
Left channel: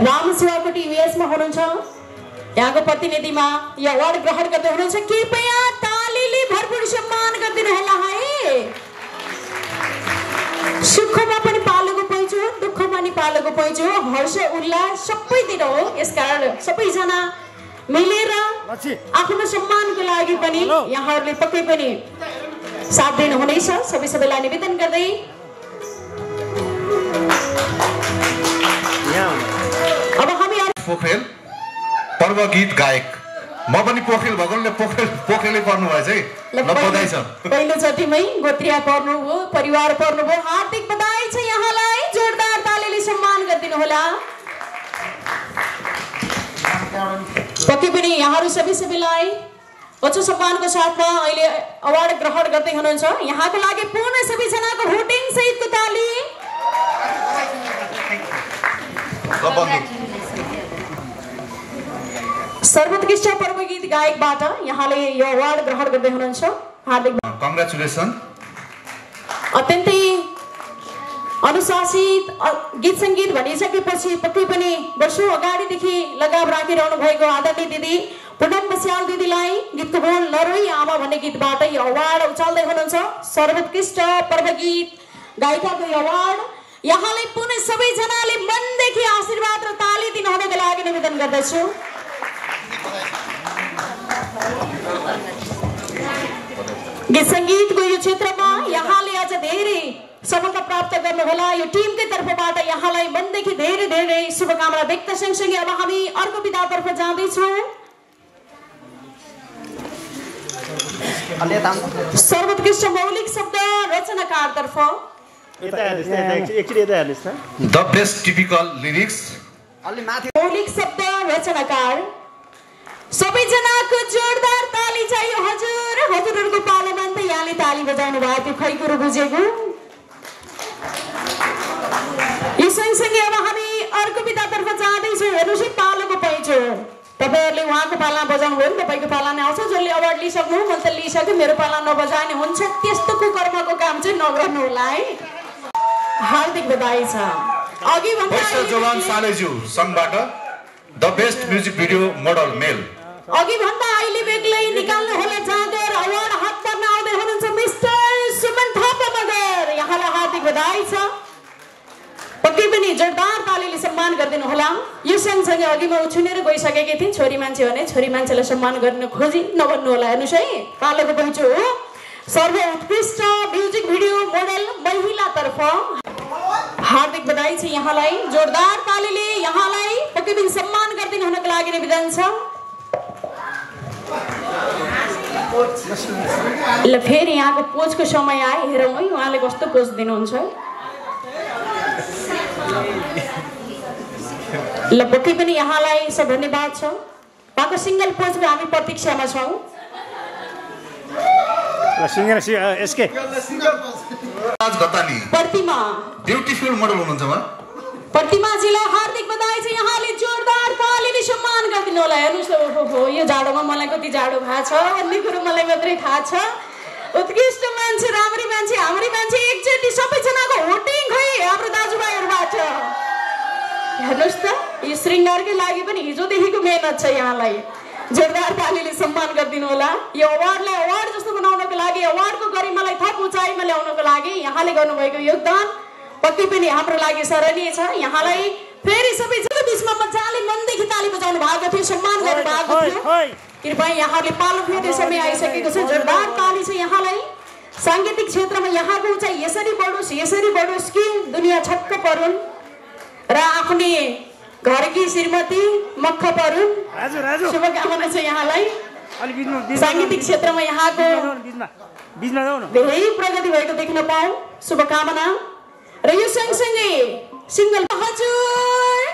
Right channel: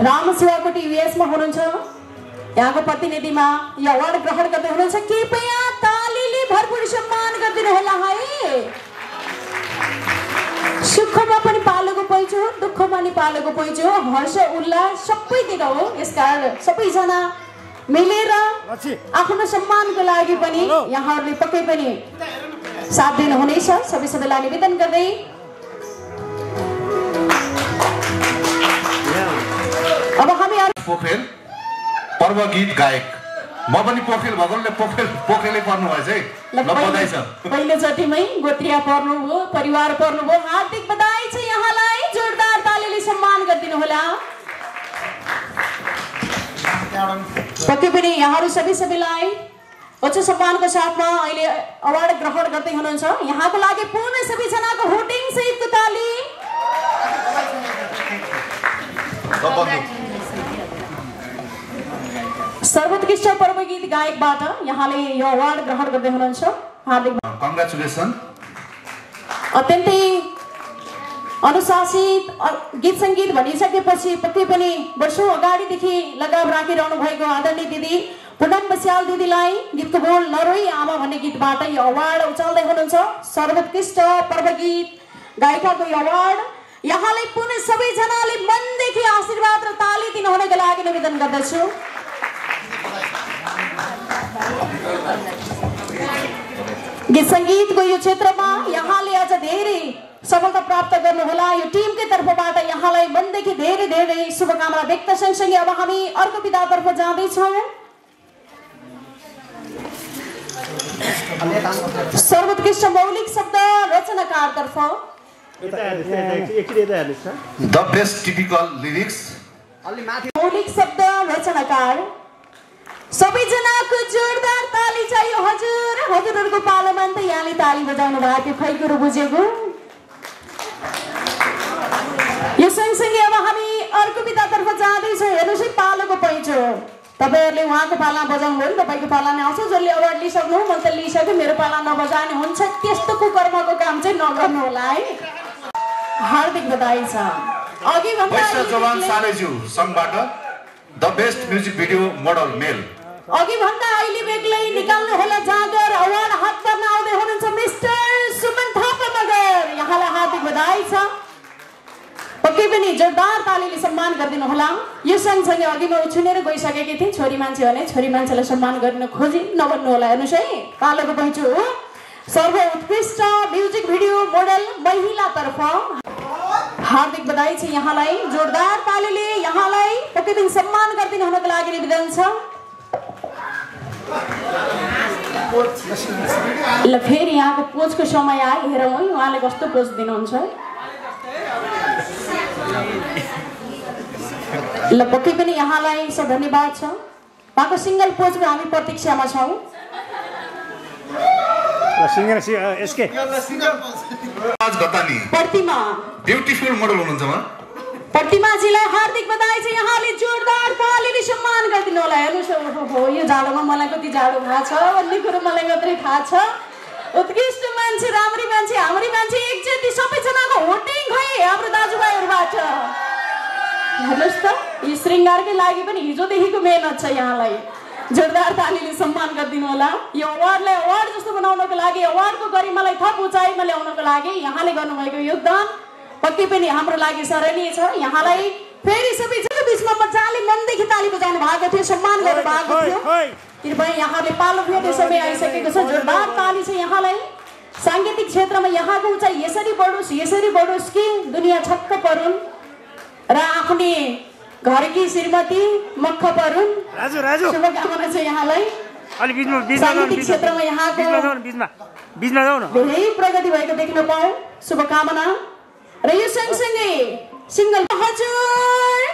राम शिवाकोटी युएसमा हुनुहुन्छ। यहाँको प्रतिनिधिमा यो अवार्ड ग्रहण गर्दै हुनुहुन्छ। कृपया तालीले भरपूर सम्मान गरिदिनु होला है। सुखमा पनि पालोको पैँचो, दुःखमा पनि पालोको पैँचो, हर्ष उल्लास सबैतिर हो। यसकारण सबैजना मिलेर आफ्नो सम्मानको लागि पनि यहाँहरूले पक्कै पनि साथ दिनुहुनेछ। सबैलाई निवेदन गर्दै अब हामी पोखेल पर्व गीत गायक म पनि पोखेल भगवानले पोखेलै पर्नु भएछ है। ल बधाई छ। पहिलोचोटिमै गोत्रिया पर्नुभयो, परिवार पर्नुभयो। हार्दिक बधाई छ यहाँलाई। जोरदार तालीले सम्मान गरिदिनु होला। पक्कै पनि यहाँहरू सबैलाई उच्च सम्मानको साथमा अहिले अवार्ड ग्रहण गर्दै हुनुहुन्छ। यहाँको लागि पूर्ण सबैजनाको भोटिङ सहितको ताली। सर्वोत्कृष्ट पर्व गीत गायकबाट यहाँले यो अवार्ड ग्रहण गर्दै हुनुहुन्छ। हार्दिक कङ्ग्रेचुलेसन। अत्यन्तै अनुशासित गीत सङ्गीत भनिसकेपछि पक्कै पनि वर्षौँ अगाडिदेखि लगाम राखिरहनु भएको आदरणीय दिदी पुनम बस्याल दिदीलाई गीतको बोल नरोई आमा भन्ने गीतबाट यो अवार्ड उचाल्दै हुनुहुन्छ। सर्वोत्कृष्ट पर्व गीत गायिकाको यो अवार्ड यहाँले पुनः सबैजनाले मनदेखि आशीर्वाद र ताली दिनुहुनको लागि निवेदन गर्दछु। गीत सङ्गीतको यो क्षेत्रमा यहाँले अझ धेरै सफलता प्राप्त गर्नुहोला। यो टिमकै तर्फबाट यहाँलाई मनदेखि धेरै धेरै शुभकामना व्यक्त सँगसँगै अब हामी अर्को विधातर्फ जाँदैछौँ। सर्वोत्कृष्ट मौलिक शब्द रचनाकारतर्फ द बेस्ट टिपिकल लिरिक्स मौलिक शब्द रचनाकार सबैजनाको जोरदार ताली चाहियो हजुर। हजुरहरूको पालोमा त यहाँले ताली बजाउनु भयो त्यो खै कुरो बुझेको। यो सँगसँगै अब हामी अर्को विधातर्फ जाँदैछौँ। हेर्नुहोस् है पालोको पैँचो तपाईहरुले उहाँको पाला बजाउनु भयो तपाईको पाला नै आउँछ जसले अवार्ड लिइसक्नु म त लिइसके मेरो पाला नबजाउने हुन्छ त्यस्तो कुकर्मको काम चाहिँ नगर्नु होला है हार्दिक बधाई छ अघि भन्दा जवान सालेज्यू संघबाट the best music video model male अघि भन्दा अहिले बेग्लै निकाल्नु होला जागर अवार्ड हात पर्न आउँदै हुनुहुन्छ मिस्टर सुमन थापा मगर यहाँलाई हार्दिक बधाई छ पक्कै पनि जोरदार तालीले सम्मान गरिदिनु होला यो सँगसँगै अघि म उछिनेर गइसकेकी थिएँ छोरी मान्छे भने छोरी मान्छेलाई सम्मान गर्न खोजी नबन्नु होला हेर्नुहोस् है पालेको पहुँचु हो सर्वोत्कृष्ट म्युजिक भिडियो मोडल महिलातर्फ हार्दिक बधाई छ यहाँलाई जोरदार तालीले यहाँलाई पक्कै पनि सम्मान गरिदिनु हुनको लागि निवेदन छ ल फेरि यहाँको पोजको समय आयो हेरौँ है उहाँले कस्तो पोज दिनुहुन्छ ल पक्कै पनि यहाँलाई सब धन्यवाद छ उहाँको सिंगल पोजमा हामी प्रतीक्षामा छौँ प्रतिमा ब्युटिफुल मोडल हुनुहुन्छ म प्रतिमाजीलाई हार्दिक बधाई छ यहाँले जोरदार तालीले सम्मान गरिदिनु होला हेर्नुहोस् हो यो जाडोमा मलाई कति जाडो भएको छ भन्ने कुरो मलाई मात्रै थाहा छ उत्कृष्ट मान्छे राम्री मान्छे हाम्री मान्छे एकचोटि सबैजनाको होटिङ खै हाम्रो दाजुभाइहरूबाट हेर्नुहोस् त यो श्रृङ्गारकै लागि पनि हिजोदेखिको मेहनत छ यहाँलाई जोरदार तालीले सम्मान गरिदिनु होला यो अवार्डलाई अवार्ड जस्तो बनाउनको लागि अवार्डको गरिमालाई थप उचाइमा ल्याउनको लागि यहाँले गर्नुभएको योगदान पक्कै पनि हाम्रो लागि सराहनीय छ यहाँलाई फेरि सबैजना बिचमा मजाले मनदेखि ताली बजाउनु भएको थियो सम्मान गर्नु भएको थियो कृपया यहाँले पालो फेर्ने समय आइसकेको छ जोरदार ताली छ यहाँलाई साङ्गीतिक क्षेत्रमा यहाँको उचाइ यसरी बढोस् कि दुनियाँ छक्क परुन् र आफ्नै घरकी श्रीमती मक्ख परुन् शुभकामना छ यहाँलाई साङ्गीतिक क्षेत्रमा यहाँको धेरै प्रगति भएको देख्न पाऊ शुभकामना र यो सँगसँगै सिंगल हजुर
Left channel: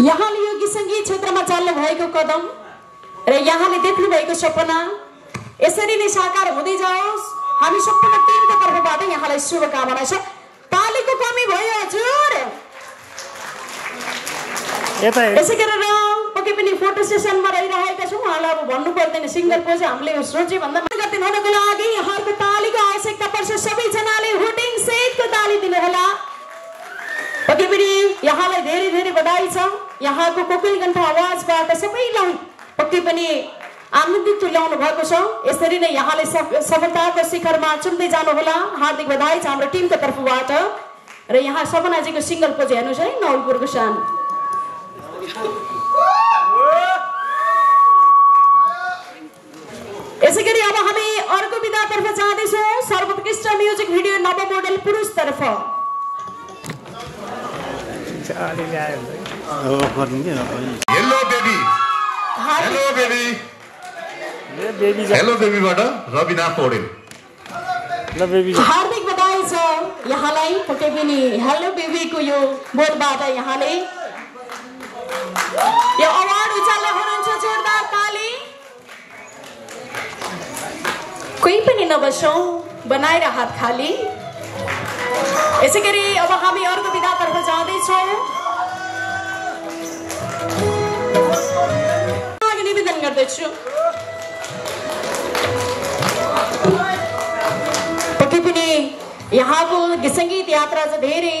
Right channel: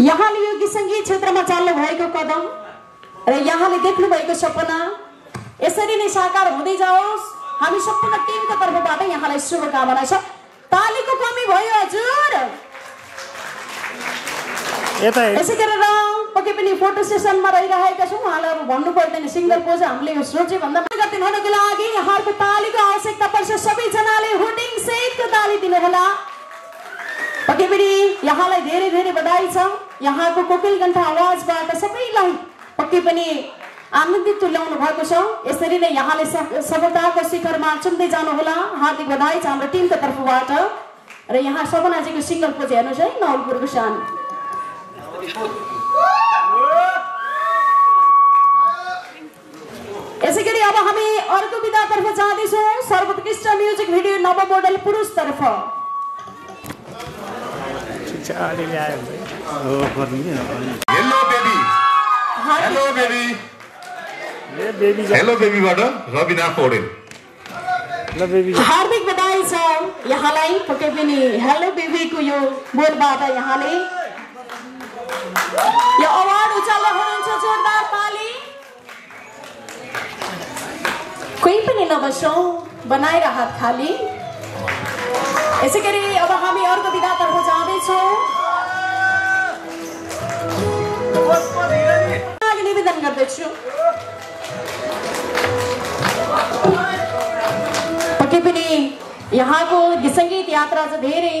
यहाँले यो गीत सङ्गीत क्षेत्रमा चाल्नु भएको कदम र यहाँले देख्नु भएको सपना यसरी नै साकार हुँदै जाओस् हामी सम्पूर्ण टिमको तर्फबाट यहाँलाई शुभकामना छ तालीको कमी भयो हजुर यसै गरेर पक्कै पनि फोटो सेसनमा रहिरहेका छौँ उहाँलाई भन्नु पर्दैन सिङ्गल पोज हामीले सोचे भन्दा गरिदिनु हुनको लागि यहाँको तालीको आवश्यकता पर्छ सबैजनाले होटिङ सहितको ताली दिनुहोला पक्कै पनि यहाँलाई धेरै धेरै बधाई छ यहाँको कोकिल कण्ठ आवाजबाट सबैलाई पक्कै पनि आनन्दित तुल्याउनु भएको छ यसरी नै यहाँले सफलताको शिखरमा चुन्दै जानुहोला हार्दिक बधाई छ हाम्रो टिमको तर्फबाट र यहाँ सपनाजीको सिङ्गल पोज हेर्नुहोस् है नवलपुरको सानो यसै गरी अब हामी अर्को विधातर्फ जाँदैछौँ सर्वोत्कृष्ट म्युजिक भिडियो नव मोडल पुरुष तर्फ हेलो बेबीबाट रबिना पौडेल हार्दिक बधाई छ यहाँलाई पक्कै पनि हेलो बेबीको यो बोलबाट यहाँले यो अवार्ड उचाल्दै हुनुहुन्छ जोरदार ताली कोही पनि नबसौँ बनाएर हात खाली यसै गरी अब हामी अर्को विधातर्फ जाँदैछौँ निवेदन गर्दछु पक्कै पनि यहाँको सङ्गीत यात्रा चाहिँ धेरै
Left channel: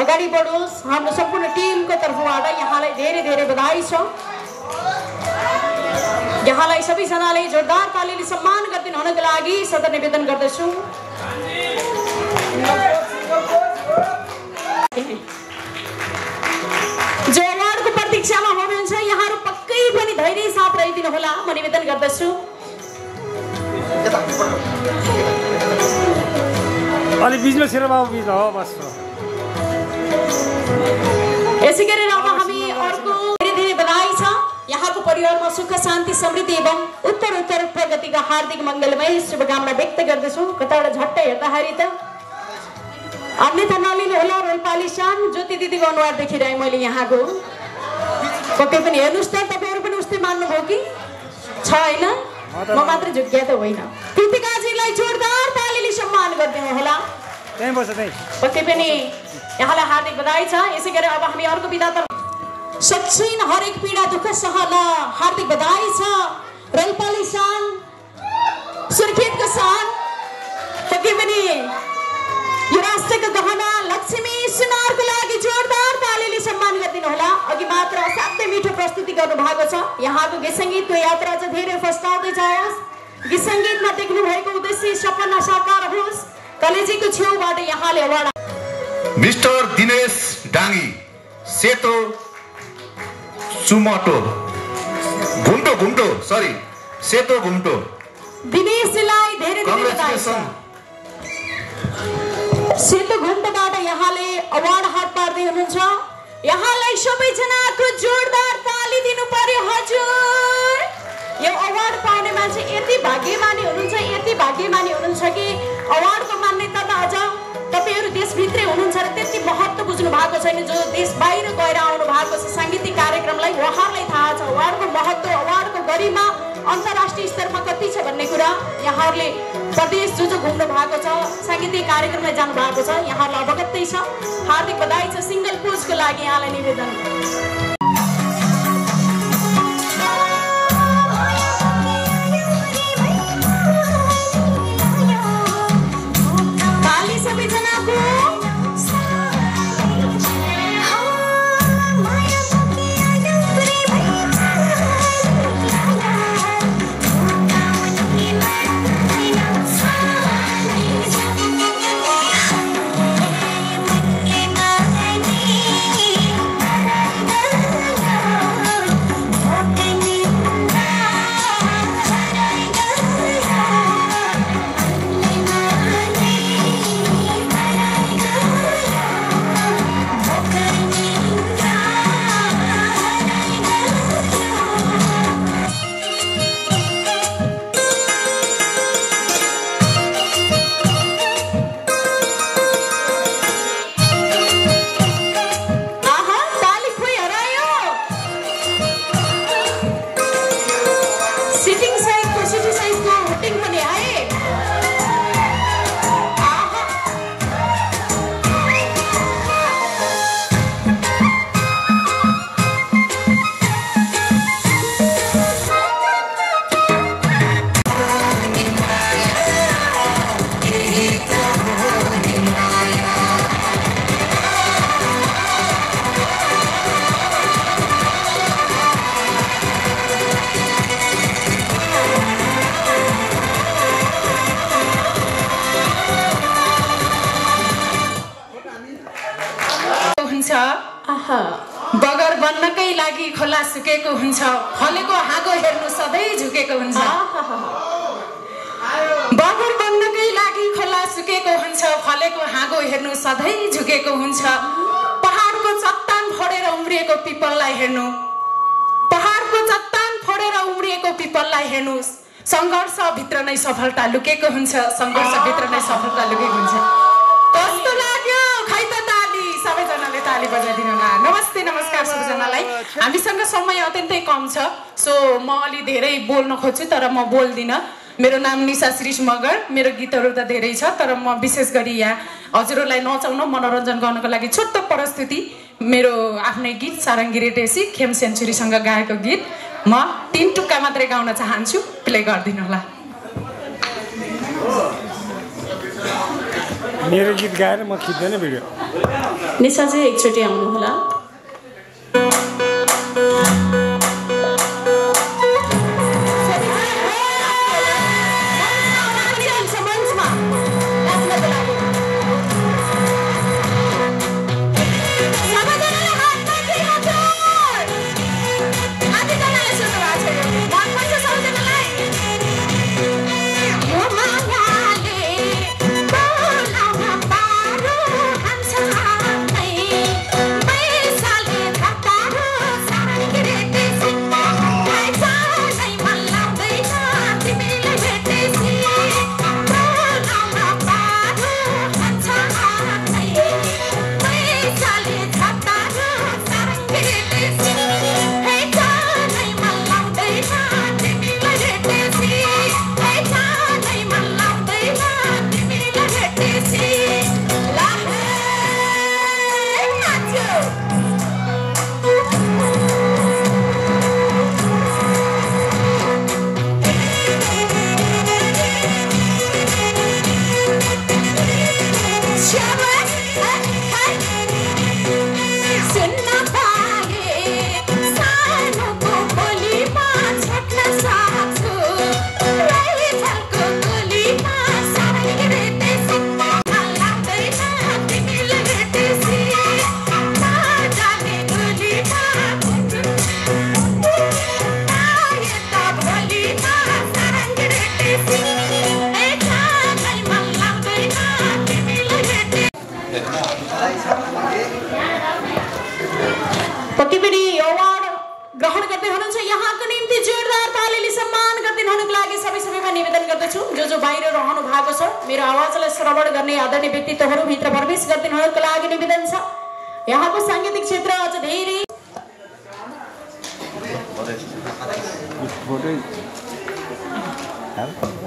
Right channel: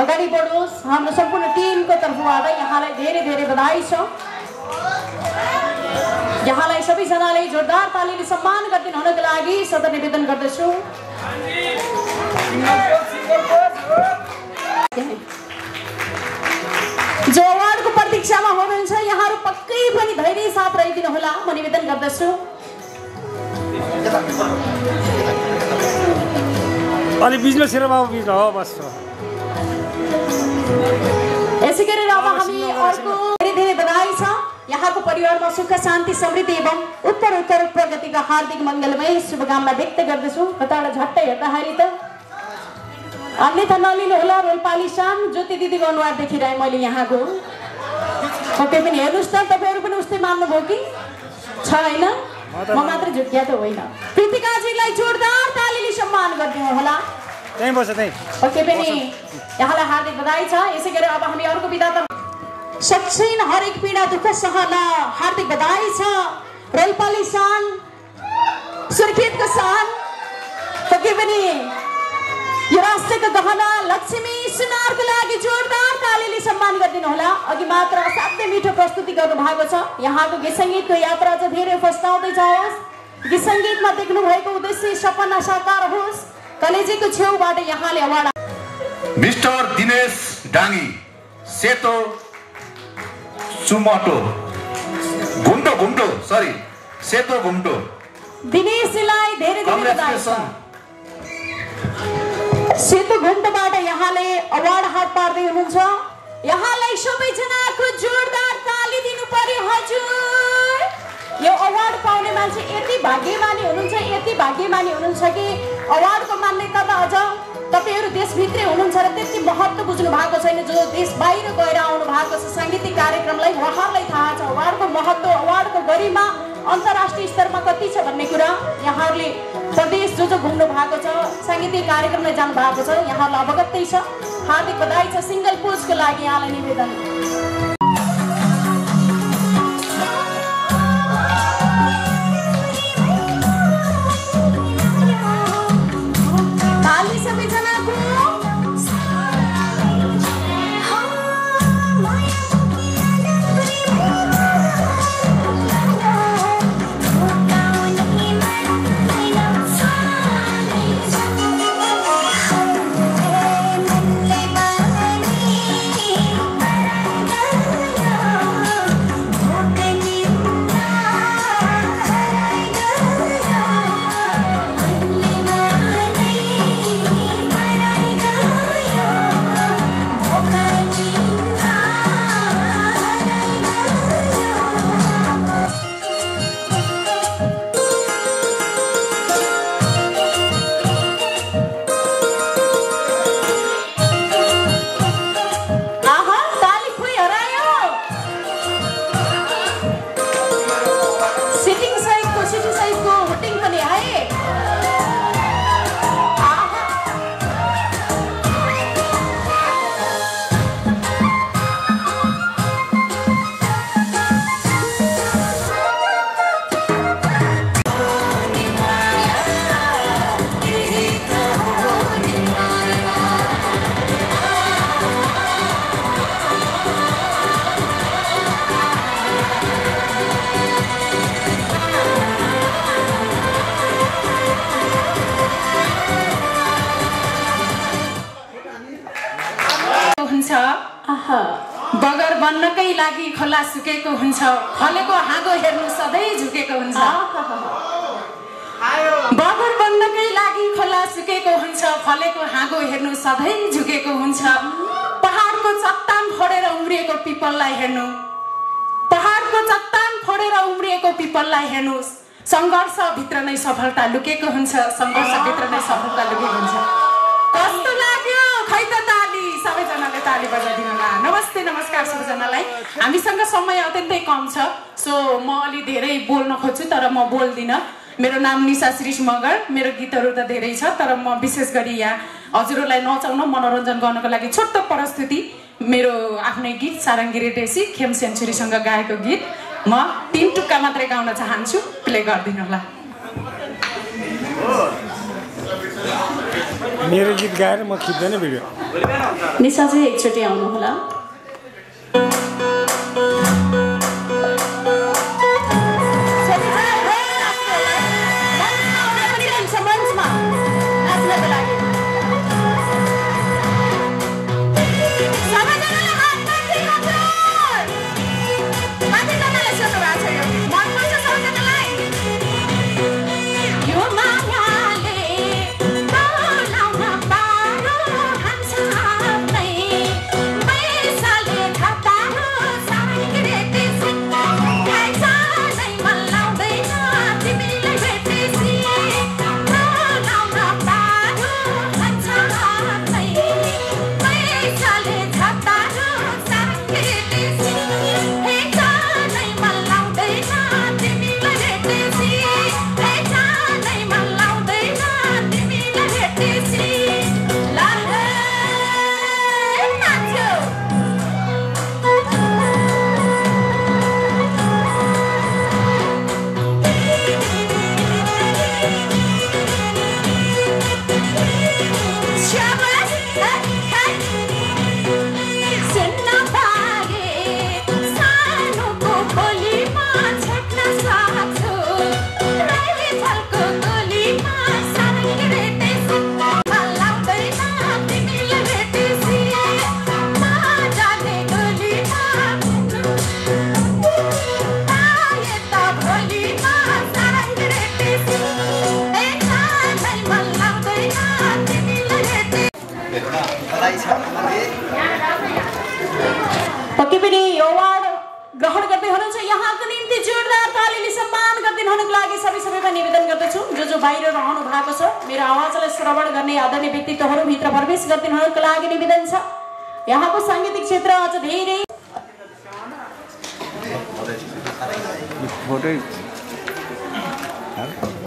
अगाडि बढोस् हाम्रो सम्पूर्ण टिमको तर्फबाट यहाँलाई धेरै धेरै बधाई छ यहाँलाई सबैजनाले जोरदार तालीले सम्मान गरिदिनु हुनको लागि सदर निवेदन गर्दछु जो अवार्डको प्रतीक्षामा हुनुहुन्छ यहाँहरू पक्कै पनि धैर्य साथ रहिदिनु होला म निवेदन गर्दछु अलि बिजनेस हेर बाबु बिज हो बस यसै गरेर अब हामी अर्को धेरै धेरै बधाई छ यहाँको परिवारमा सुख शान्ति समृद्धि एवं उत्तर प्रगतिका हार्दिक मङ्गलमय शुभकामना व्यक्त गर्दछु कताबाट झट्टै हेर्दाखेरि त अन्यथा नलिनु होला रोल्पाली शान ज्योति दिदीको अनुहार देखिरहेँ मैले यहाँको पक्कै पनि हेर्नुहोस् त तपाईँहरू पनि उस्तै मान्नुभयो कि छ होइन म मात्र झुक्किया त होइन कृतिकाजीलाई जोरदार तालीले सम्मान गरिदिनु होला पक्कै पनि यहाँलाई हार्दिक बधाई छ यसै गरी अब हामी अर्को विधातर्फ सच्चिन हरेक पीडा दुःख सहला हार्दिक बधाई छ रोल्पाली सान सुर्खेतको सान पक्कै पनि यो राष्ट्रको गहना लक्ष्मी सुनारको लागि जोरदार तालीले सम्मान गरिदिनु होला। अघि मात्र असाध्यै मिठो प्रस्तुति गर्नु भएको छ। यहाँको गीत सङ्गीतको यात्रा चाहिँ धेरै फस्टाउँदै जाओस्। गीत सङ्गीतमा देख्नु भएको उद्देश्य सपना साकार होस्। कलेजीको छेउबाट यहाँले अवार्ड मिस्टर दिनेश डाङ्गी सेतो चुमटो घुम्टो सरी सेतो घुम्टो दिनेशलाई धेरै धेरै बधाई छ। सेतो घुम्टोबाट यहाँले अवार्ड हात पार्दै हुनुहुन्छ। यहाँलाई सबैजनाको जोरदार ताली दिनु पर्यो हजुर। यो अवार्ड पाउने मान्छे यति भाग्यमानी हुनुहुन्छ कि अवार्डको मान्यतामा अझ तपाईहरु देशभित्रै हुनुहुन्छ र त्यति महत्त्व बुझ्नु भएको छैन। जो देश बाहिर गएर आउनु भएको छ सांगीतिक कार्यक्रमलाई उहाँहरूलाई थाहा छ अवार्डको महत्त्व, अवार्डको गरिमा अन्तर्राष्ट्रिय स्तरमा कति छ भन्ने कुरा। यहाँहरूले प्रदेश जो घुम्नु भएको छ, सांगीतिक कार्यक्रममा जानु भएको छ, यहाँहरूलाई अवगतै छ। हार्दिक बधाई छ। सिंगल पोजको लागि यहाँलाई निवेदन। बगर बन्नकै लागि खोला सुकेको हुन्छ, खलेको हाँगो हेर्नु सधैँ झुकेको हुन्छ। बगर बन्नकै लागि खोला सुकेको हुन्छ, फलेको हाँगो हेर्नु सधैँ झुकेको हुन्छ। पहाडको चट्टान फोडेर उम्रिएको पिपललाई हेर्नु, पहाडको चट्टान फोडेर उम्रिएको पिपललाई हेर्नुस्। सङ्घर्ष भित्र नै सफलता लुकेको हुन्छ, सङ्घर्ष भित्र नै सफलता लुकेको हुन्छ। कस्तो लाग्यो खै त ताली, सबैजनाले ताली बजाइदिनु होला। नमस्ते नमस्कार सबैजनालाई। हामीसँग समय अत्यन्तै कम छ, सो म अलि धेरै बोल्न खोज्छु तर म बोल्दिनँ। मेरो नाम निशा श्रीष मगर। मेरो गीतहरू त धेरै छ तर म विशेष गरी यहाँ हजुरहरूलाई नचाउन मनोरञ्जन गर्नको लागि छोटो प्रस्तुति मेरो आफ्नै गीत सारङ्गी रेडेसी खेम सेन्चुरीसँग गाएको गीत म 3 टुक्का मात्रै गाउन चाहन्छु, प्ले गरिदिनु होला। मेरो गीत गाएर म खिच्दैन भिडियो। निशा चाहिँ एकचोटि आउनु होला। Bye. पक्कै पनि यो अवार्ड ग्रहण गर्दै हुनुहुन्छ यहाँको निम्ति जोरदार तालीले सम्मान गर्दै हुनुको लागि सबैमा निवेदन गर्दछु जो बाहिर रहनु भएको छ मेरो आवाजलाई श्रवण गर्ने आदरणीय व्यक्तित्वहरू भित्र प्रवेश गर्दै हुनुको लागि निवेदन छ यहाँको सांगीतिक क्षेत्र अझ धेरै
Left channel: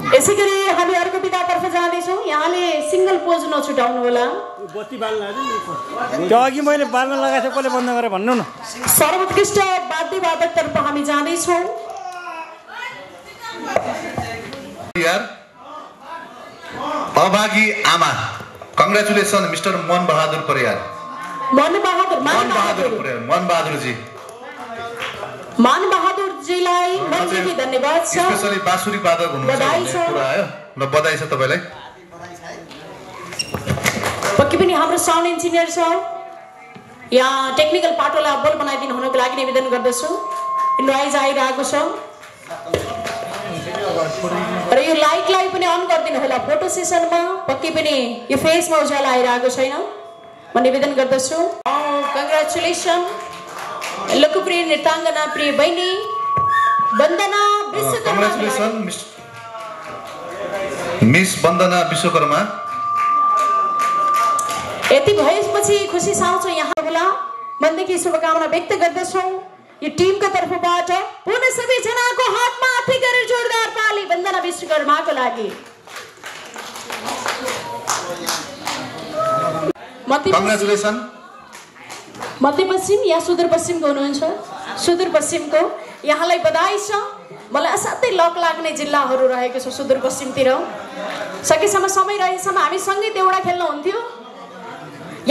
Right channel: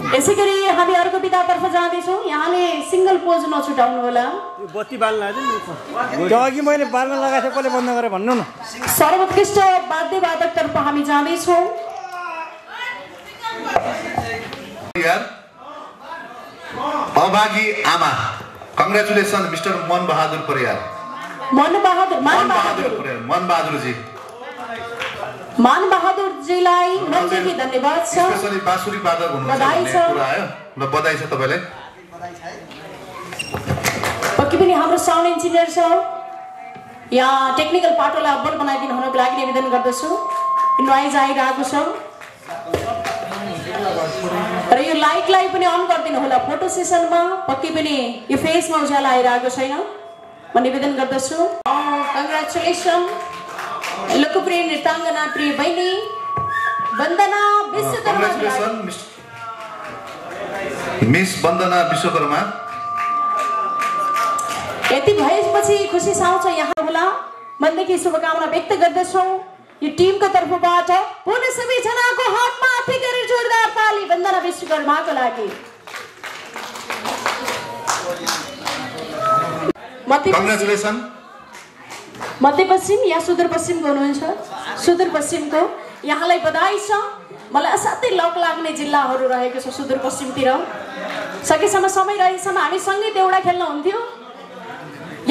यसै गरी हामी अर्को विधातर्फ जाँदैछौँ यहाँले सिंगल पोज नछुटाउनु होला बत्ती बाल्न त्यो अघि मैले बाल्न लगाएको थिएँ कसले बन्द गरेँ भन्नु न सर्वोत्कृष्ट वाद्यवादकतर्फ हामी जाँदैछौँ अभागी आमा कङ्ग्रेचुलेसन मिस्टर मन बहादुर परियार मन बहादुर जी मान बहादुर जीलाई मनदेखि धन्यवाद छ स्पेशली बाँसुरी वादक हुनुहुन्छ भन्ने कुरा आयो ल बधाई छ तपाईलाई पक्कै पनि हाम्रो साउन्ड इन्जिनियर छ यहाँ टेक्निकल पाटोलाई अब्बल बनाइदिनु हुनुको लागि निवेदन गर्दछु नोइज आइरहेको छ र यो लाइटलाई पनि अन गरिदिनु होला फोटो सेसनमा पक्कै पनि यो फेसमा उज्यालो आइरहेको छैन म निवेदन गर्दछु कङ्ग्रेचुलेसन लोकप्रिय नृत्याङ्गना प्रिय बहिनी वन्दना विश्वकर्मा मिस वन्दना विश्वकर्मा यति भएपछि खुसी साउँछ यहाँ होला मनदेखि शुभकामना व्यक्त गर्दछौँ यो टिमको तर्फबाट पुनः सबैजनाको हातमा हाती गरेर जोरदार ताली वन्दना विश्वकर्माको लागि कङ्ग्रेचुलेसन मध्यपश्चिम या सुदूरपश्चिमको हुनुहुन्छ सुदूरपश्चिमको यहाँलाई बधाई छ मलाई असाध्यै लक लाग्ने जिल्लाहरू रहेको छ सुदूरपश्चिमतिर सकेसम्म समय रहेसम्म हामी सँगै देउडा खेल्न हुन्थ्यो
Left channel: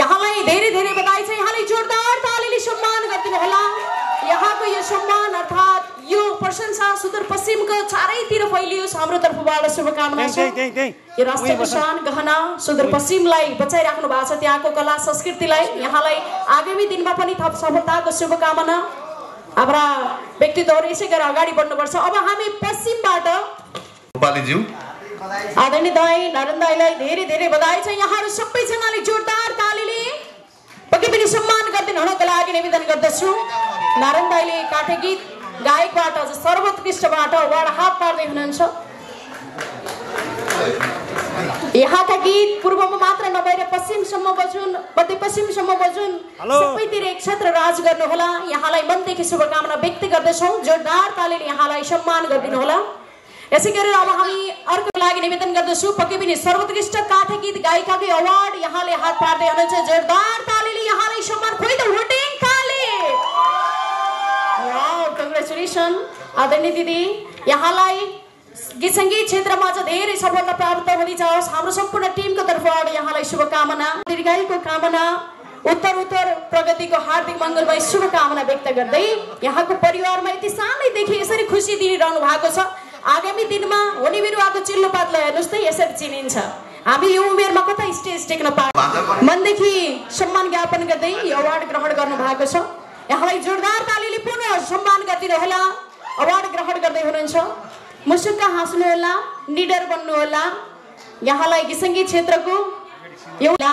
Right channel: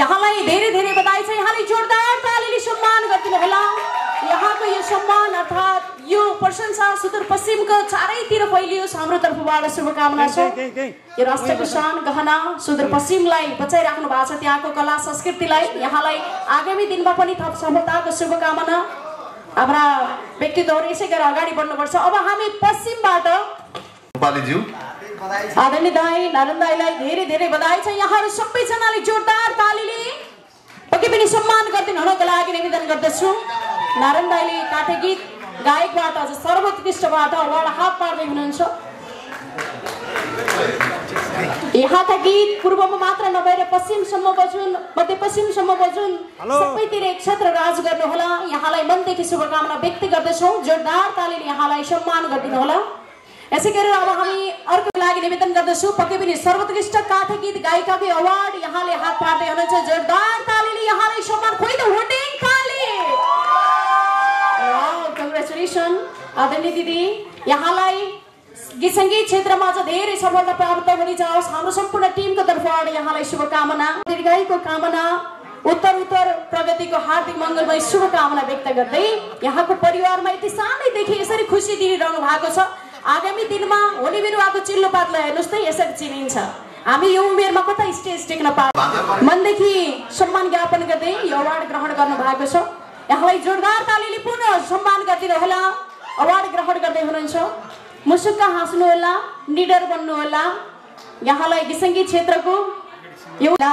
यहाँलाई धेरै धेरै बधाई छ यहाँले जोरदार तालीले सम्मान गरिदिनु होला यहाँको यो सम्मान अर्थात् यो प्रशंसा सुदूरपश्चिमको चारैतिर फैलियोस् हाम्रो तर्फबाट शुभकामना छ यो राष्ट्रियको शान गहना सुदूरपश्चिमलाई बचाइराख्नु भएको छ त्यहाँको कला संस्कृतिलाई यहाँलाई आगामी दिनमा पनि थप सफलताको शुभकामना हाम्रा व्यक्तित्वहरू यसै गरी अगाडि बढ्नुपर्छ अब हामी पश्चिमबाट आदरणीय दाई नारायण दाईलाई धेरै धेरै बधाई छ यहाँहरू सबैजनाले जोरदार तालीले पक्कै पनि सम्मान गरिदिनु हुनुको लागि निवेदन गर्दछु नारायण दाईले काठे गीत गायकबाट सर्वोत्कृष्टबाट अवार्ड हात पार्दै हुनुहुन्छ यहाँका गीत पूर्वमा मात्र नभएर पश्चिमसम्म बजुन् मध्यपश्चिमसम्म बजुन् सबैतिर एक क्षेत्र राज गर्नु होला यहाँलाई मनदेखि शुभकामना व्यक्त गर्दछौँ जोरदार तालीले यहाँलाई सम्मान गरिदिनु होला यसै गरी अब हामी अर्को लागि निवेदन गर्दछु पक्कै पनि सर्वोत्कृष्ट काठे गीत गायिकाको अवार्ड यहाँले हात पार्दै हुनुहुन्छ जोरदार तालीले यहाँलाई सम्मान खोइ द होटिङ ताली कङ्ग्रेचुलेसन आदरणीय दिदी यहाँलाई गीत सङ्गीत क्षेत्रमा अझ धेरै सफलता प्राप्त हुने जाओस् हाम्रो सम्पूर्ण टिमको तर्फबाट यहाँलाई शुभकामना दीर्घायुको कामना उत्तर प्रगतिको हार्दिक मङ्गलमय शुभकामना व्यक्त गर्दै यहाँको परिवारमा यति सानैदेखि यसरी खुसी दिइरहनु भएको छ आगामी दिनमा हुने बिरुवाको चिल्लो पातलाई हेर्नुहोस् त यसरी चिनिन्छ हामी यो उमेरमा कता स्टेज टेक्न पाए मनदेखि सम्मान ज्ञापन गर्दै यो अवार्ड ग्रहण गर्नु भएको छ यहाँलाई जोरदार तालीले पुनः सम्मान गरिदिनु होला अवार्ड ग्रहण गर्दै हुनुहुन्छ मुसुक्क हाँस्नु होला निडर बन्नु होला यहाँलाई गीत सङ्गीत क्षेत्रको एउटा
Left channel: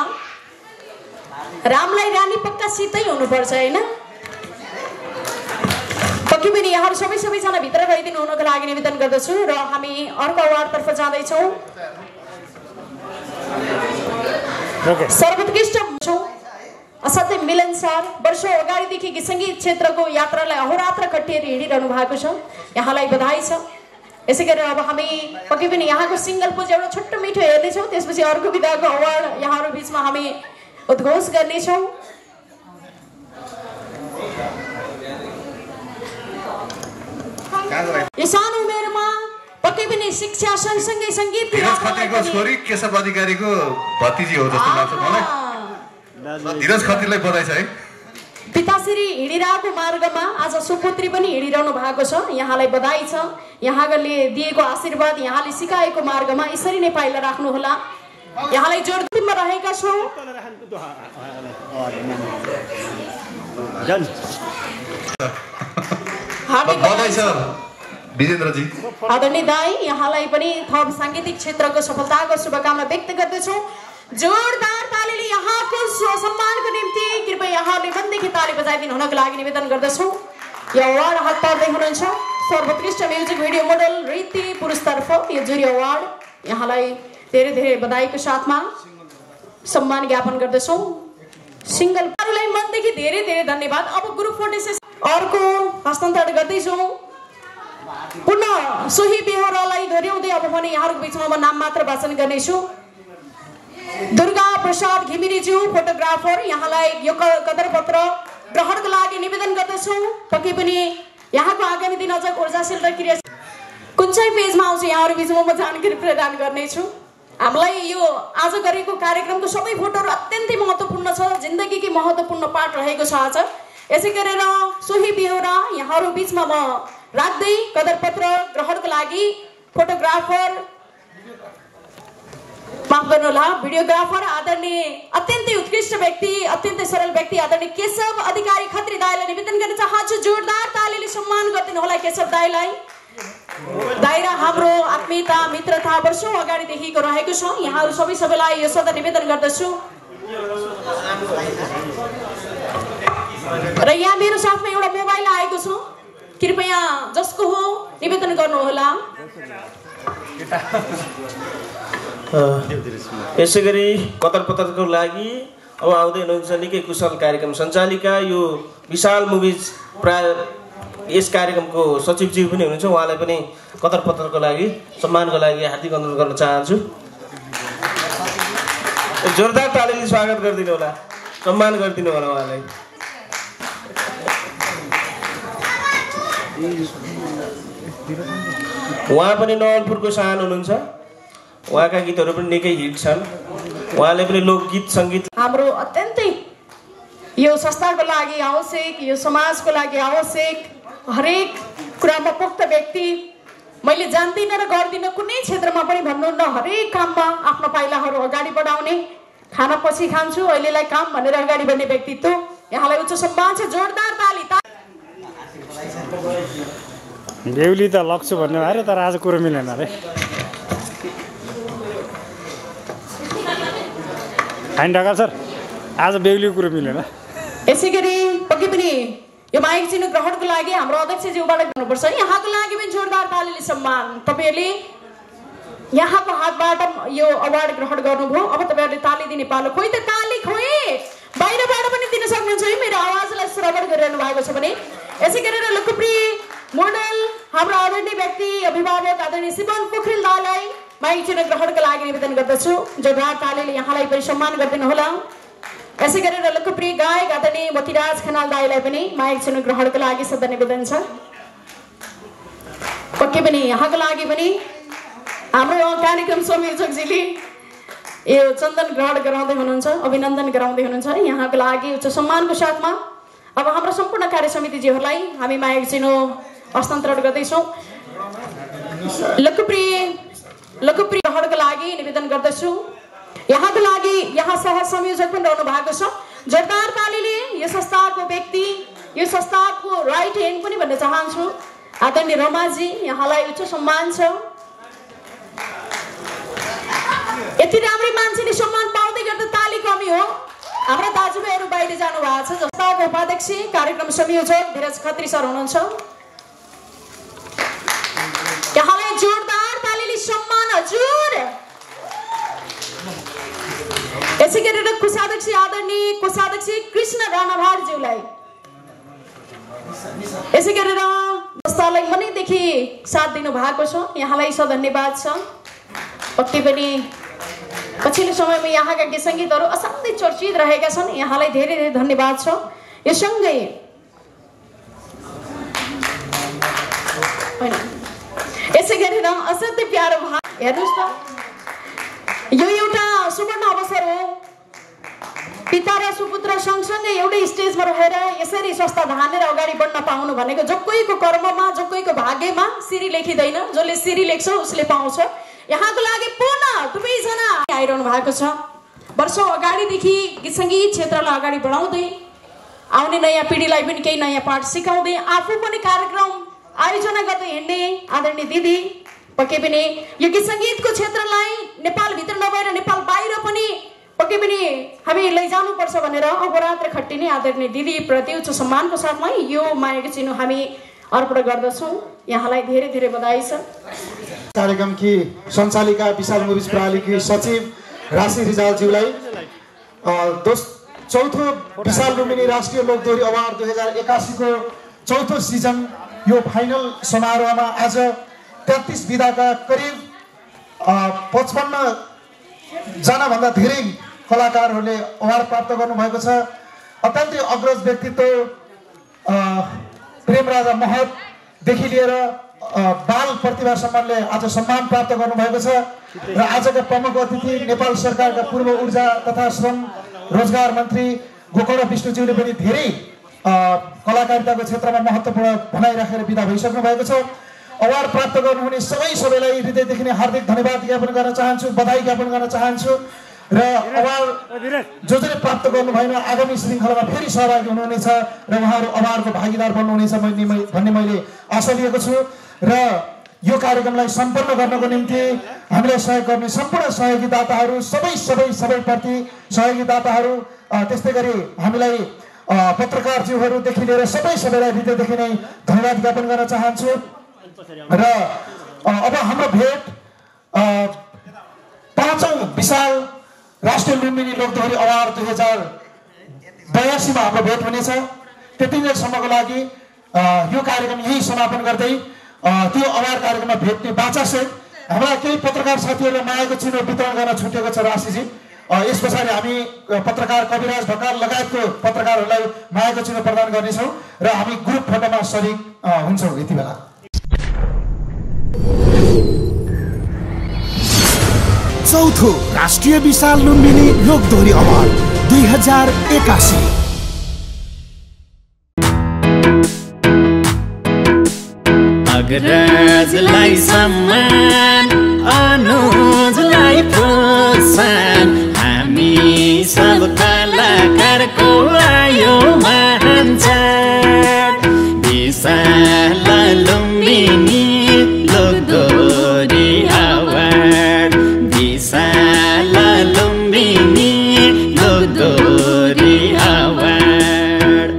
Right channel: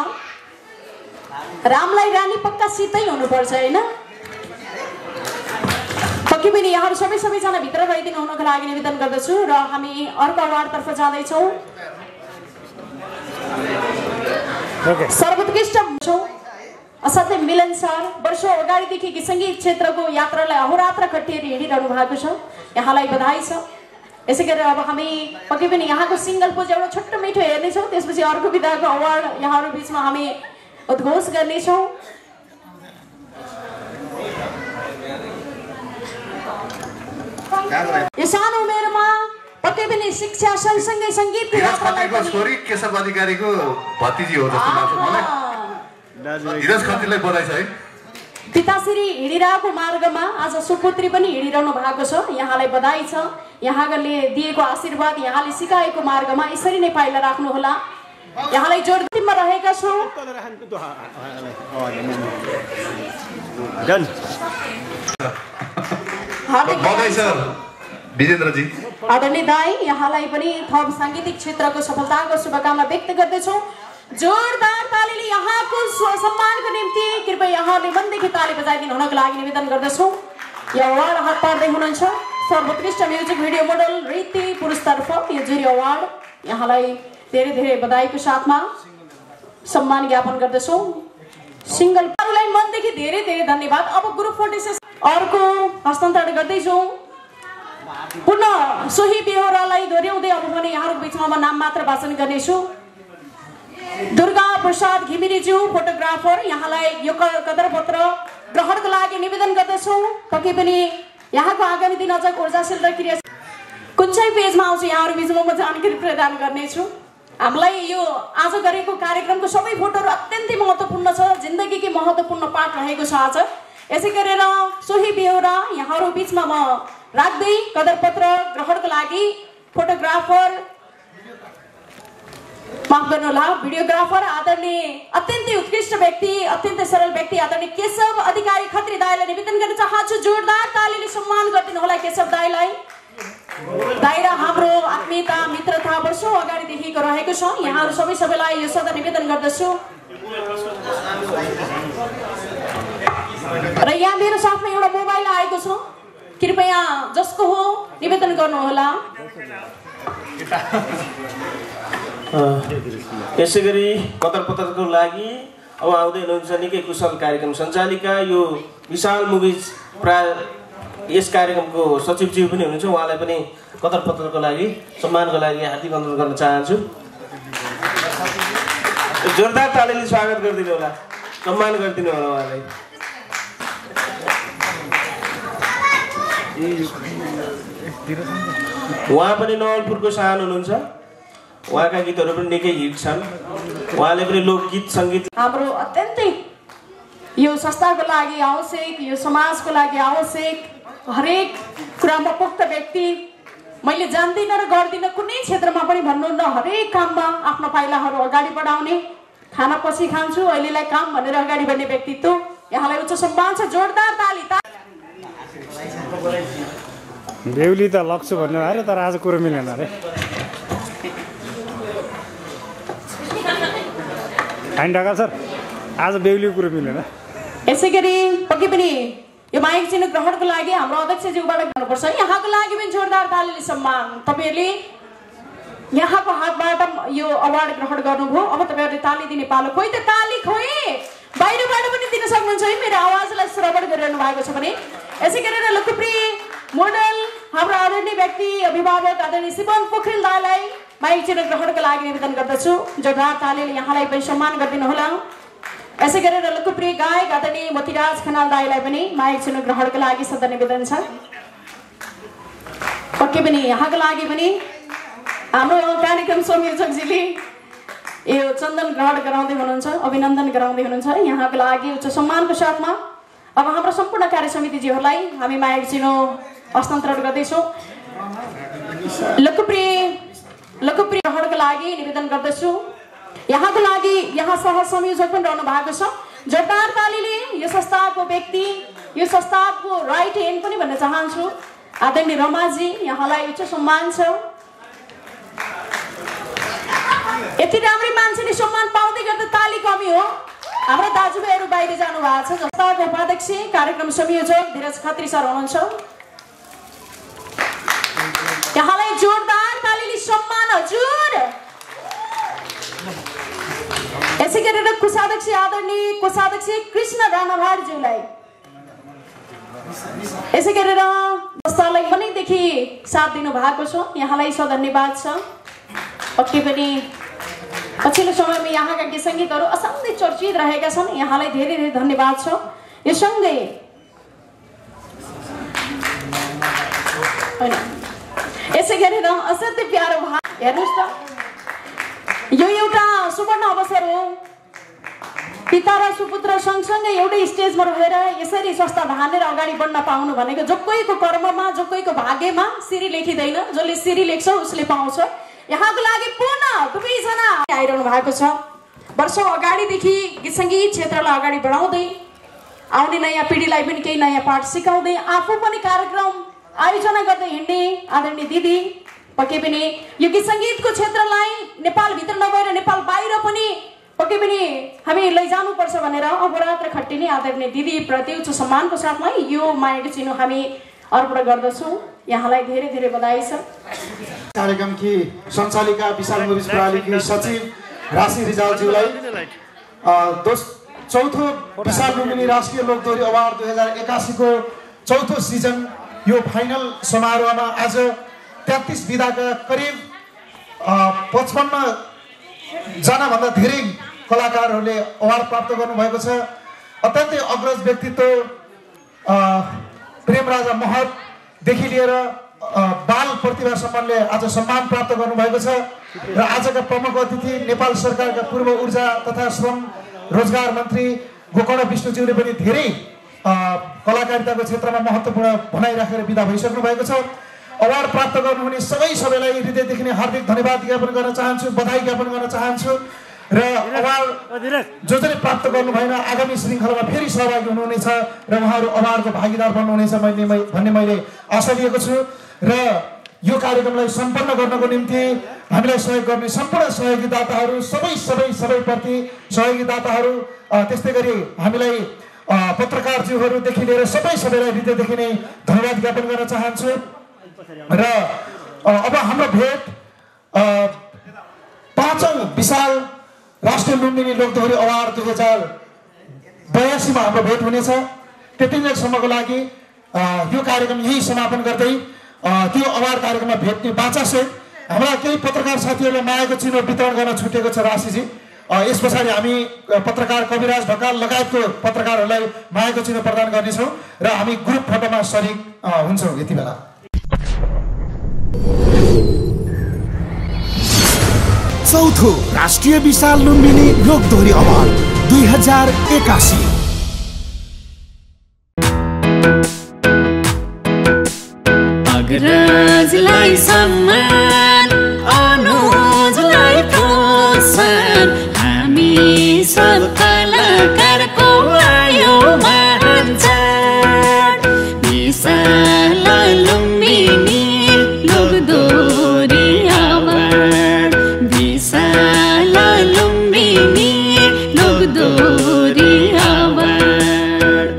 रामलाई रानी पक्का सितै हुनुपर्छ होइन पक्कै पनि यहाँहरू सबैजना भित्र रहिदिनु हुनुको लागि निवेदन गर्दछु र हामी अर्को अवार्डतर्फ जाँदैछौँ सर्वोत्कृष्ट असाध्यै मिलनसार वर्षौँ अगाडिदेखि गीत सङ्गीत क्षेत्रको यात्रालाई अहोरात्र कटिएर हिँडिरहनु भएको छ यहाँलाई बधाई छ यसै गरी अब हामी पक्कै पनि यहाँको सिङ्गल पोज एउटा छोटो मिठो हेर्नेछौँ त्यसपछि अर्को विधाको अवार्ड यहाँहरू बिचमा हामी उद्घोष गर्नेछौँ यो सानो उमेरमा पक्कै पनि शिक्षा सँगसँगै सङ्गीत छोरी केशव अधिकारीको भतिजी हो जस्तो लाग्छ मलाई धीरज खत्रीलाई बधाई छ है पिताश्री हिँडिरहेको मार्गमा आज सुपुत्री पनि हिँडिरहनु भएको छ यहाँलाई बधाई छ यहाँले दिएको आशीर्वाद यहाँले सिकाएको मार्गमा यसरी नै पाइला राख्नुहोला यहाँलाई जोडमा रहेका छौँ आदरणीय दाई यहाँलाई पनि थप साङ्गीतिक क्षेत्रको सफलताको शुभकामना व्यक्त गर्दछौँ जोरदार तालीले यहाँको सम्मानको निम्ति कृपया यहाँले मनदेखि ताली बजाइदिनु हुनको लागि निवेदन गर्दछु। यो अवार्ड हात पार्दै हुनुहुन्छ सर्वोत्कृष्ट म्युजिक भिडियो मोडल रीति पुरुषतर्फ यो जुरी अवार्ड यहाँलाई धेरै धेरै बधाईको साथमा सम्मान ज्ञापन गर्दछौँ। सिङ्गललाई मनदेखि धेरै धेरै धन्यवाद। अब ग्रुप फोटो अर्को हस्तान्तरण गर्दैछौँ। पुनः सोही बेहोरालाई दोहोऱ्याउँदै अब भने यहाँहरूको बिचमा म नाम मात्र वाचन गर्नेछु। दुर्गा प्रसाद घिमिरेज्यू फोटोग्राफर, यहाँलाई यो कदर पत्र ग्रहणको लागि निवेदन गर्दछु। पक्कै पनि यहाँको आगामी दिन अझ ऊर्जाशील र क्रिया कुन चाहिँ पेजमा आउँछ यहाँहरू बिचमा म जानकारी प्रदान गर्नेछु। हामीलाई यो आज गरेको कार्यक्रमको सबै फोटोहरू अत्यन्तै महत्त्वपूर्ण छ, जिन्दगीकै महत्त्वपूर्ण पाठ रहेको छ आज। यसै गरेर सोही बेहोरा यहाँहरू बिचमा म राख्दै कदर पत्र ग्रहणको लागि फोटोग्राफर माफ गर्नुहोला भिडियोग्राफर आदरणीय अत्यन्तै उत्कृष्ट व्यक्ति अत्यन्तै सरल व्यक्ति आदरणीय केशव अधिकारी खत्री दाईलाई निवेदन गर्न चाहन्छु। जोरदार तालीले सम्मान गरिदिनु होला केशव दाईलाई। दाई र हाम्रो आत्मीयता मित्रता वर्षौँ अगाडिदेखिको रहेको छ। यहाँहरू सबैलाई यो सदा निवेदन गर्दछु। र यहाँ मेरो साथमा एउटा मोबाइल आएको छ, कृपया जसको हो निवेदन गर्नुहोला। यसै गरी कदर पत्रको लागि अब आउँदै हुनुहुन्छ निकै कुशल कार्यक्रम सञ्चालिका यो विशाल मुभिज प्राय यस कार्यक्रमको सचिवज्यू पनि हुनुहुन्छ। उहाँलाई पनि कदर पत्रको लागि सम्मानको लागि हार्दिक अनुरोध गर्न चाहन्छु। जोरदार तालीले स्वागत गरिदिनु होला, सम्मान गरिदिनु होला उहाँलाई। उहाँ पनि नवलपुरको सान हुनुहुन्छ। उहाँका गीतहरू पनि निकै हिट छन्। उहाँले पनि लोकगीत सङ्गीत हाम्रो अत्यन्तै यो संस्थाको लागि आवश्यक, यो समाजको लागि आवश्यक हरेक कुरामा पुख्त व्यक्ति। मैले जान्दिनँ र गर्दिनँ कुनै क्षेत्रमा पनि भन्नुहुन्न, हरेक काममा आफ्नो पाइलाहरू अगाडि बढाउने, खाना पछि खान्छु अहिलेलाई काम भनेर अगाडि बढ्ने व्यक्तित्व। यहाँलाई उच्च सम्मान छ। जोरदार ताली। बेहुली त लग्छु भन्नु अरे तर आज कुरो मिलेन अरे। फाइन ढकाल सर, आज बेहुलीको कुरो मिलेन। यसै गरी पक्कै पनि यो माइक चिन्ह ग्रहणको लागि हाम्रो अध्यक्षज्यूबाट भन्नुपर्छ। यहाँको लागि पनि जोरदार तालीले सम्मान। तपाईँहरूले यहाँको हातबाट यो अवार्ड ग्रहण गर्नुभयो। अब तपाईँहरूले ताली दिने पालो खोइ त ताली खोइ बाहिरबाट पनि दिन सक्नुहुन्छ है, मेरो आवाजलाई श्रवण गरिरहनु भएको छ भने। यसै गरेर लोकप्रिय मोडल हाम्रो आदरणीय व्यक्ति अभिभावक आदरणीय शिवन पोखरेल दाईलाई माइक चिन्ह ग्रहणको लागि निवेदन गर्दछु। जोरदार तालीले यहाँलाई पनि सम्मान गरिदिनु होला। यसै गरेर लोकप्रिय गायक आदरणीय मोतीराज खनाल दाईलाई पनि माइक चिन्ह ग्रहणको लागि सदा निवेदन छ। पक्कै पनि यहाँको लागि पनि हाम्रो कार्यक्रम संयोजकजीले यो चन्दन ग्रहण गराउँदै हुनुहुन्छ, अभिनन्दन गराउँदै हुनुहुन्छ। यहाँको लागि उच्च सम्मानको साथमा अब हाम्रो सम्पूर्ण कार्य समितिजीहरूलाई हामी माइक चिन्ह हस्तान्तरण गर्दैछौँ। लोकप्रिय ग्रहणको लागि निवेदन गर्दछु। यहाँको लागि यहाँ सह संयोजक पनि रहनु भएको छ। जोरदार तालीले यो संस्थाको व्यक्ति, यो संस्थाको राइट ह्यान्ड पनि भन्न चाहन्छु आदरणीय रमाजी, यहाँलाई उच्च सम्मान छ। यति राम्रै मान्छेले सम्मान पाउँदै गर्दा ताली कमी हो। हाम्रा दाजुभाइहरू बाहिर जानु भएको छ। संस्थाको उपाध्यक्ष कार्यक्रम संयोजक धीरज खत्री सर हुनुहुन्छ। यहाँलाई जोरदार तालीले सम्मान हजुर। यसै गरेर कोषाध्यक्ष आदरणीय कोषाध्यक्ष कृष्ण राणाभारज्यूलाई, यसै गरेर संस्थालाई मनैदेखि साथ दिनु भएको छ, यहाँलाई धन्यवाद छ। पक्कै पनि पछिल्लो समयमा यहाँका गीत सङ्गीतहरू असाध्यै चर्चित रहेका छन्, यहाँलाई धेरै धेरै धन्यवाद छ। यो सँगै यसै गरेर असाध्यै प्यारो भाइ हेर्नुहोस् त, यो एउटा सुवर्ण अवसर हो। पिता र सुपुत्र सँगसँगै एउटै स्टेजमा रहेर यसरी संस्था धानेर अगाडि बढ्न पाउनु भनेको जो कोहीको कर्ममा, जो कोहीको भाग्यमा सिरी लेखिँदैन। जसले सिरी लेख्छ उसले पाउँछ। यहाँको लागि पुनः दुवैजना आइरहनु भएको छ। वर्षौँ अगाडिदेखि गीत सङ्गीत क्षेत्रलाई अगाडि बढाउँदै आउने नयाँ पिँढीलाई पनि केही नयाँ पाठ सिकाउँदै आफू पनि कार्यक्रम आयोजना गर्दै हिँड्ने आदरणीय दिदी, पक्कै पनि यो गीत सङ्गीतको क्षेत्रलाई नेपालभित्र नभएर नेपाल बाहिर पनि पक्कै पनि हामी लैजानुपर्छ भनेर अहोरात्र खट्टिने आदरणीय दिदीप्रति उच्च सम्मानको साथमा यो मायाको चिनो हामी अर्पण गर्दछौँ। यहाँलाई धेरै धेरै बधाई छ। कार्यक्रमकी सञ्चालिका विशाल मुभिज प्रणालीकी सचिव राशि रिजालज्यूलाई चौथो विशाल लुम्बिनी राष्ट्रिय लोकदोहोरी अवार्ड 2081 को चौथो सिजन यो फाइनल समारोहमा आज 33 विधाका करिब 55 जनाभन्दा धेरै कलाकारहरूले अवार्ड प्राप्त गर्नुभएको छ। अत्यन्तै अग्रज व्यक्तित्व प्रेमराजा महतदेखि लिएर बाल प्रतिभा सम्मानले आज सम्मान प्राप्त गर्नुभएको छ र आजका प्रमुख अतिथि नेपाल सरकारका पूर्व ऊर्जा तथा श्रम रोजगार मन्त्री गोकर्ण विष्णुज्यूले पनि धेरै कलाकारिताको क्षेत्रमा महत्त्वपूर्ण भनाइ राखेर बिदा भइसक्नु भएको छ। अवार्ड प्राप्त गर्नुहुने सबैलाई हृदयदेखि नै हार्दिक धन्यवाद ज्ञापन गर्न चाहन्छु, बधाई ज्ञापन गर्न चाहन्छु र अवार्ड जसले प्राप्त गर्नु भएन आगामी श्रृङ्खलामा फेरि सहभागी हुनुहुनेछ र उहाँहरू अवार्डको भागीदार बन्नुहुनेछ भन्ने मैले आशा लिएको छु र यो कार्यक्रमलाई सम्पन्न गर्नको निम्ति हामीलाई सहयोग गर्ने सम्पूर्ण सहयोगीदाताहरू सबैप्रति सहयोगीदाताहरू त्यस्तै गरी हामीलाई पत्रकारज्यूहरूदेखि लिएर सबैलाई हृदयदेखि नै धन्यवाद ज्ञापन गर्न चाहन्छु र अब हाम्रो भेट 5औं विशाल राष्ट्रिय लुम्बिनी लोकदोहोरी अवार्ड 2082 मा हाम्रो भेट हुनेछ। त्यति बेलासम्मको लागि यो कार्यक्रम यही समापन गर्दै त्यो अवार्ड कार्यक्रममा भेट्ने बाचासहित हाम्रा केही पत्रकार साथीहरूले मायाको चिनो वितरण गर्न छुटेको छ राशिजी। यस पछाडि हामी पत्रकार कविराज ढकाल लगायतको पत्रकारहरूलाई मायाको चिनो प्रदान गर्नेछौँ र हामी ग्रुप फोटोमा सरिक हुन्छौँ यति बेला। चौथो राष्ट्रिय विशाल लुम्बिनी लोकदोहोरी अवार्ड 2081 अग्रजलाई सम्मान अनुजलाई प्रोत्साहन हामी सब कलाकारको आयो महान चाड विशाल लुम्बिनी लोकदोहोरी अवार्ड विशाल लुम्बिनी लोकदोहोरी अवार्ड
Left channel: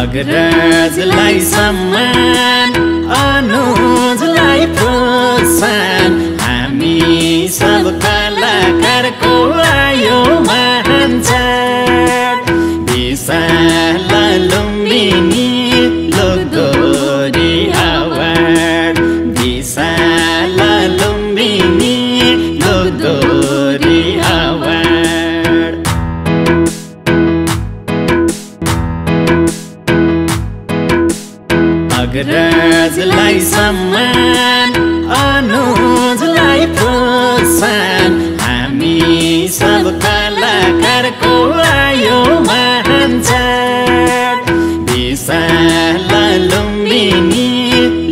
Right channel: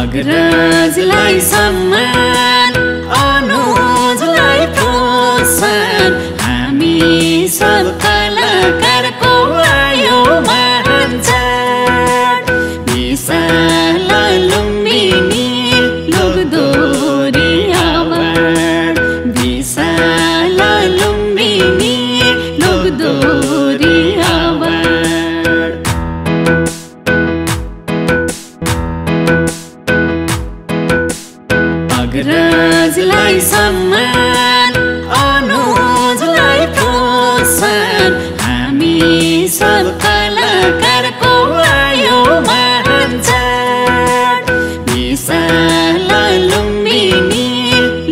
अग्रजलाई सम्मान अनुजलाई प्रोत्साहन हामी सब कलाकारको आयो महान चाड विशाल लुम्बिनी लोकदोहोरी अवार्ड विशाल लुम्बिनी लोकदोहोरी अवार्ड अग्रजलाई सम्मान अनुजलाई प्रोत्साहन हामी सब कलाकारको आयो महान चाड विशाल लुम्बिनी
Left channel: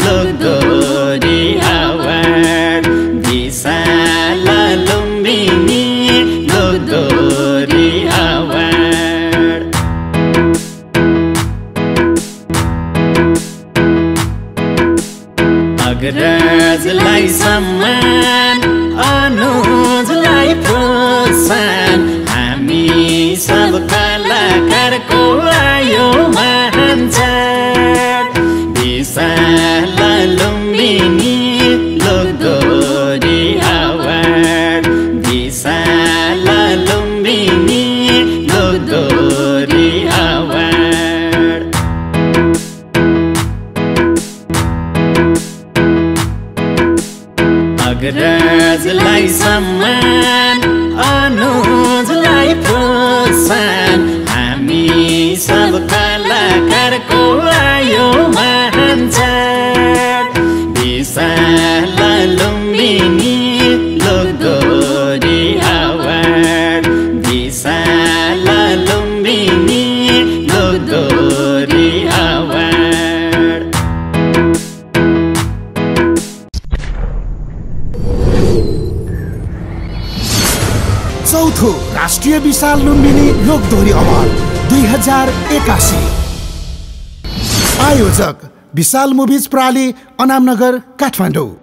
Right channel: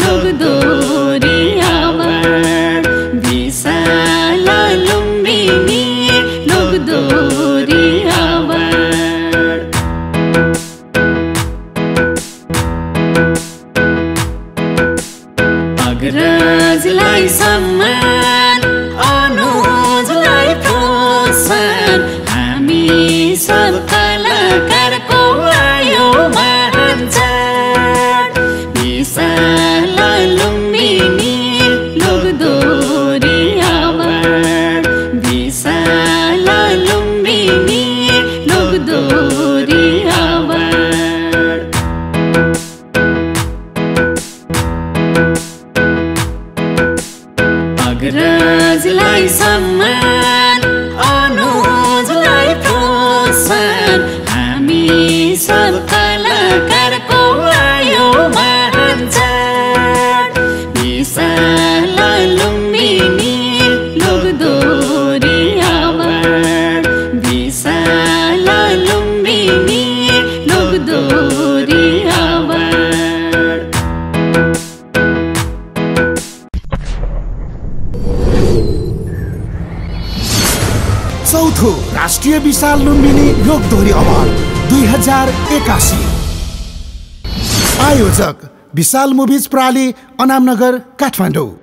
लोकदोहोरी अवार्ड विशाल लुम्बिनी लोकदोहोरी अवार्ड अग्रजलाई सम्मान अनुजलाई प्रोत्साहन हामी सब कलाकारको आयो महान चाड विशाल लुम्बिनी लोकदोहोरी अवार्ड विशाल लुम्बिनी लोकदोहोरी अवार्ड अग्रजलाई सम्मान अनुजलाई प्रोत्साहन हामी सब कलाकारको आयो महान चाड विशाल लुम्बिनी लोकदोहोरी अवार्ड विशाल लुम्बिनी लोकदोहोरी अवार्ड चौथो राष्ट्रिय विशाल लुम्बिनी लोकदोहोरी अवार्ड 2081 आयोजक विशाल मुभिज प्रणाली अनामनगर काठमाडौँ।